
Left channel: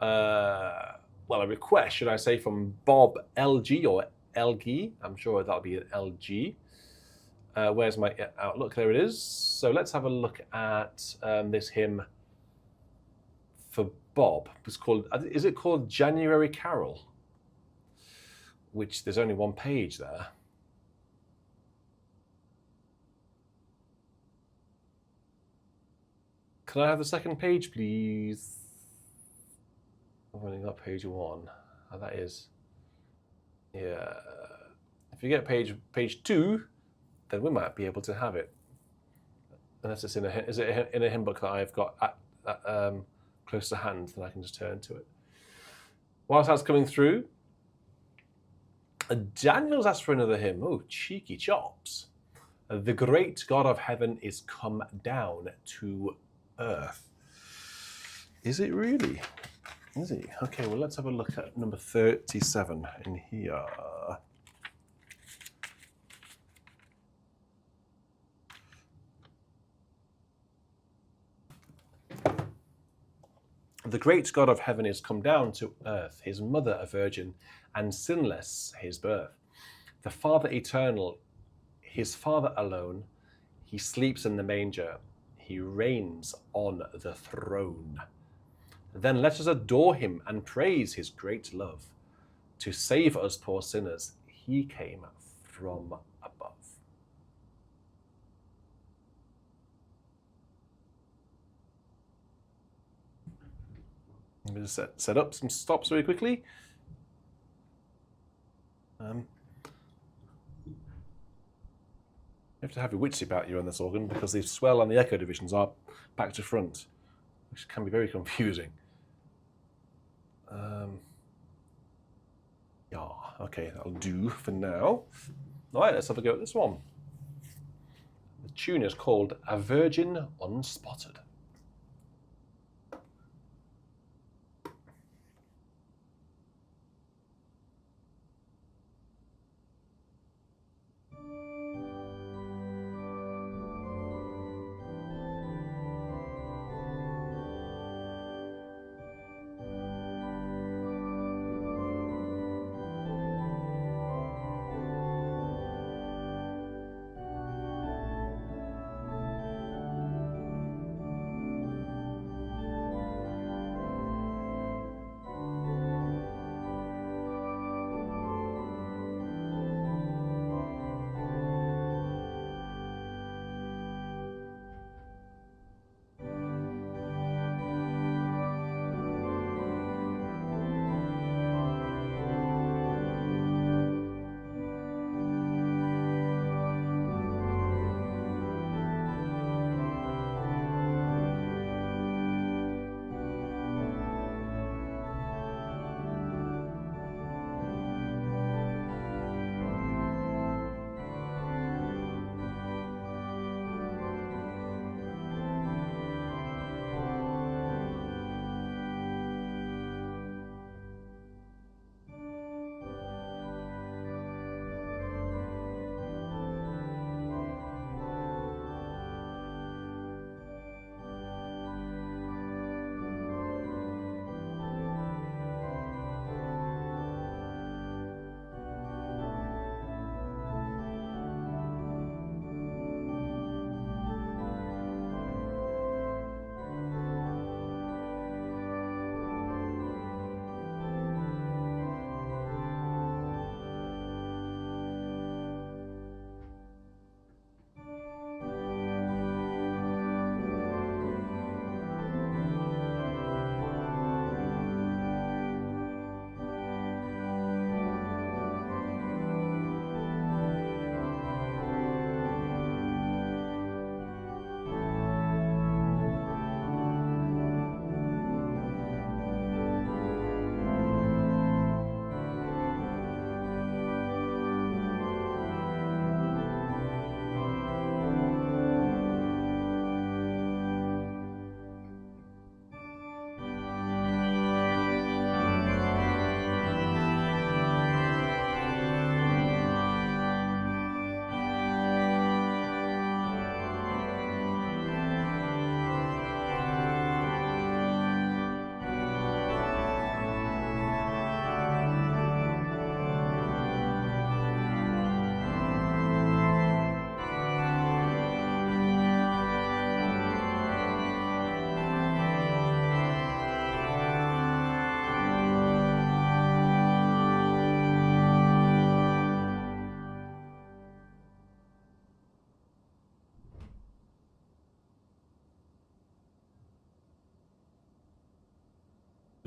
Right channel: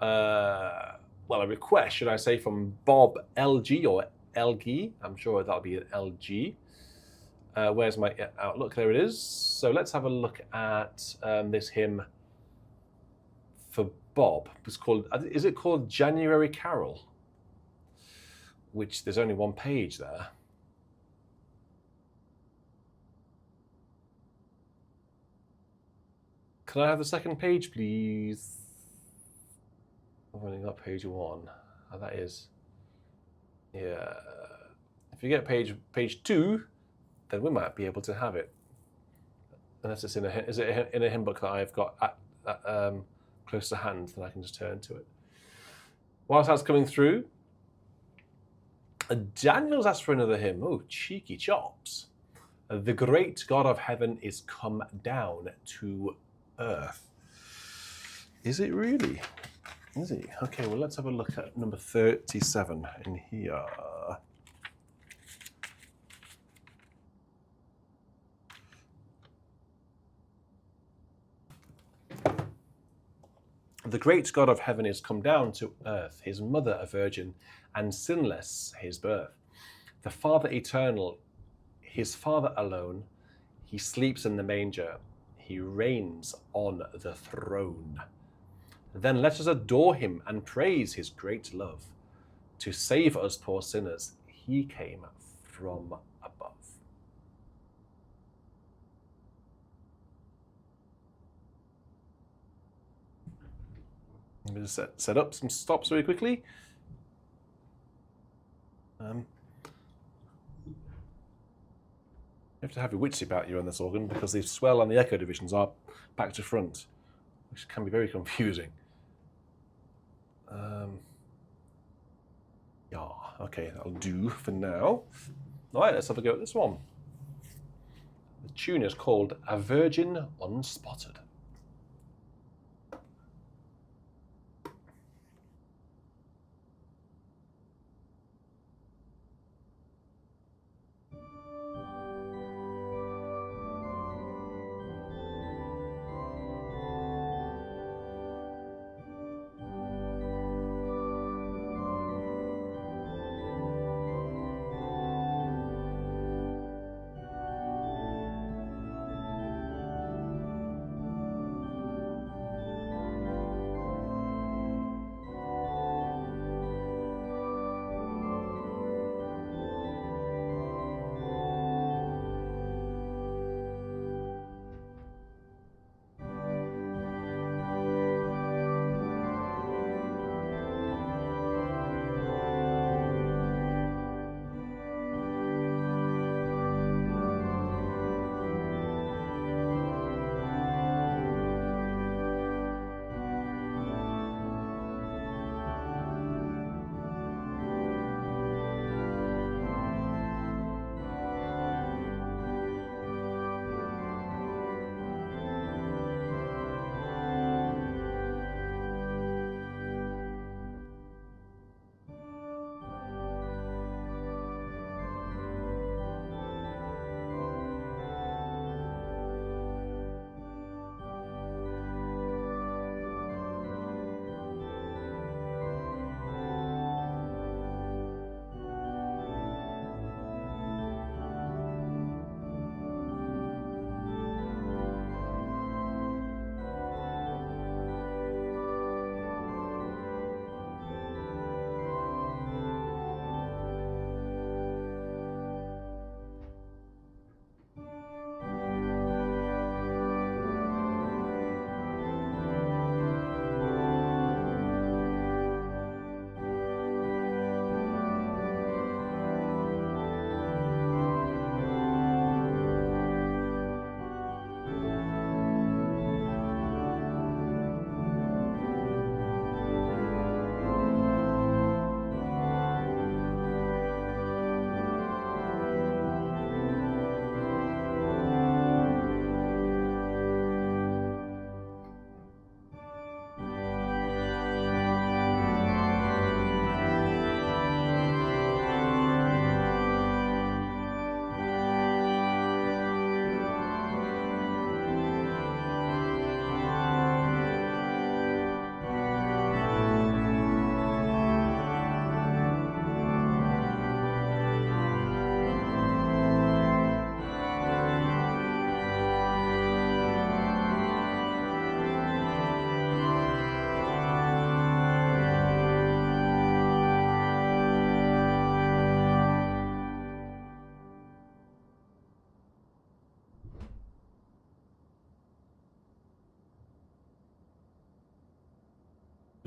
a request, should I say, from Bob LG or LG. I'm sure that'll be an LG. Where's my Outlook? There it is. So let's have a look at this hymn for Bob. Is it called January Carol? Which there's only one page there. Can I have the second page, please? I've only got page 1. That is, yeah. If you get page 2, then we might be able to have it. Unless it's is it in a hymn book that I've got close to hand, then I can just turn to it. Whilst that's coming through, Daniel's asked for another hymn. Oh, cheeky chops. The great God of heaven is come down to earth. Is it really? Is he? Okay, well, let's have a look at number 37 in here. The great God of heaven is come down to earth, his mother a virgin, and sinless his birth. The Father eternal, his Father alone, he sleeps in the manger, he reigns on the throne. Then let us adore him and praise his great love. To save us poor sinners, he came from above. I'm going to set up some stops very quickly. You have to have your wits about you on this organ because the swell and the echo divisions are back to front, which can be very confusing. Yeah, okay, that'll do for now. All right, let's have a go at this one. The tune is called A Virgin Unspotted.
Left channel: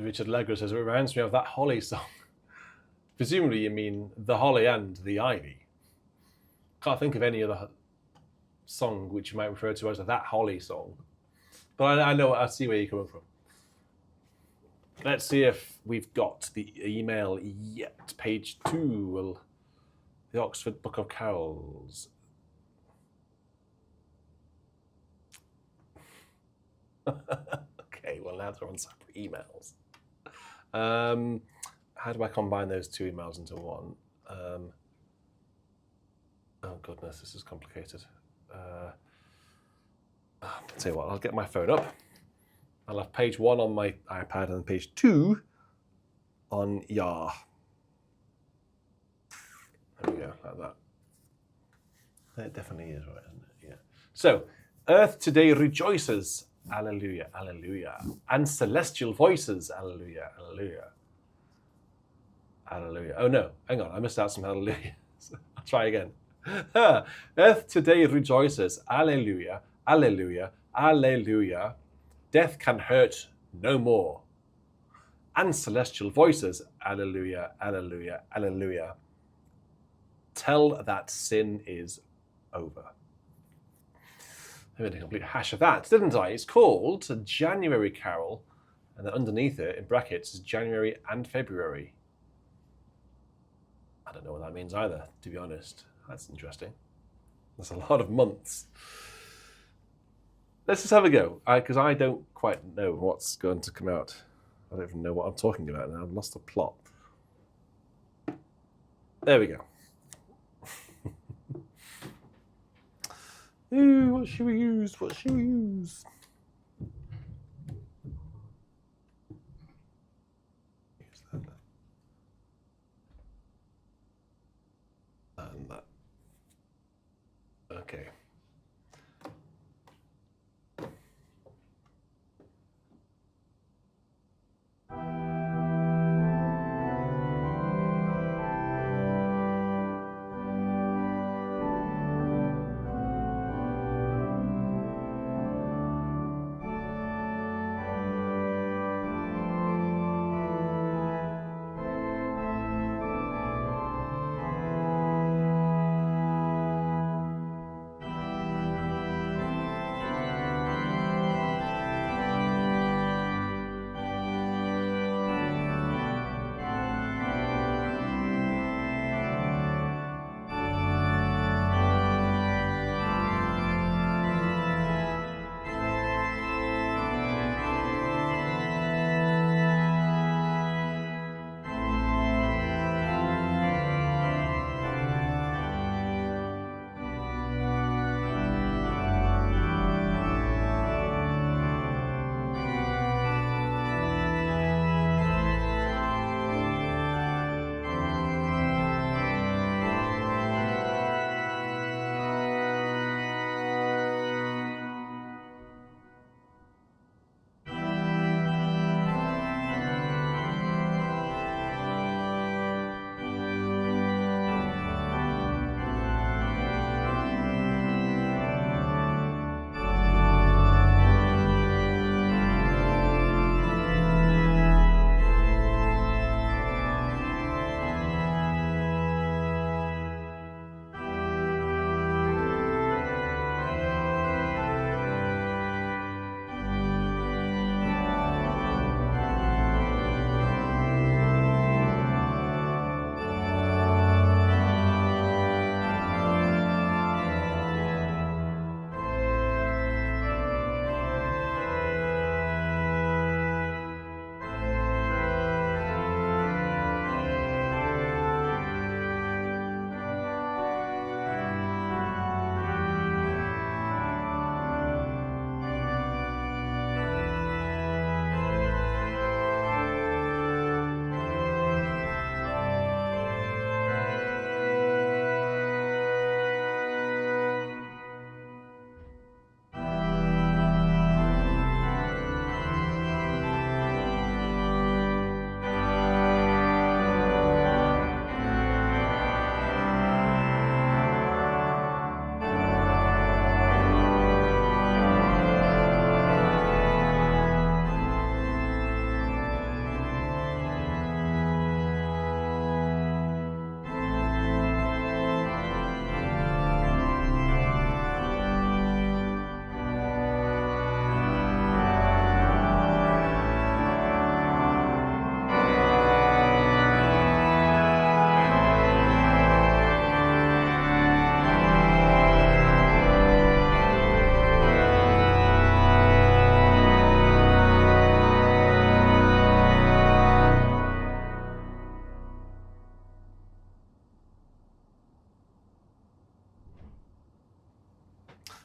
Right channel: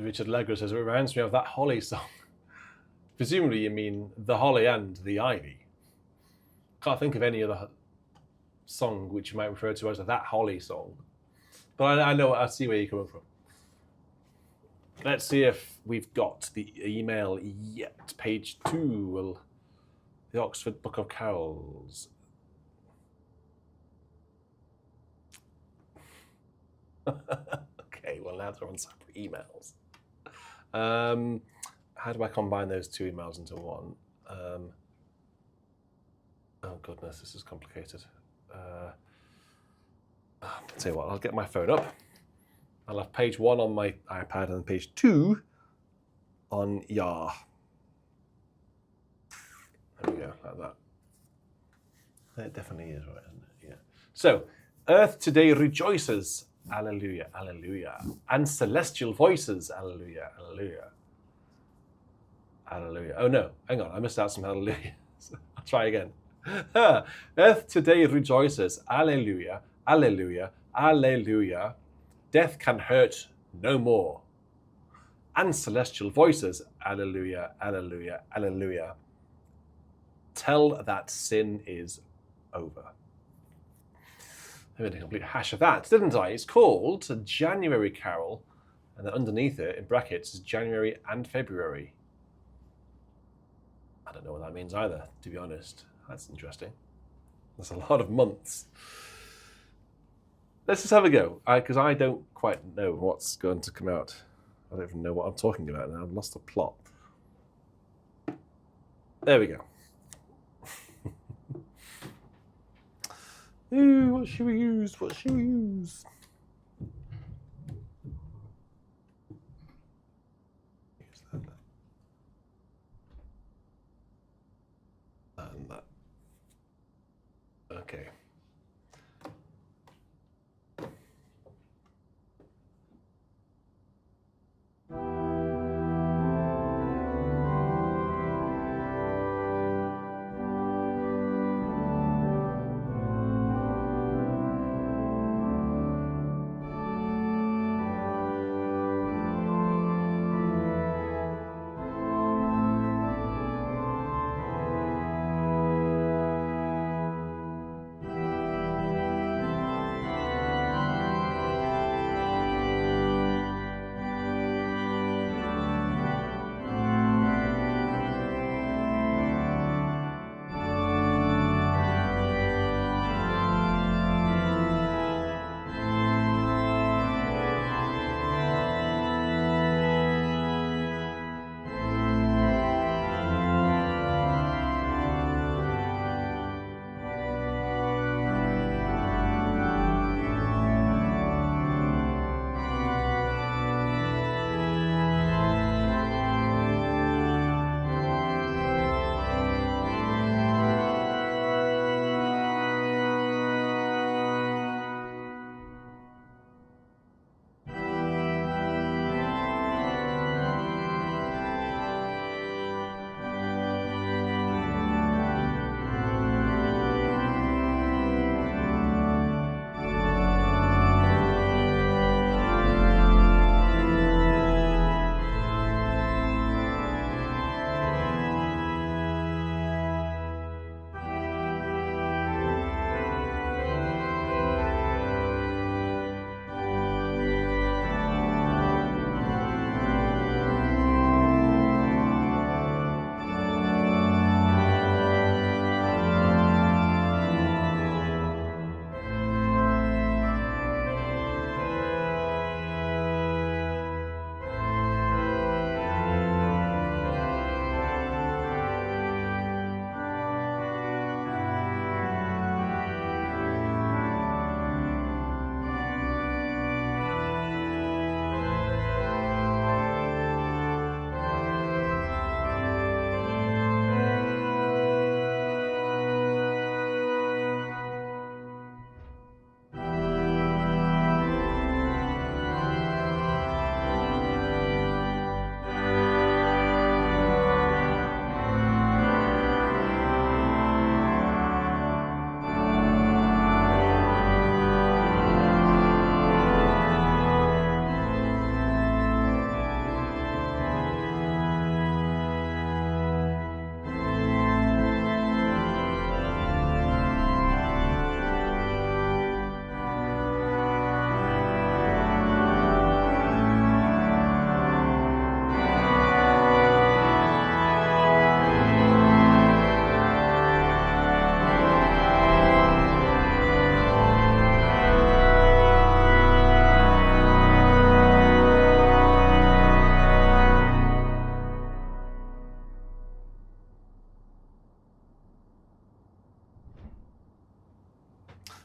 Richard Legro says, it reminds me of that Holly song. Presumably you mean the Holly and the Ivy. Can't think of any other song which you might refer to as that Holly song. But I see where you're coming from. Let's see if we've got the email yet. Page 2, the Oxford Book of Carols. Okay, well now they're on separate emails. How do I combine those two emails into one? Oh goodness, this is complicated. I'll tell you what, I'll get my phone up. I'll have page 1 on my iPad and page 2 on Yar. There we go, like that. That definitely is right, isn't it? Yeah. So, earth today rejoices, alleluia, alleluia. And celestial voices, alleluia, alleluia. Alleluia. Oh no, hang on, I missed out some hallelujah. I'll try again. Earth today rejoices, alleluia, alleluia, alleluia. Death can hurt no more. And celestial voices, alleluia, alleluia, alleluia. Tell that sin is over. I made a complete hash of that, didn't I? It's called a January Carol, and then underneath it, in brackets, is January and February. I don't know what that means either, to be honest. That's interesting. That's a lot of months. Let's just have a go, because I don't quite know what's going to come out. I don't even know what I'm talking about now. I've lost the plot. There we go. Ooh, what should we use? What should we use? Use that. And that. Okay.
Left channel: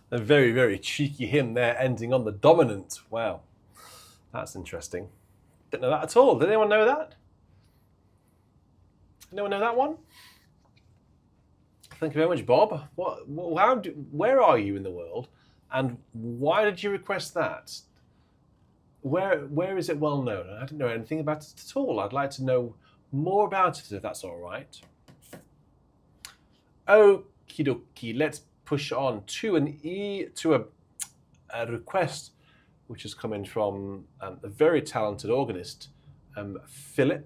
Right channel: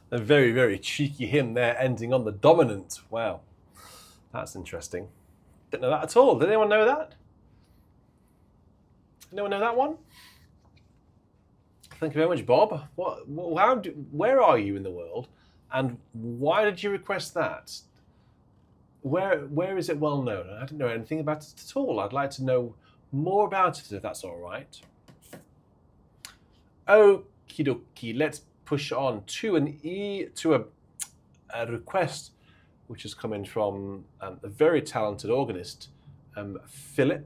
A very, very cheeky hymn there, ending on the dominant. Wow, that's interesting. Didn't know that at all. Did anyone know that? Anyone know that one? Thank you very much, Bob. Where are you in the world, and why did you request that? Where is it well known? I don't know anything about it at all. I'd like to know more about it, if that's all right. Okie dokie. Let's push on to a request which is coming from a very talented organist, Philip,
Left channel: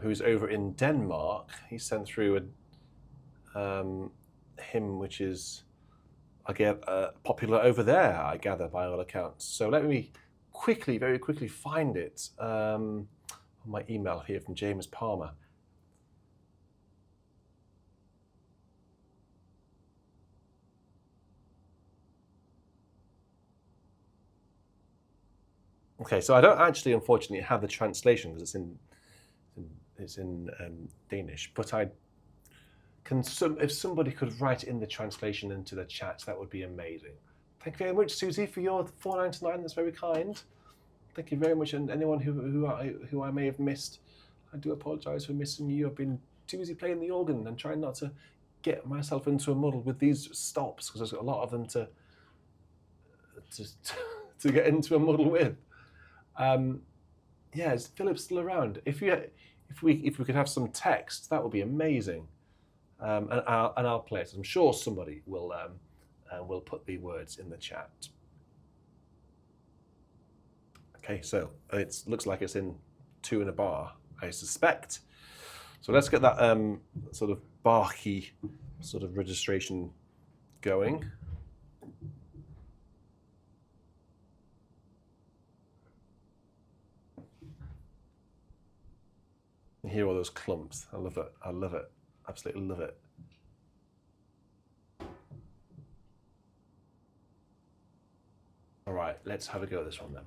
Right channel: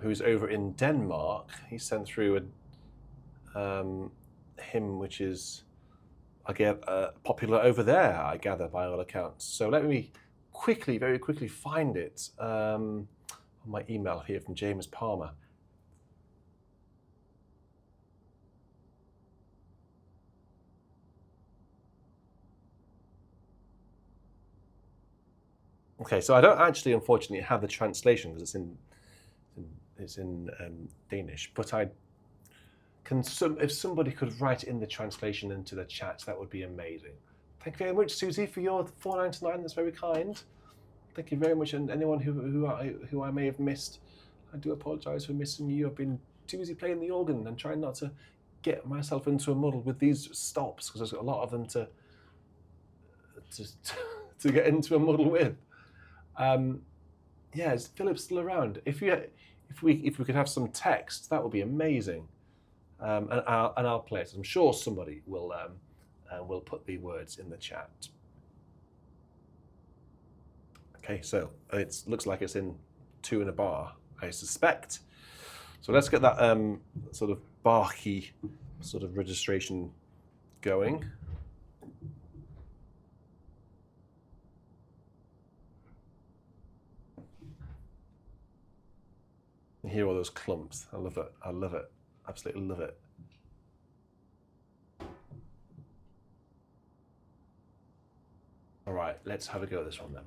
who's over in Denmark. He sent through a hymn which is, popular over there, I gather, by all accounts. So let me very quickly find it on my email here from James Palmer. Okay, so I don't actually, unfortunately, have the translation because it's in Danish. But if somebody could write in the translation into the chat, that would be amazing. Thank you very much, Susie, for your $4.99. That's very kind. Thank you very much, and anyone who I may have missed, I do apologise for missing you. I've been too busy playing the organ and trying not to get myself into a muddle with these stops because there's a lot of them to get into a muddle with. Yeah, is Philip still around? If we could have some text, that would be amazing. And I'll play it. I'm sure somebody will put the words in the chat. Okay, so it looks like it's in 2 in a bar, I suspect. So let's get that sort of bar key sort of registration going. You hear all those clumps. I love it. I love it. Absolutely love it. All right, let's have a go at this one then.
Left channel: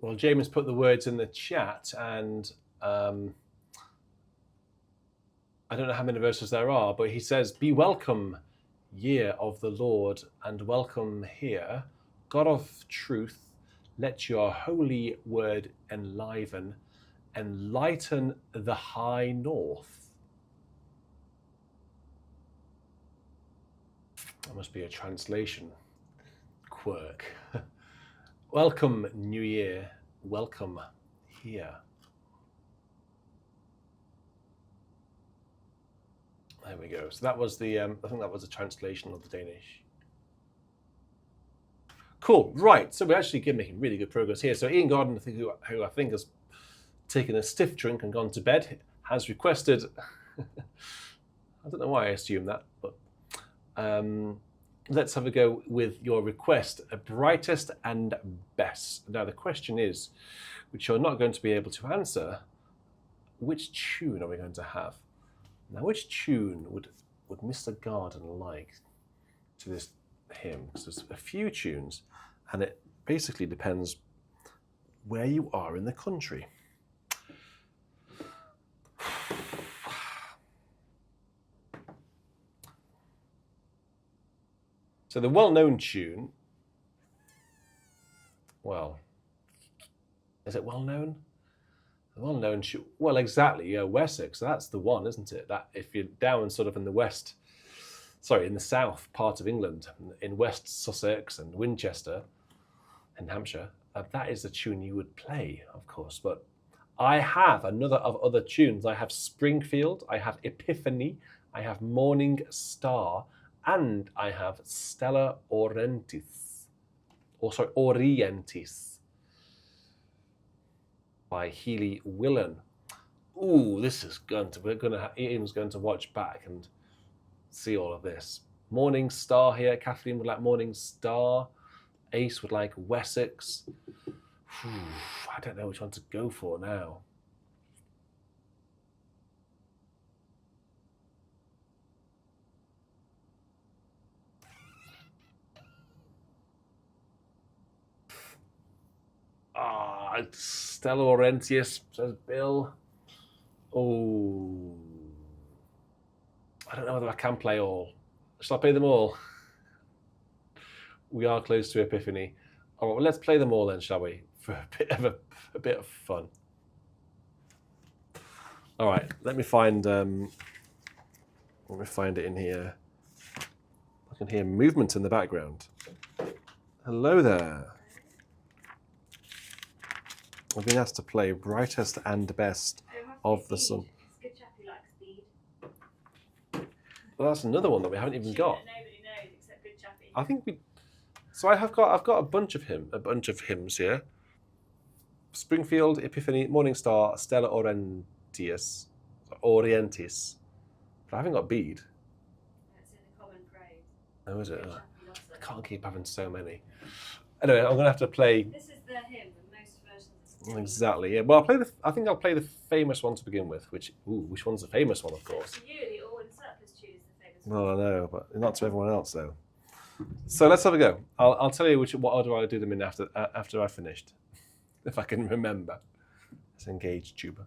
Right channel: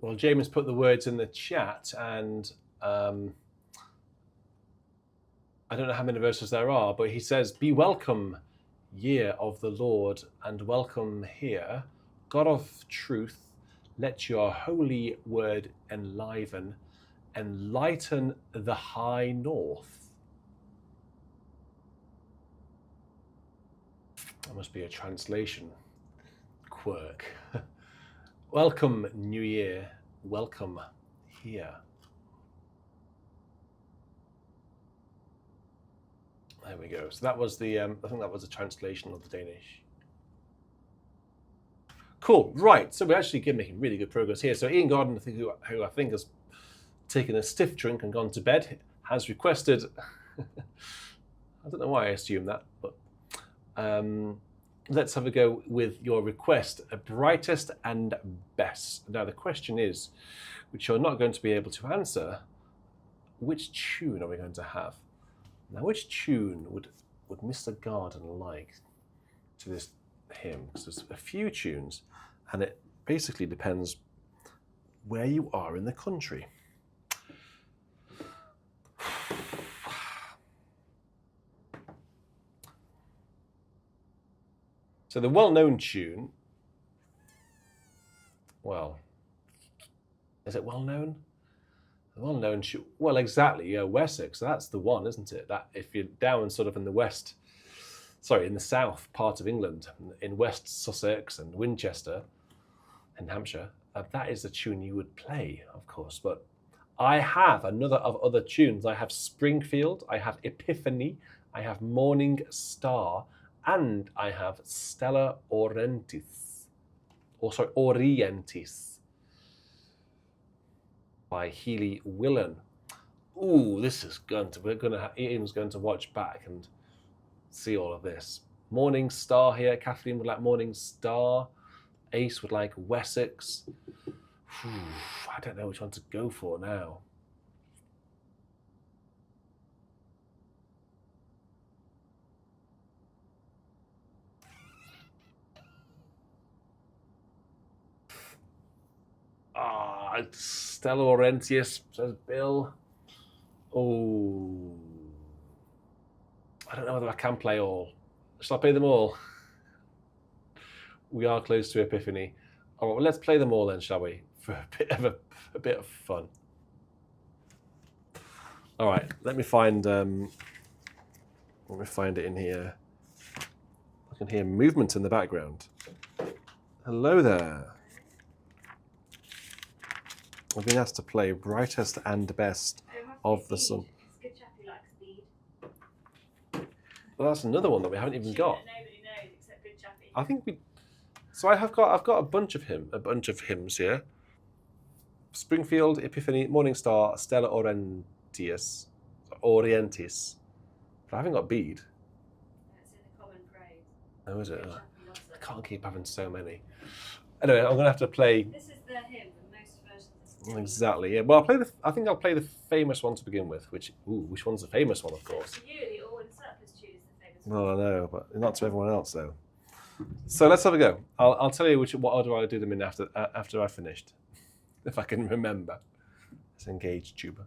Well, James put the words in the chat, and I don't know how many verses there are, but he says, "Be welcome, year of the Lord, and welcome here. God of truth, let your holy word enliven, enlighten the high north. That must be a translation quirk. Welcome, New Year. Welcome here. There we go. So that was the, I think that was a translation of the Danish. Cool. Right. So we're actually making really good progress here. So Ian Gordon, who I think has taken a stiff drink and gone to bed, has requested. I don't know why I assume that, but let's have a go with your request, brightest and best. Now the question is, which you're not going to be able to answer, which tune are we going to have? Now, which tune would Mr. Garden like to this hymn? Because there's a few tunes, and it basically depends where you are in the country. So the well-known tune, well, is it well-known? The well-known tune, well, exactly, yeah, Wessex, that's the one, isn't it? That if you're down sort of in the west, sorry, in the south part of England, in West Sussex and Winchester in Hampshire, that is the tune you would play, of course. But I have another of other tunes. I have Springfield, I have Epiphany, I have Morning Star, and I have Stella Orientis, Orientis by Healy Willan. Ooh, this is Ian's going to watch back and see all of this. Morning Star here. Kathleen would like Morning Star. Ace would like Wessex. I don't know which one to go for now. Stella Laurentius, says Bill. Oh, I don't know whether I can play all. Shall I play them all? We are close to Epiphany. All right, well, let's play them all then, shall we? For a bit of fun. All right, let me find it in here. I can hear movement in the background. Hello there. I've been asked to play brightest and best of the sun. Good chap who likes speed. Well, that's another one that we haven't even got. Nobody knows except Good Chappie. I think we. So I've got a bunch of hymns here. Springfield, Epiphany, Morning Star, Stella Orientis. But I haven't got Bede. It's in the common praise. Oh, is it? Good Oh, Chappie loves I it. can't keep having so many. Anyway, I'm gonna have to play. This is the hymn, the most versions of Exactly. Yeah. Well, I think I'll play the famous one to begin with. Which one's the famous one, of course? For you, the All in Surplus tune is the famous Well, one. I know, but not to everyone else though. So let's have a go. I'll tell you what order I do them in after I've finished, if I can remember. Let's engage tuba.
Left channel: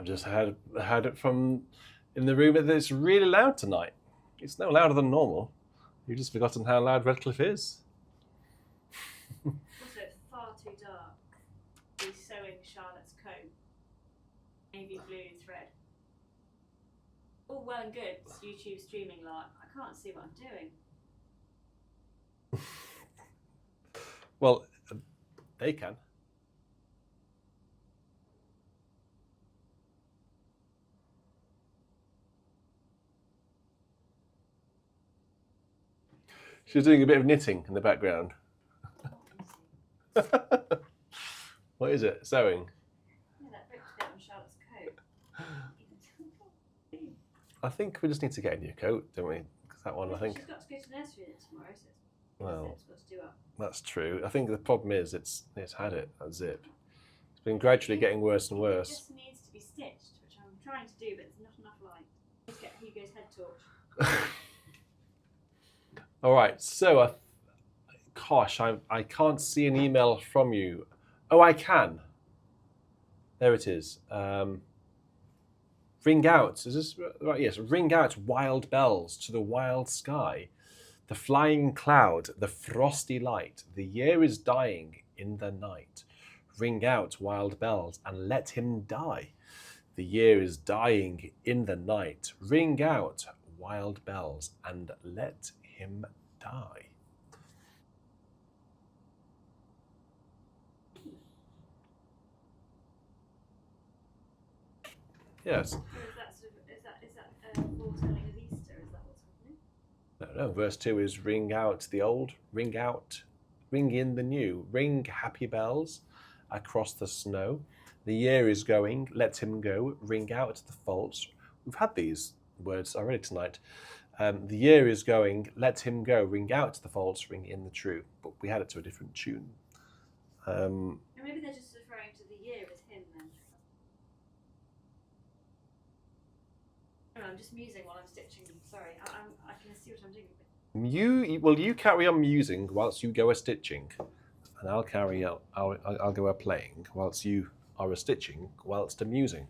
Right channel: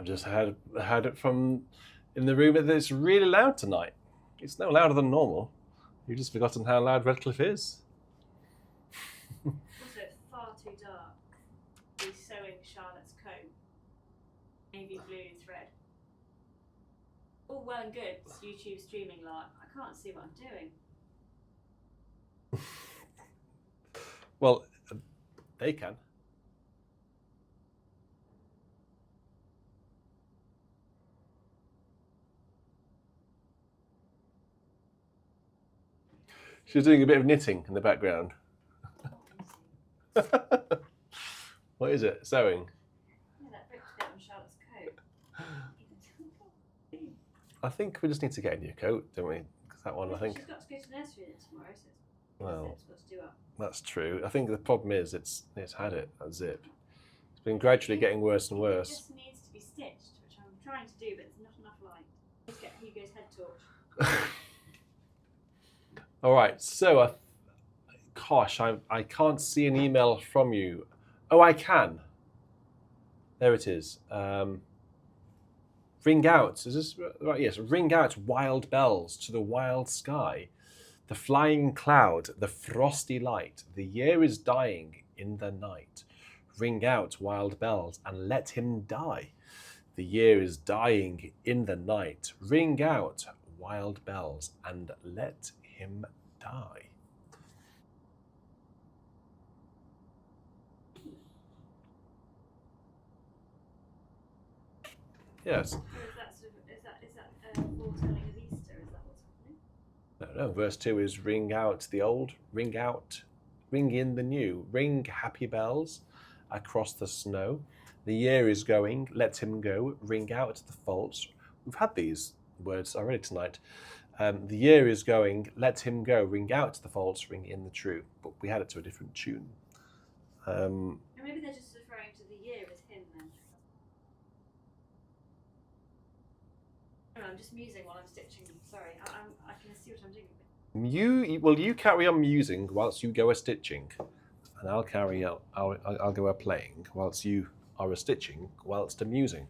I've just heard it from in the room that it's really loud tonight. It's no louder than normal. You've just forgotten how loud Redcliffe is. Also, it's far too dark. He's sewing Charlotte's coat. Navy blue thread. All well and good, it's YouTube streaming live. I can't see what I'm doing. Well, they can. She's doing a bit of knitting in the background. What is it? Sewing? Yeah, that ripped bit on Charlotte's coat. I think we just need to get a new coat, don't we? Because that one, I think. She's got to go to nursery tomorrow, so Well, Zip's got to do up. That's true. I think the problem is it's had it, that zip. It's been gradually getting worse and It worse. just needs to be stitched, which I'm trying to do, but there's not enough light. Let's get Hugo's head torch. All right, so gosh, I can't see an email from you. Oh, I can. There it is. Ring out. Is this right? Yes. Ring out wild bells to the wild sky. The flying cloud, the frosty light. The year is dying in the night. Ring out wild bells and let him die. The year is dying in the night. Ring out wild bells and let him die. Yes. Or is that foretelling of Easter? Is that what's happening? No. Verse 2 is ring out the old, ring out, ring in the new. Ring happy bells across the snow. The year is going, let him go. Ring out the false. We've had these words already tonight. The year is going, let him go. Ring out the false, ring in the true. But we had it to a different tune. And maybe they're just referring to the year as him then. No, I'm just musing while I'm stitching. Sorry, I can see what I'm doing. You carry on musing whilst you go a stitching, and I'll carry out. I'll go a playing whilst you are a stitching whilst amusing.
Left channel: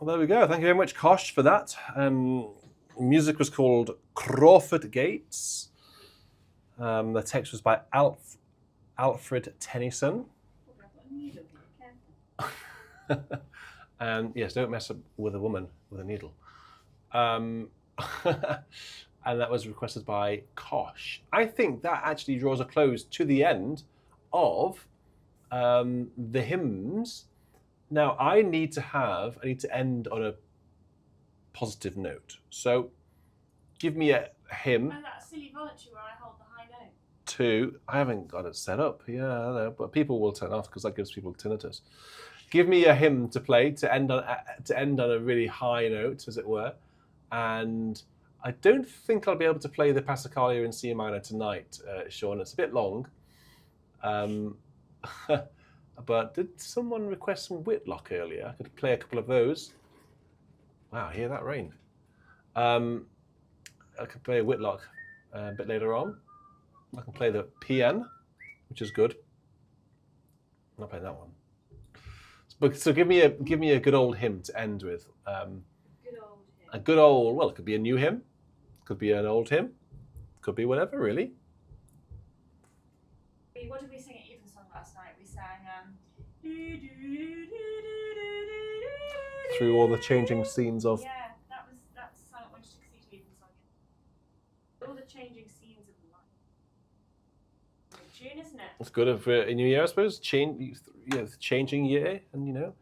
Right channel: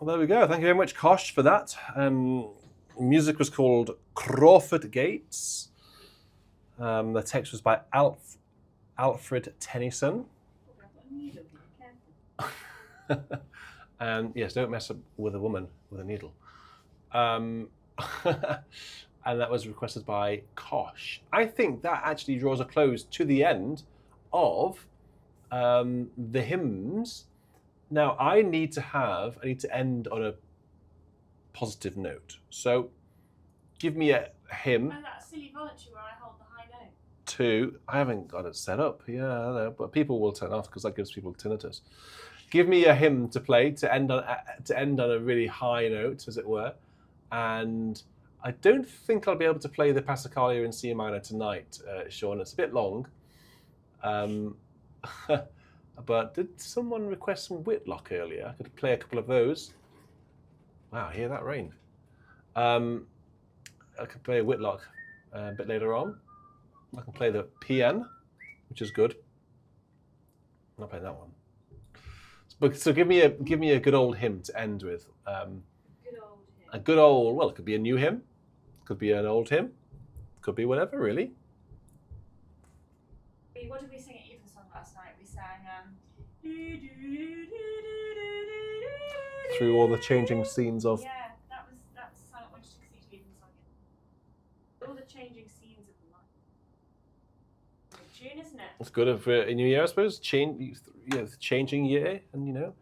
Well, there we go. Thank you very much, Kosh, for that. Music was called Crawford Gates. The text was by Alfred Tennyson. And yes, don't mess up with a woman with a needle. And that was requested by Kosh. I think that actually draws a close to the end of the hymns. Now, I need to end on a positive note. So give me a hymn. Oh, that silly voluntary where I hold the high note. I haven't got it set up. Yeah, I know, but people will turn off because that gives people tinnitus. Give me a hymn to play to end on a really high note, as it were. And I don't think I'll be able to play the Passacaglia in C minor tonight, Sean. It's a bit long. But did someone request some Whitlock earlier? I could play a couple of those. Wow, hear that rain. I could play a Whitlock a bit later on. I can play the PN, which is good. I'm not playing that one. So give me a good old hymn to end with. Good old hymn. A good old, well, it could be a new hymn, could be an old hymn, could be whatever, really. What did we sing at Evensong last night? We sang Through all the changing scenes of. Yeah, that was Silent One Took Sea to Evensong. All the changing scenes of life. Good tune, isn't it? It's good for a new year, I suppose. Changing year, and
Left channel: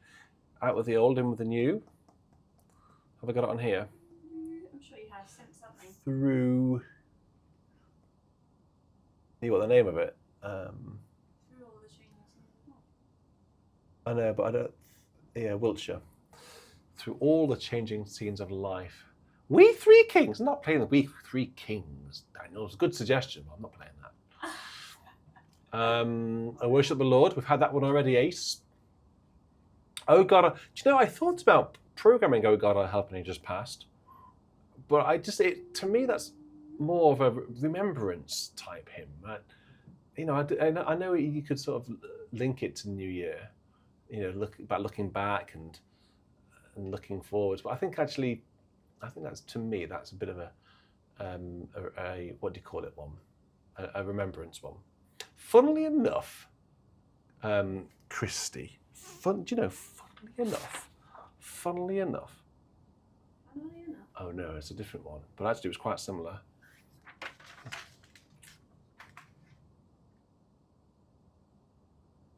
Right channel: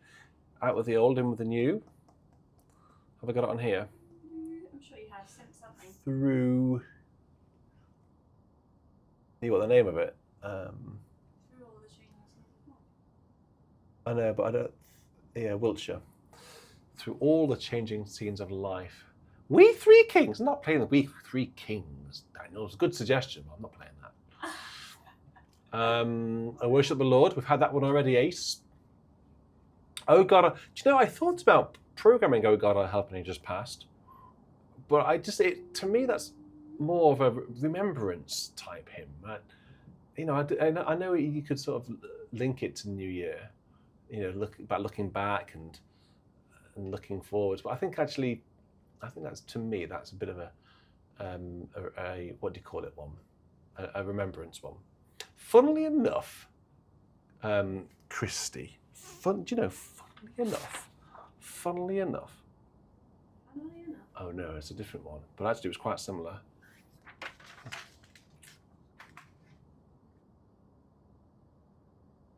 out with the old, in with the new. Have I got it on here? I'm sure you have sent something. Through. You got the name of it. Through all the changing scenes of life. I know, but I don't. Yeah, Wiltshire. Through all the changing scenes of life. We Three Kings. I'm not playing the We Three Kings, Daniel. It's a good suggestion, but I'm not playing that. I worship the Lord. We've had that one already, Ace. Oh God, do you know, I thought about programming Oh God, I Help Me just passed. But to me, that's more of a remembrance type hymn. I know you could sort of link it to New Year, looking back and looking forwards. But I think that's, to me, that's a bit of a what do you call it one? A remembrance one. Funnily enough, Christy, funnily enough. Oh no, it's a different one. But actually it was quite similar.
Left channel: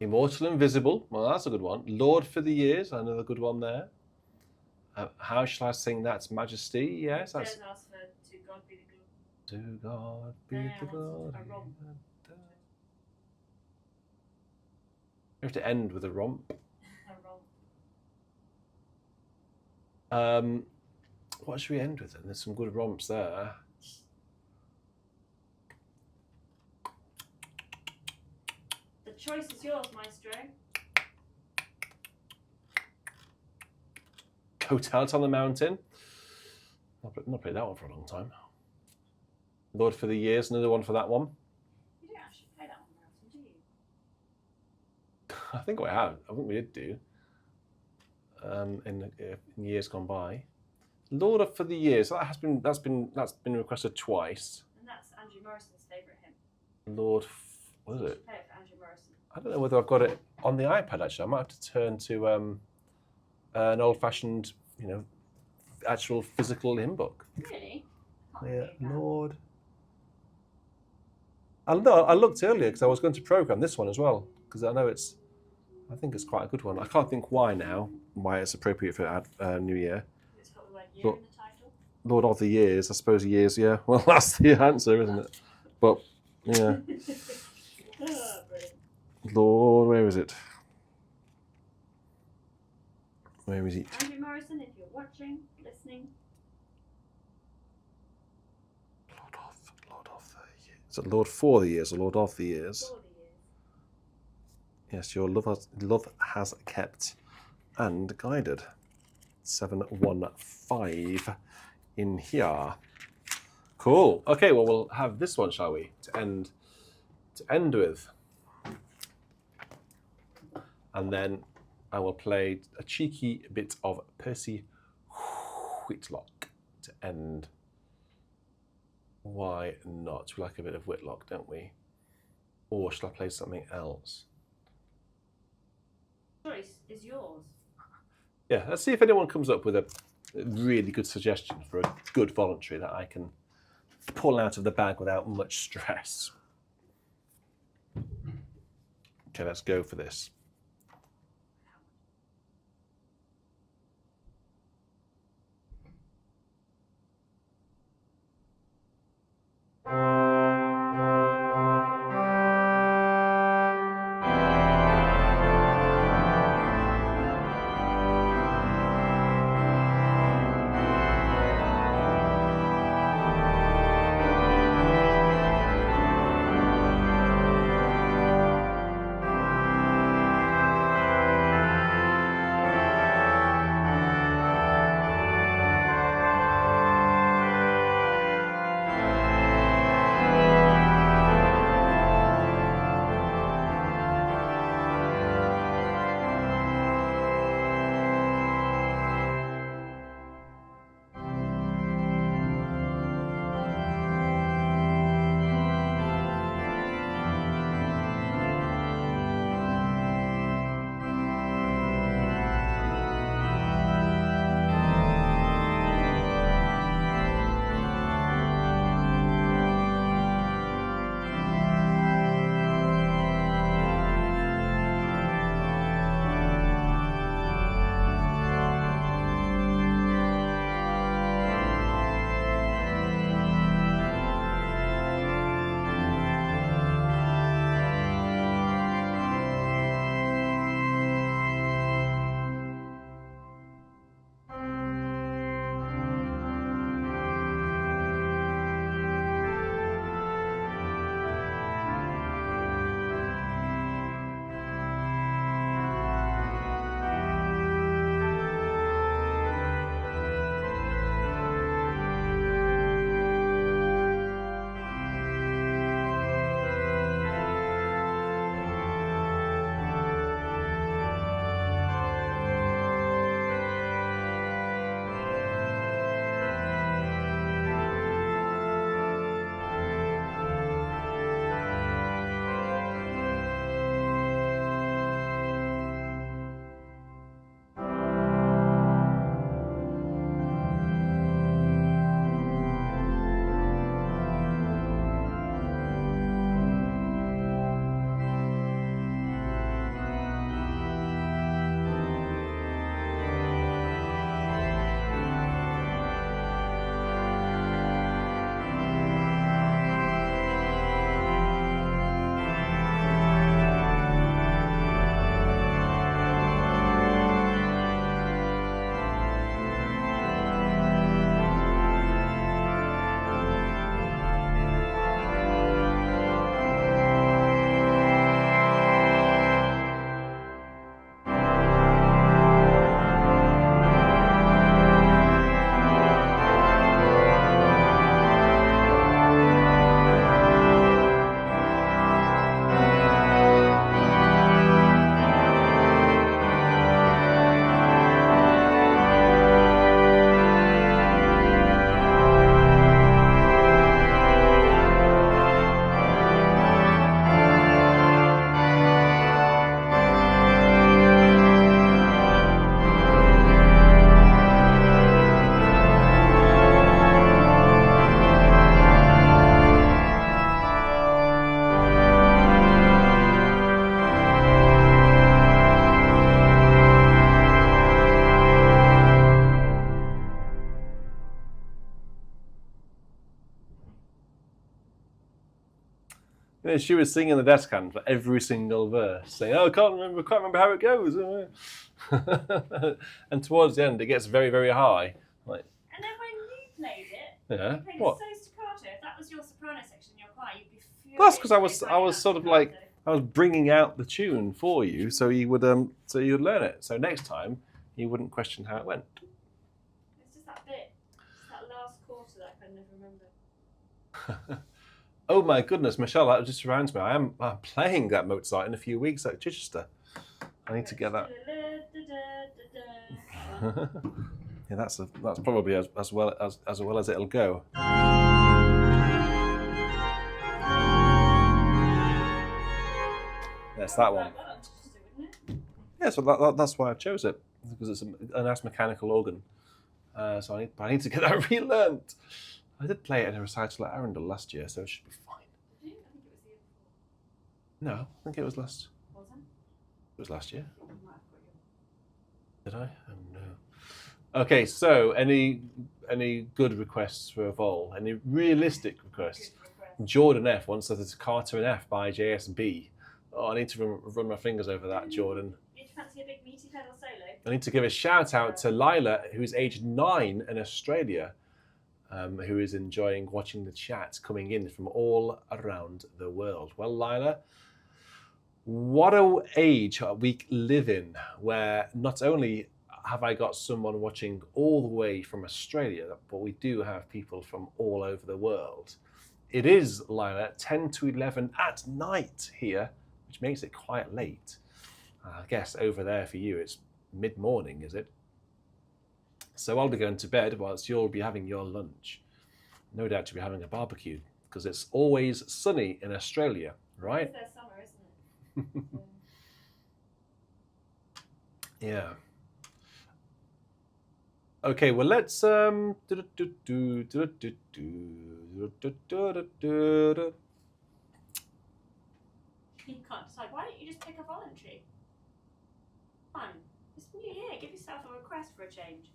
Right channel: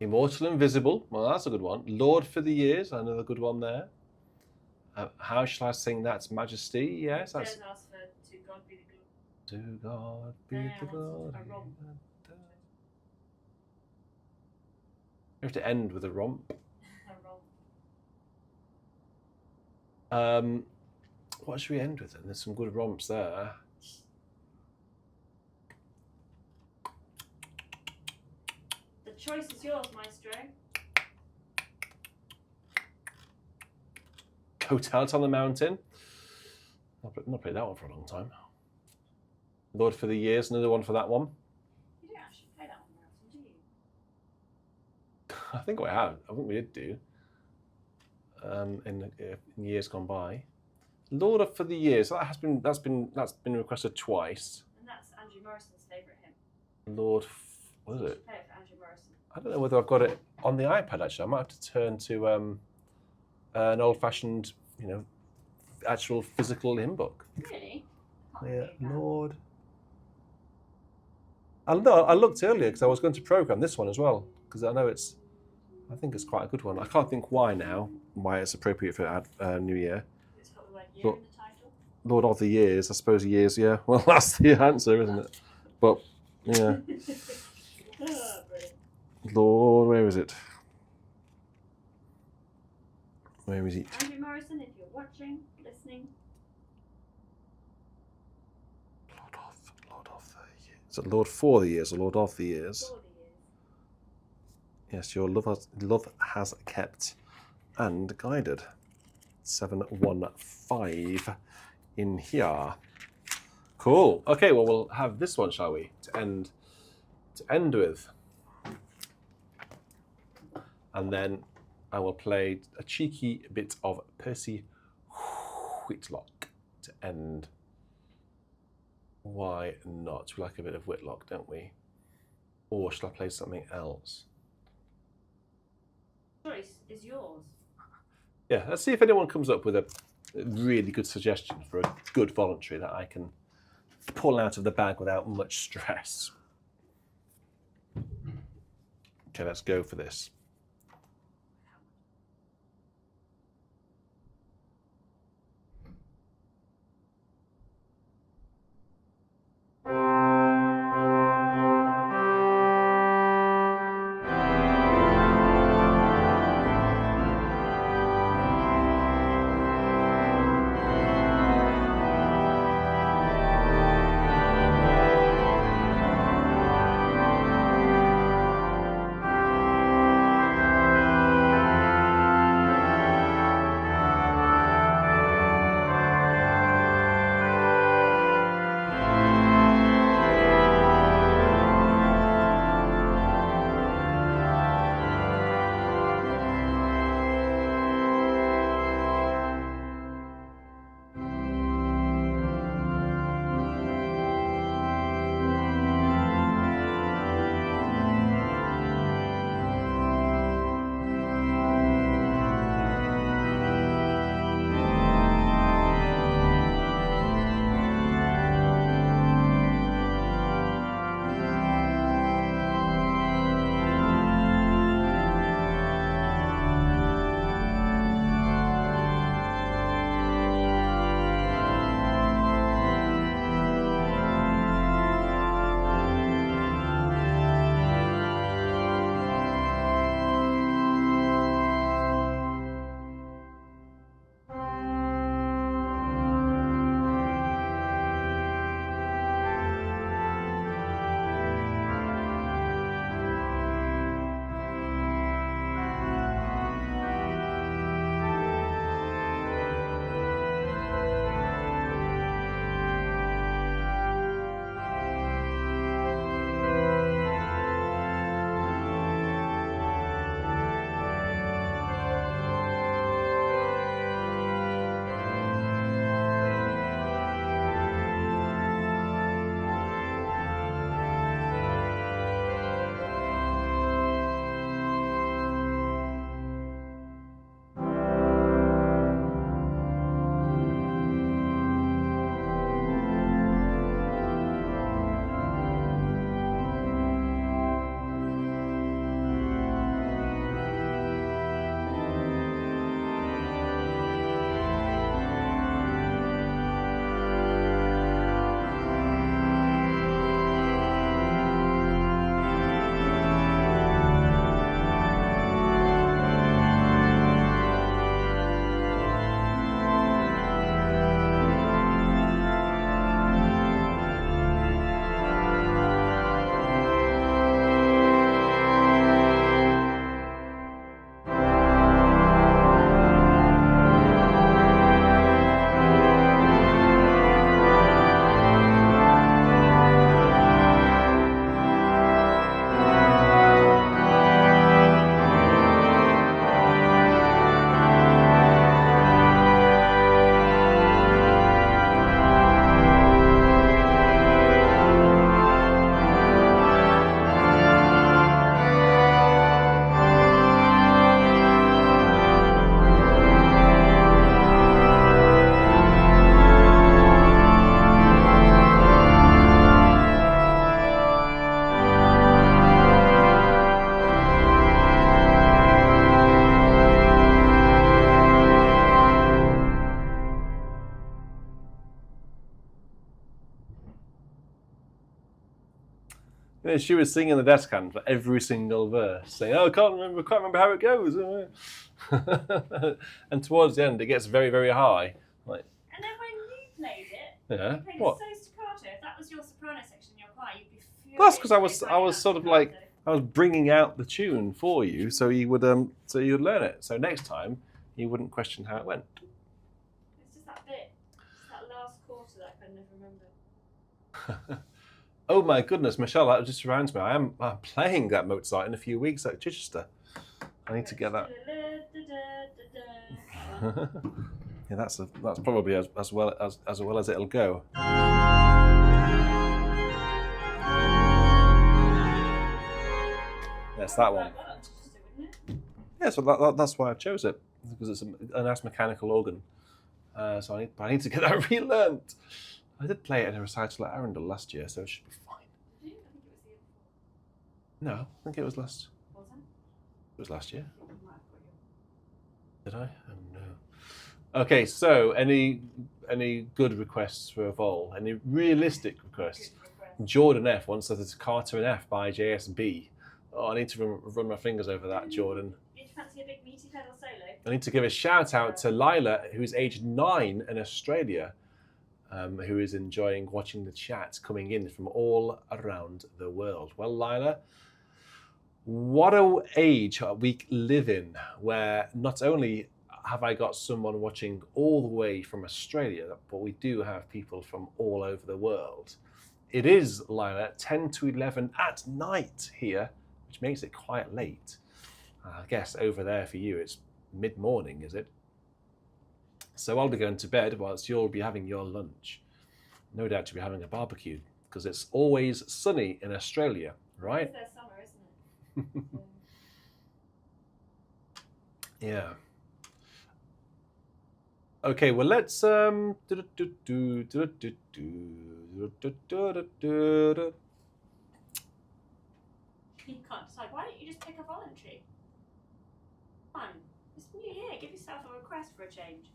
Immortal Invisible, well that's a good one. Lord for the Years, another good one there. How shall I sing That's Majesty? Yes, that's. Ask for To God Be the Glory. To God be the glory. You have to end with a romp. What should we end with then? There's some good romps there. The choice is yours, Maestro. Hotels on the Mountain. I've not played that one for a long time. Lord for the Years, another one for that one. You don't actually play that one very often, do you? I think we have. I think we did do. In years gone by. Lord for the Years. That's been requested twice. And that's Andrew Morrison's favourite hymn. Lord, what is it? Play it for Andrew Morrison. I don't know whether I've got it on the iPad actually. I might have to turn to an old-fashioned, actual physical hymn book. Really? Yeah, Lord. I looked earlier because I was going to program this one as well because I think it's quite a good one. I can't think why it's appropriate for New Year. It's got the word year in the title. Lord of the Years, I suppose years, yeah. Well, that's the answer, isn't it? But, yeah. Lord, where is it? Where is it? Andrew Morrison, if you're watching, listening. Lord of the Years. Is it Lord for the Years or Lord of the Years? For the years. Yes, your love has kept and guided. 715 in here. Cool. Okay, well we'll have this one, shall we? To end with. And then I will play a cheeky bit of Percy Whitlock to end Why not? We like a bit of Whitlock, don't we? Or shall I play something else? Choice is yours. Yeah, let's see if anyone comes up with a really good suggestion for a good voluntary that I can pull out of the bag without much stress. Okay, let's go for this. You know, she was singing the desk hand for every single verse, saying, "Oh, I can't remember how it goes." And towards the end, it gets very, very high. Like, and then when you played it, yeah, you played what? it so staccato. If that was your soprano section in your choir, you'd be furious. That's because I was sort of like I was bringing out the tune for you, so you would you'd learn it. So next time you wouldn't question how it went. It's just that bit, it's that last quarter that I can never remember. Oh my goodness, Michelle, that just reminds me. I'm playing that Mozart in a few weeks at Chichester. I need to get that. Yeah, that's probably as well as it'll go. That's that one. Well, that's interesting, wouldn't it? Yeah, so that's why I chose it, because it's a nice mechanical organ. So I need to get that relearned. I did play it in a recital at Arundel last year, so it should be fine. Did you? I think it was the year before. No, I think it was last. Was it? It was last year. I think you might have got your... Did I? Oh no. Okay, so any good requests for a vol? Any realistic requests? Good request. Jordan F wants us to Carter and F by JSB. Oh, I need to run my fingers over that, Jordan. Did you fancy a big meaty pedal solo? I need to give a shout out to Lila, who's aged 9 in Australia, who is enjoying watching the chat coming in from all around the world. Well, Lila, what a age we live in, where not only have I got someone watching all the way from Australia, but we do have people from all over the world. It is, Lila, 10 to 11 at night here, which makes it quite late. I guess over there for you it's mid-morning, is it? So I'll be going to bed whilst you'll be having your lunch. No doubt you'll be having a barbecue, because it's always sunny in Australia, right? It's their summer, isn't it? Yeah. Okay, well let's You can't decide. Why don't you just pick a voluntary? Come on, it's New Year. Give yourself a request for a change.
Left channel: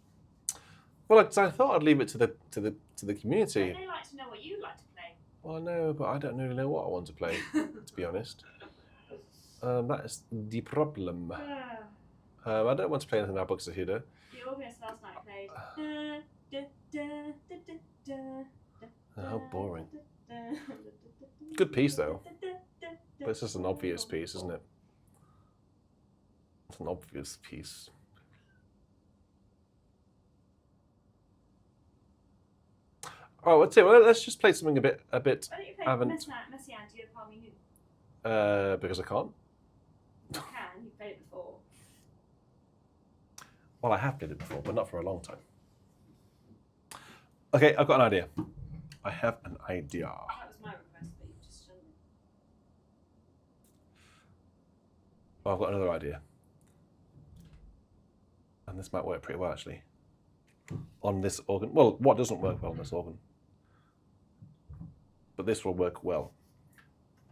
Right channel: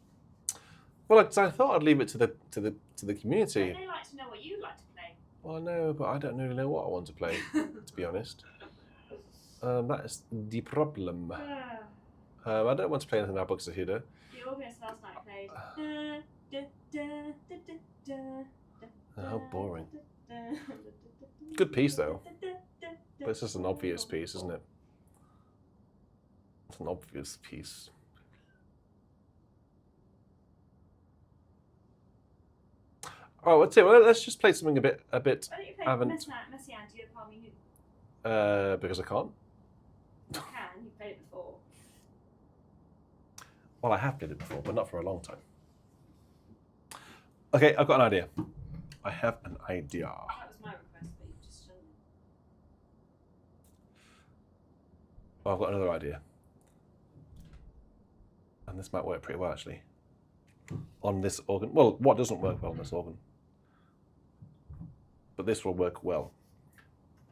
Well, I thought I'd leave it to the community. They like to know what you'd like to play. Well, I know, but I don't really know what I want to play, to be honest. That is the problem. I don't want to play anything by Buxtehude. The organist last night played. How boring. Good piece, though. But it's just an obvious piece, isn't it? It's an obvious piece. Oh, let's see. Well, let's just play something a bit. Why don't you play Messiaen Dieu parmi nous? Because I can't. You can. You played it before. Well, I have played it before, but not for a long time. Okay, I've got an idea. I have an idea. That was my request, but you've just done it. Oh, I've got another idea. And this might work pretty well, actually. On this organ. Well, what doesn't work well on this organ? But this will work well.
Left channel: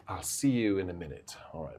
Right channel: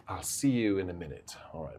I'll see you in a minute. All right.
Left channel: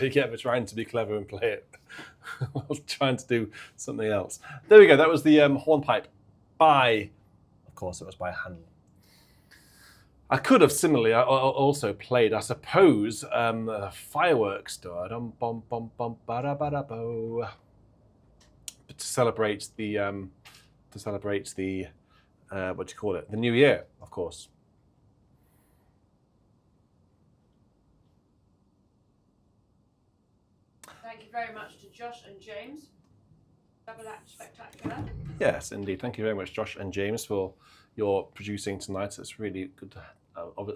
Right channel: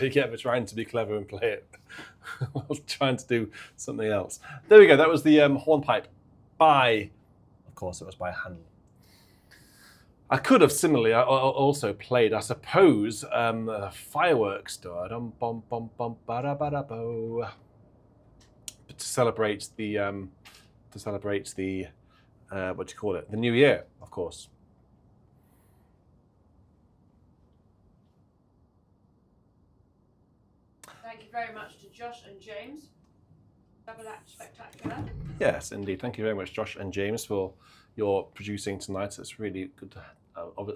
we get for trying to be clever and play it while trying to do something else. There we go. That was the hornpipe by, of course, it was by hand. I could have similarly also played, I suppose, fireworks to celebrate the what do you call it? The New Year, of course. Thank you very much to Josh and James. Double act spectacular. Yes, indeed. Thank you very much, Josh and James, for your producing tonight. It's really good,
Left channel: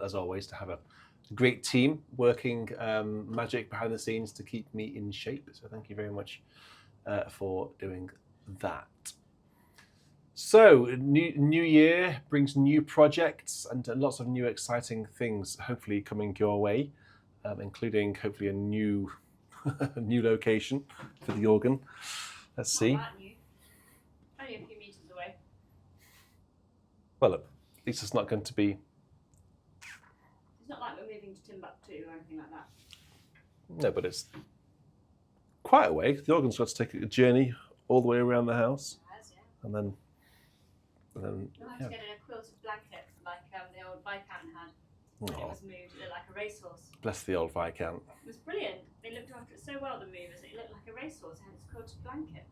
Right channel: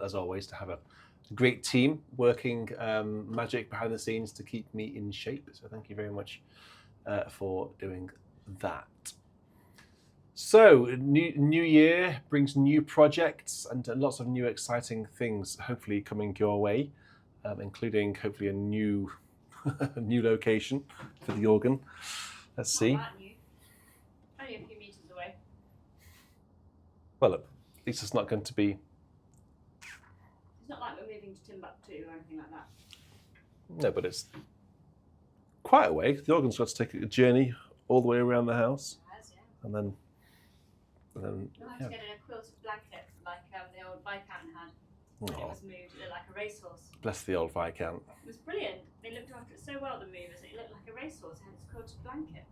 as always, to have a great team working magic behind the scenes to keep me in shape. So thank you very much for doing that. So, new year brings new projects and lots of new exciting things hopefully coming your way, including hopefully a new new location for the organ. Let's see. Not that new. Only a few meters away. Well, look, at least it's not going to be... It's not like we're moving to Timbuktu or anything like that. No, but it's quite a way. The organ's got to take a journey all the way around the house. It has, yeah. And then You'll have to get in a quilted blanket like the old Viscount had. When it was moved, it looked like a racehorse. Bless the old Viscount. It was brilliant. They looked after it so well, the movers. It looked like a racehorse. It had its quilted blanket.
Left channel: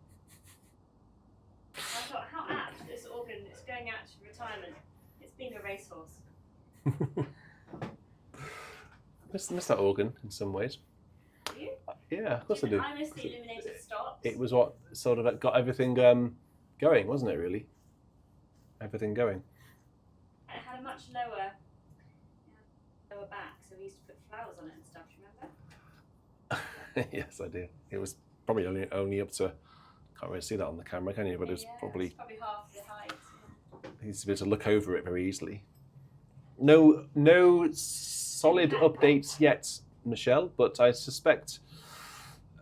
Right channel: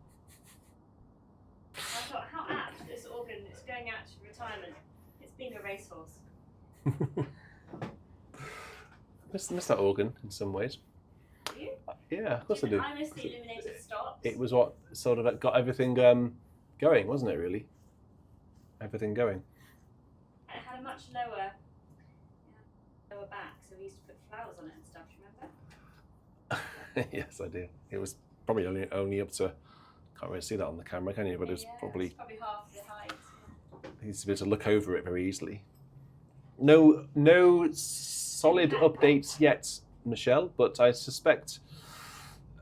I thought, how apt, this organ is going out to retirement. It's being a racehorse. Miss that organ in some ways. Do you? Yeah, of course I do. I miss the illuminated stops. It was what sort of got everything going, wasn't it, really? Everything going. And it had a much lower back, so we used to put flowers on it and stuff, do you remember? Yes, I do. It was probably only up to, can't really see that on the camera, can you? But it's probably half the height. you need to be able to look over it very easily. No solid updates yet, Michelle, but I suspect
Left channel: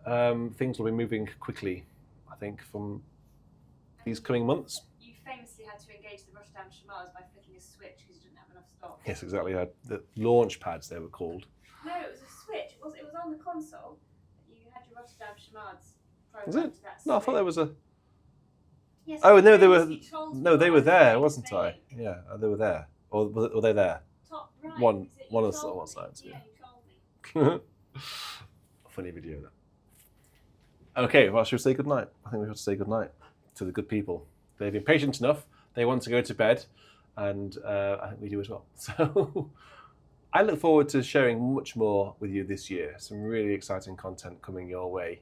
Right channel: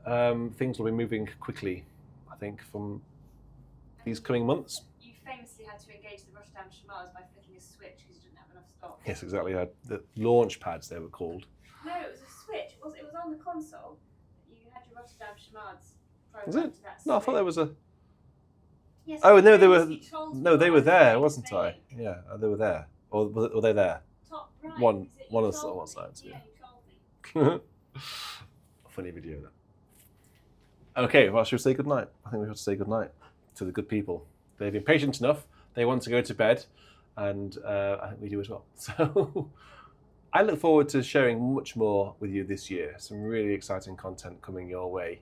things will be moving quickly, I think, from these coming months. You famously had to engage the Rotterdam Chamars by flicking a switch because you didn't have enough stock. Yes, exactly. The launch pads, they were called. No, it was a switch. It was on the console. You had your Rotterdam Chamars Was programmed it? to that No, I thought there was a... Yes, Oh, no, they were... famously trolls No, they were were there, in wasn't Spain. I? Yeah, they were there. Or were they there? Top right. One is it? You of the told one me. sides, yeah. Yeah, you told me. Funny video, that. Okay, well, should we say goodnight? I think we have to say goodnight to the good people. They've been patient enough. They want to go to bed, and I think we do as well. So I look forward to sharing much more with you this year. Some really exciting content coming your way.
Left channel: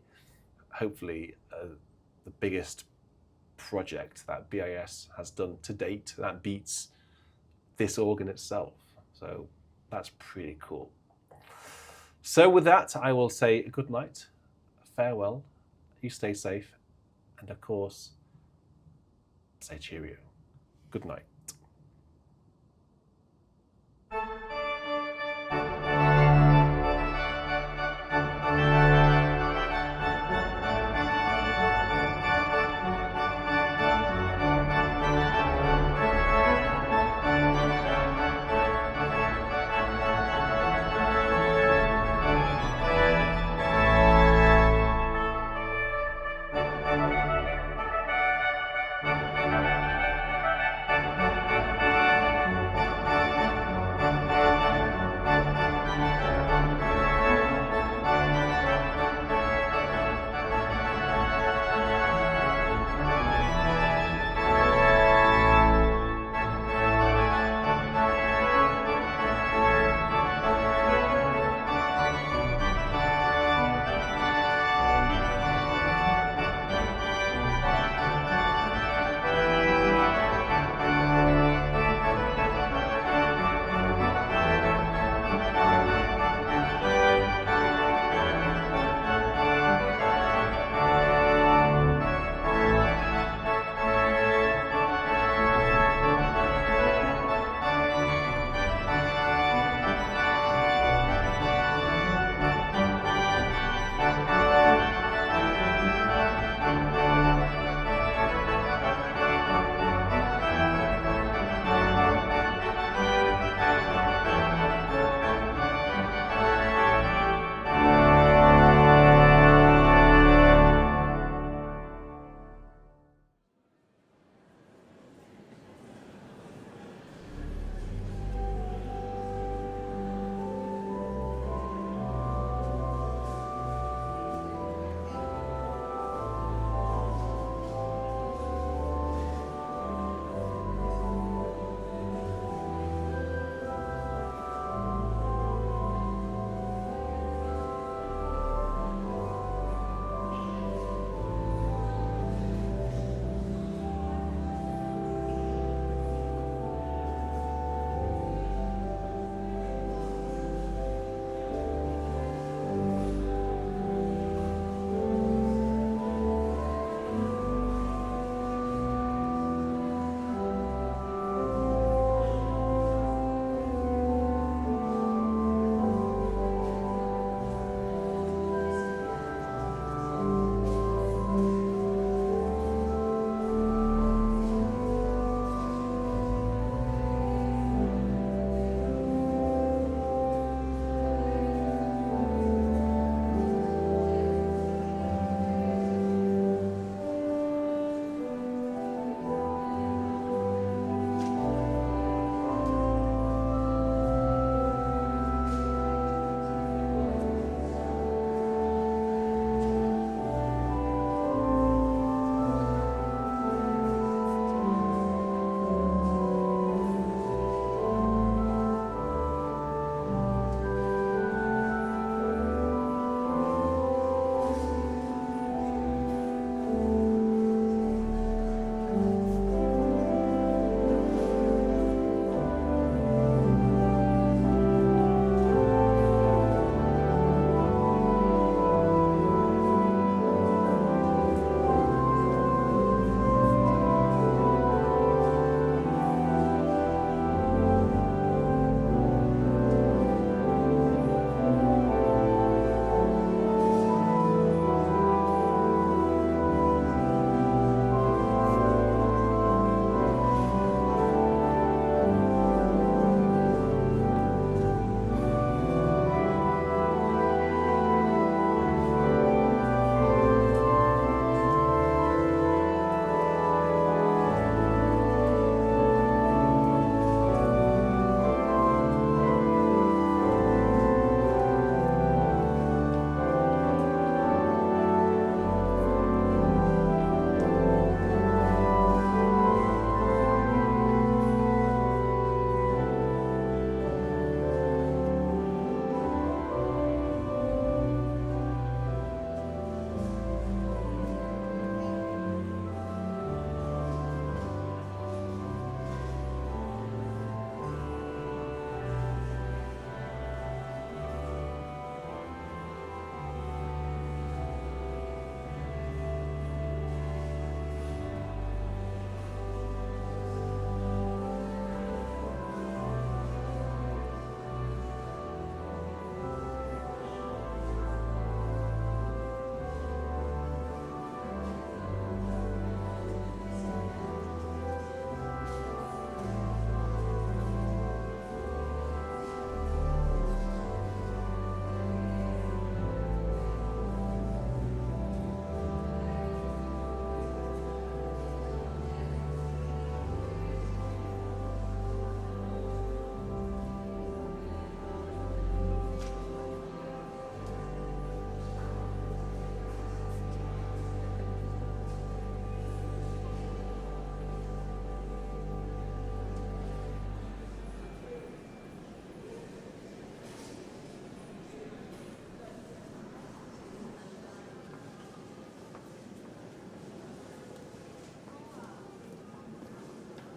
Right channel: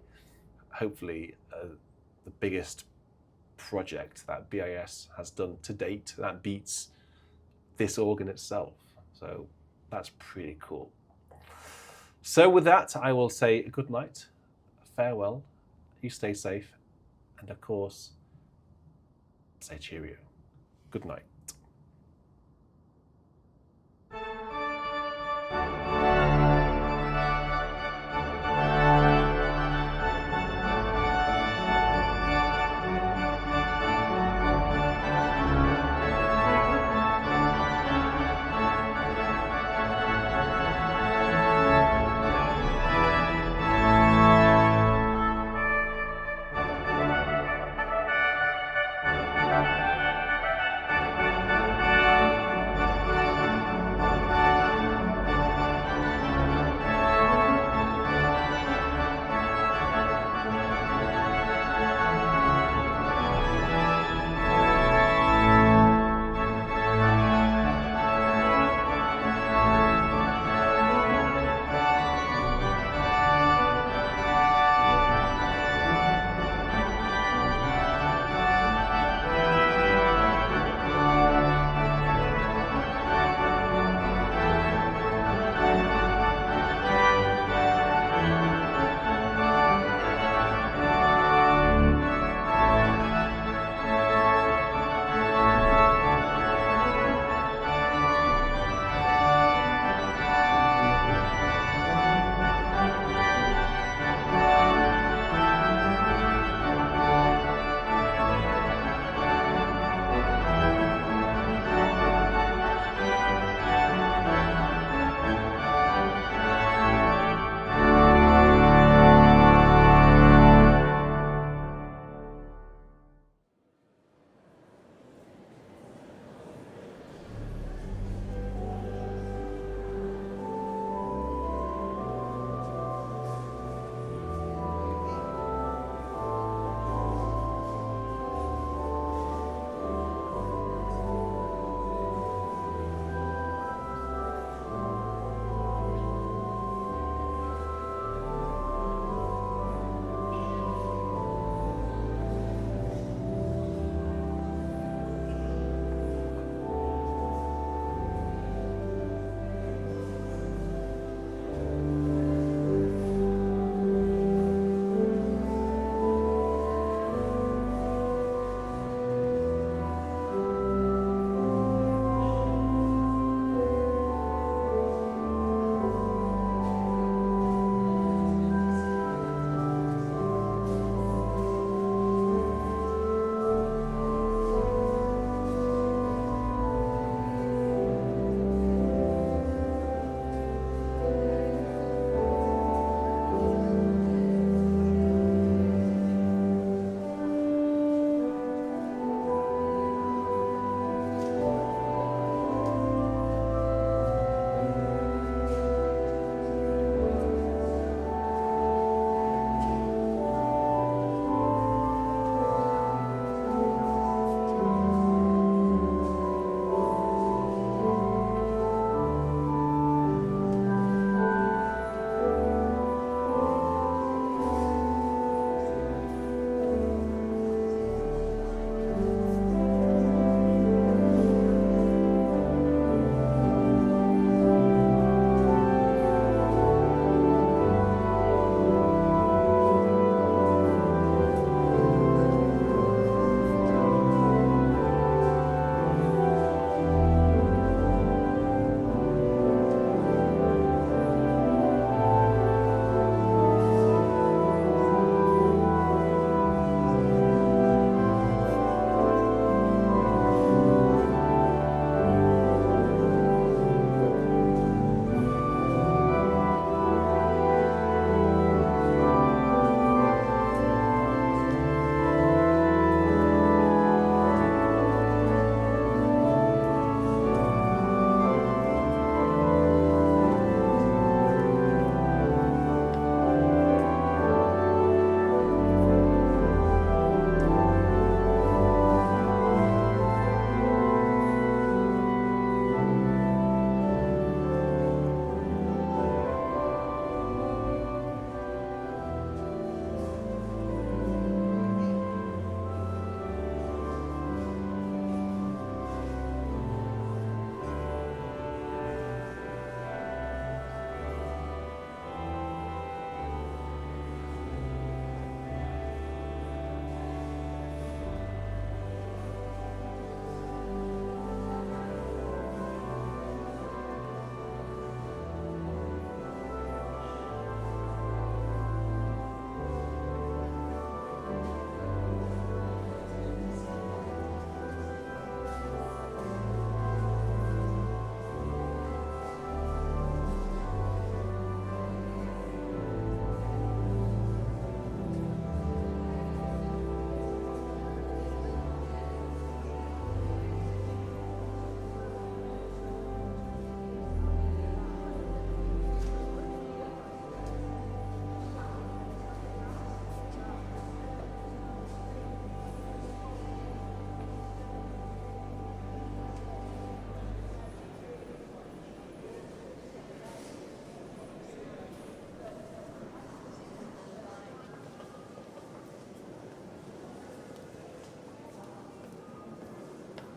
Hopefully, the biggest project that BIS has done to date that beats this organ itself. So that's pretty cool. So with that, I will say good night, farewell, you stay safe, and of course, say cheerio. Good night.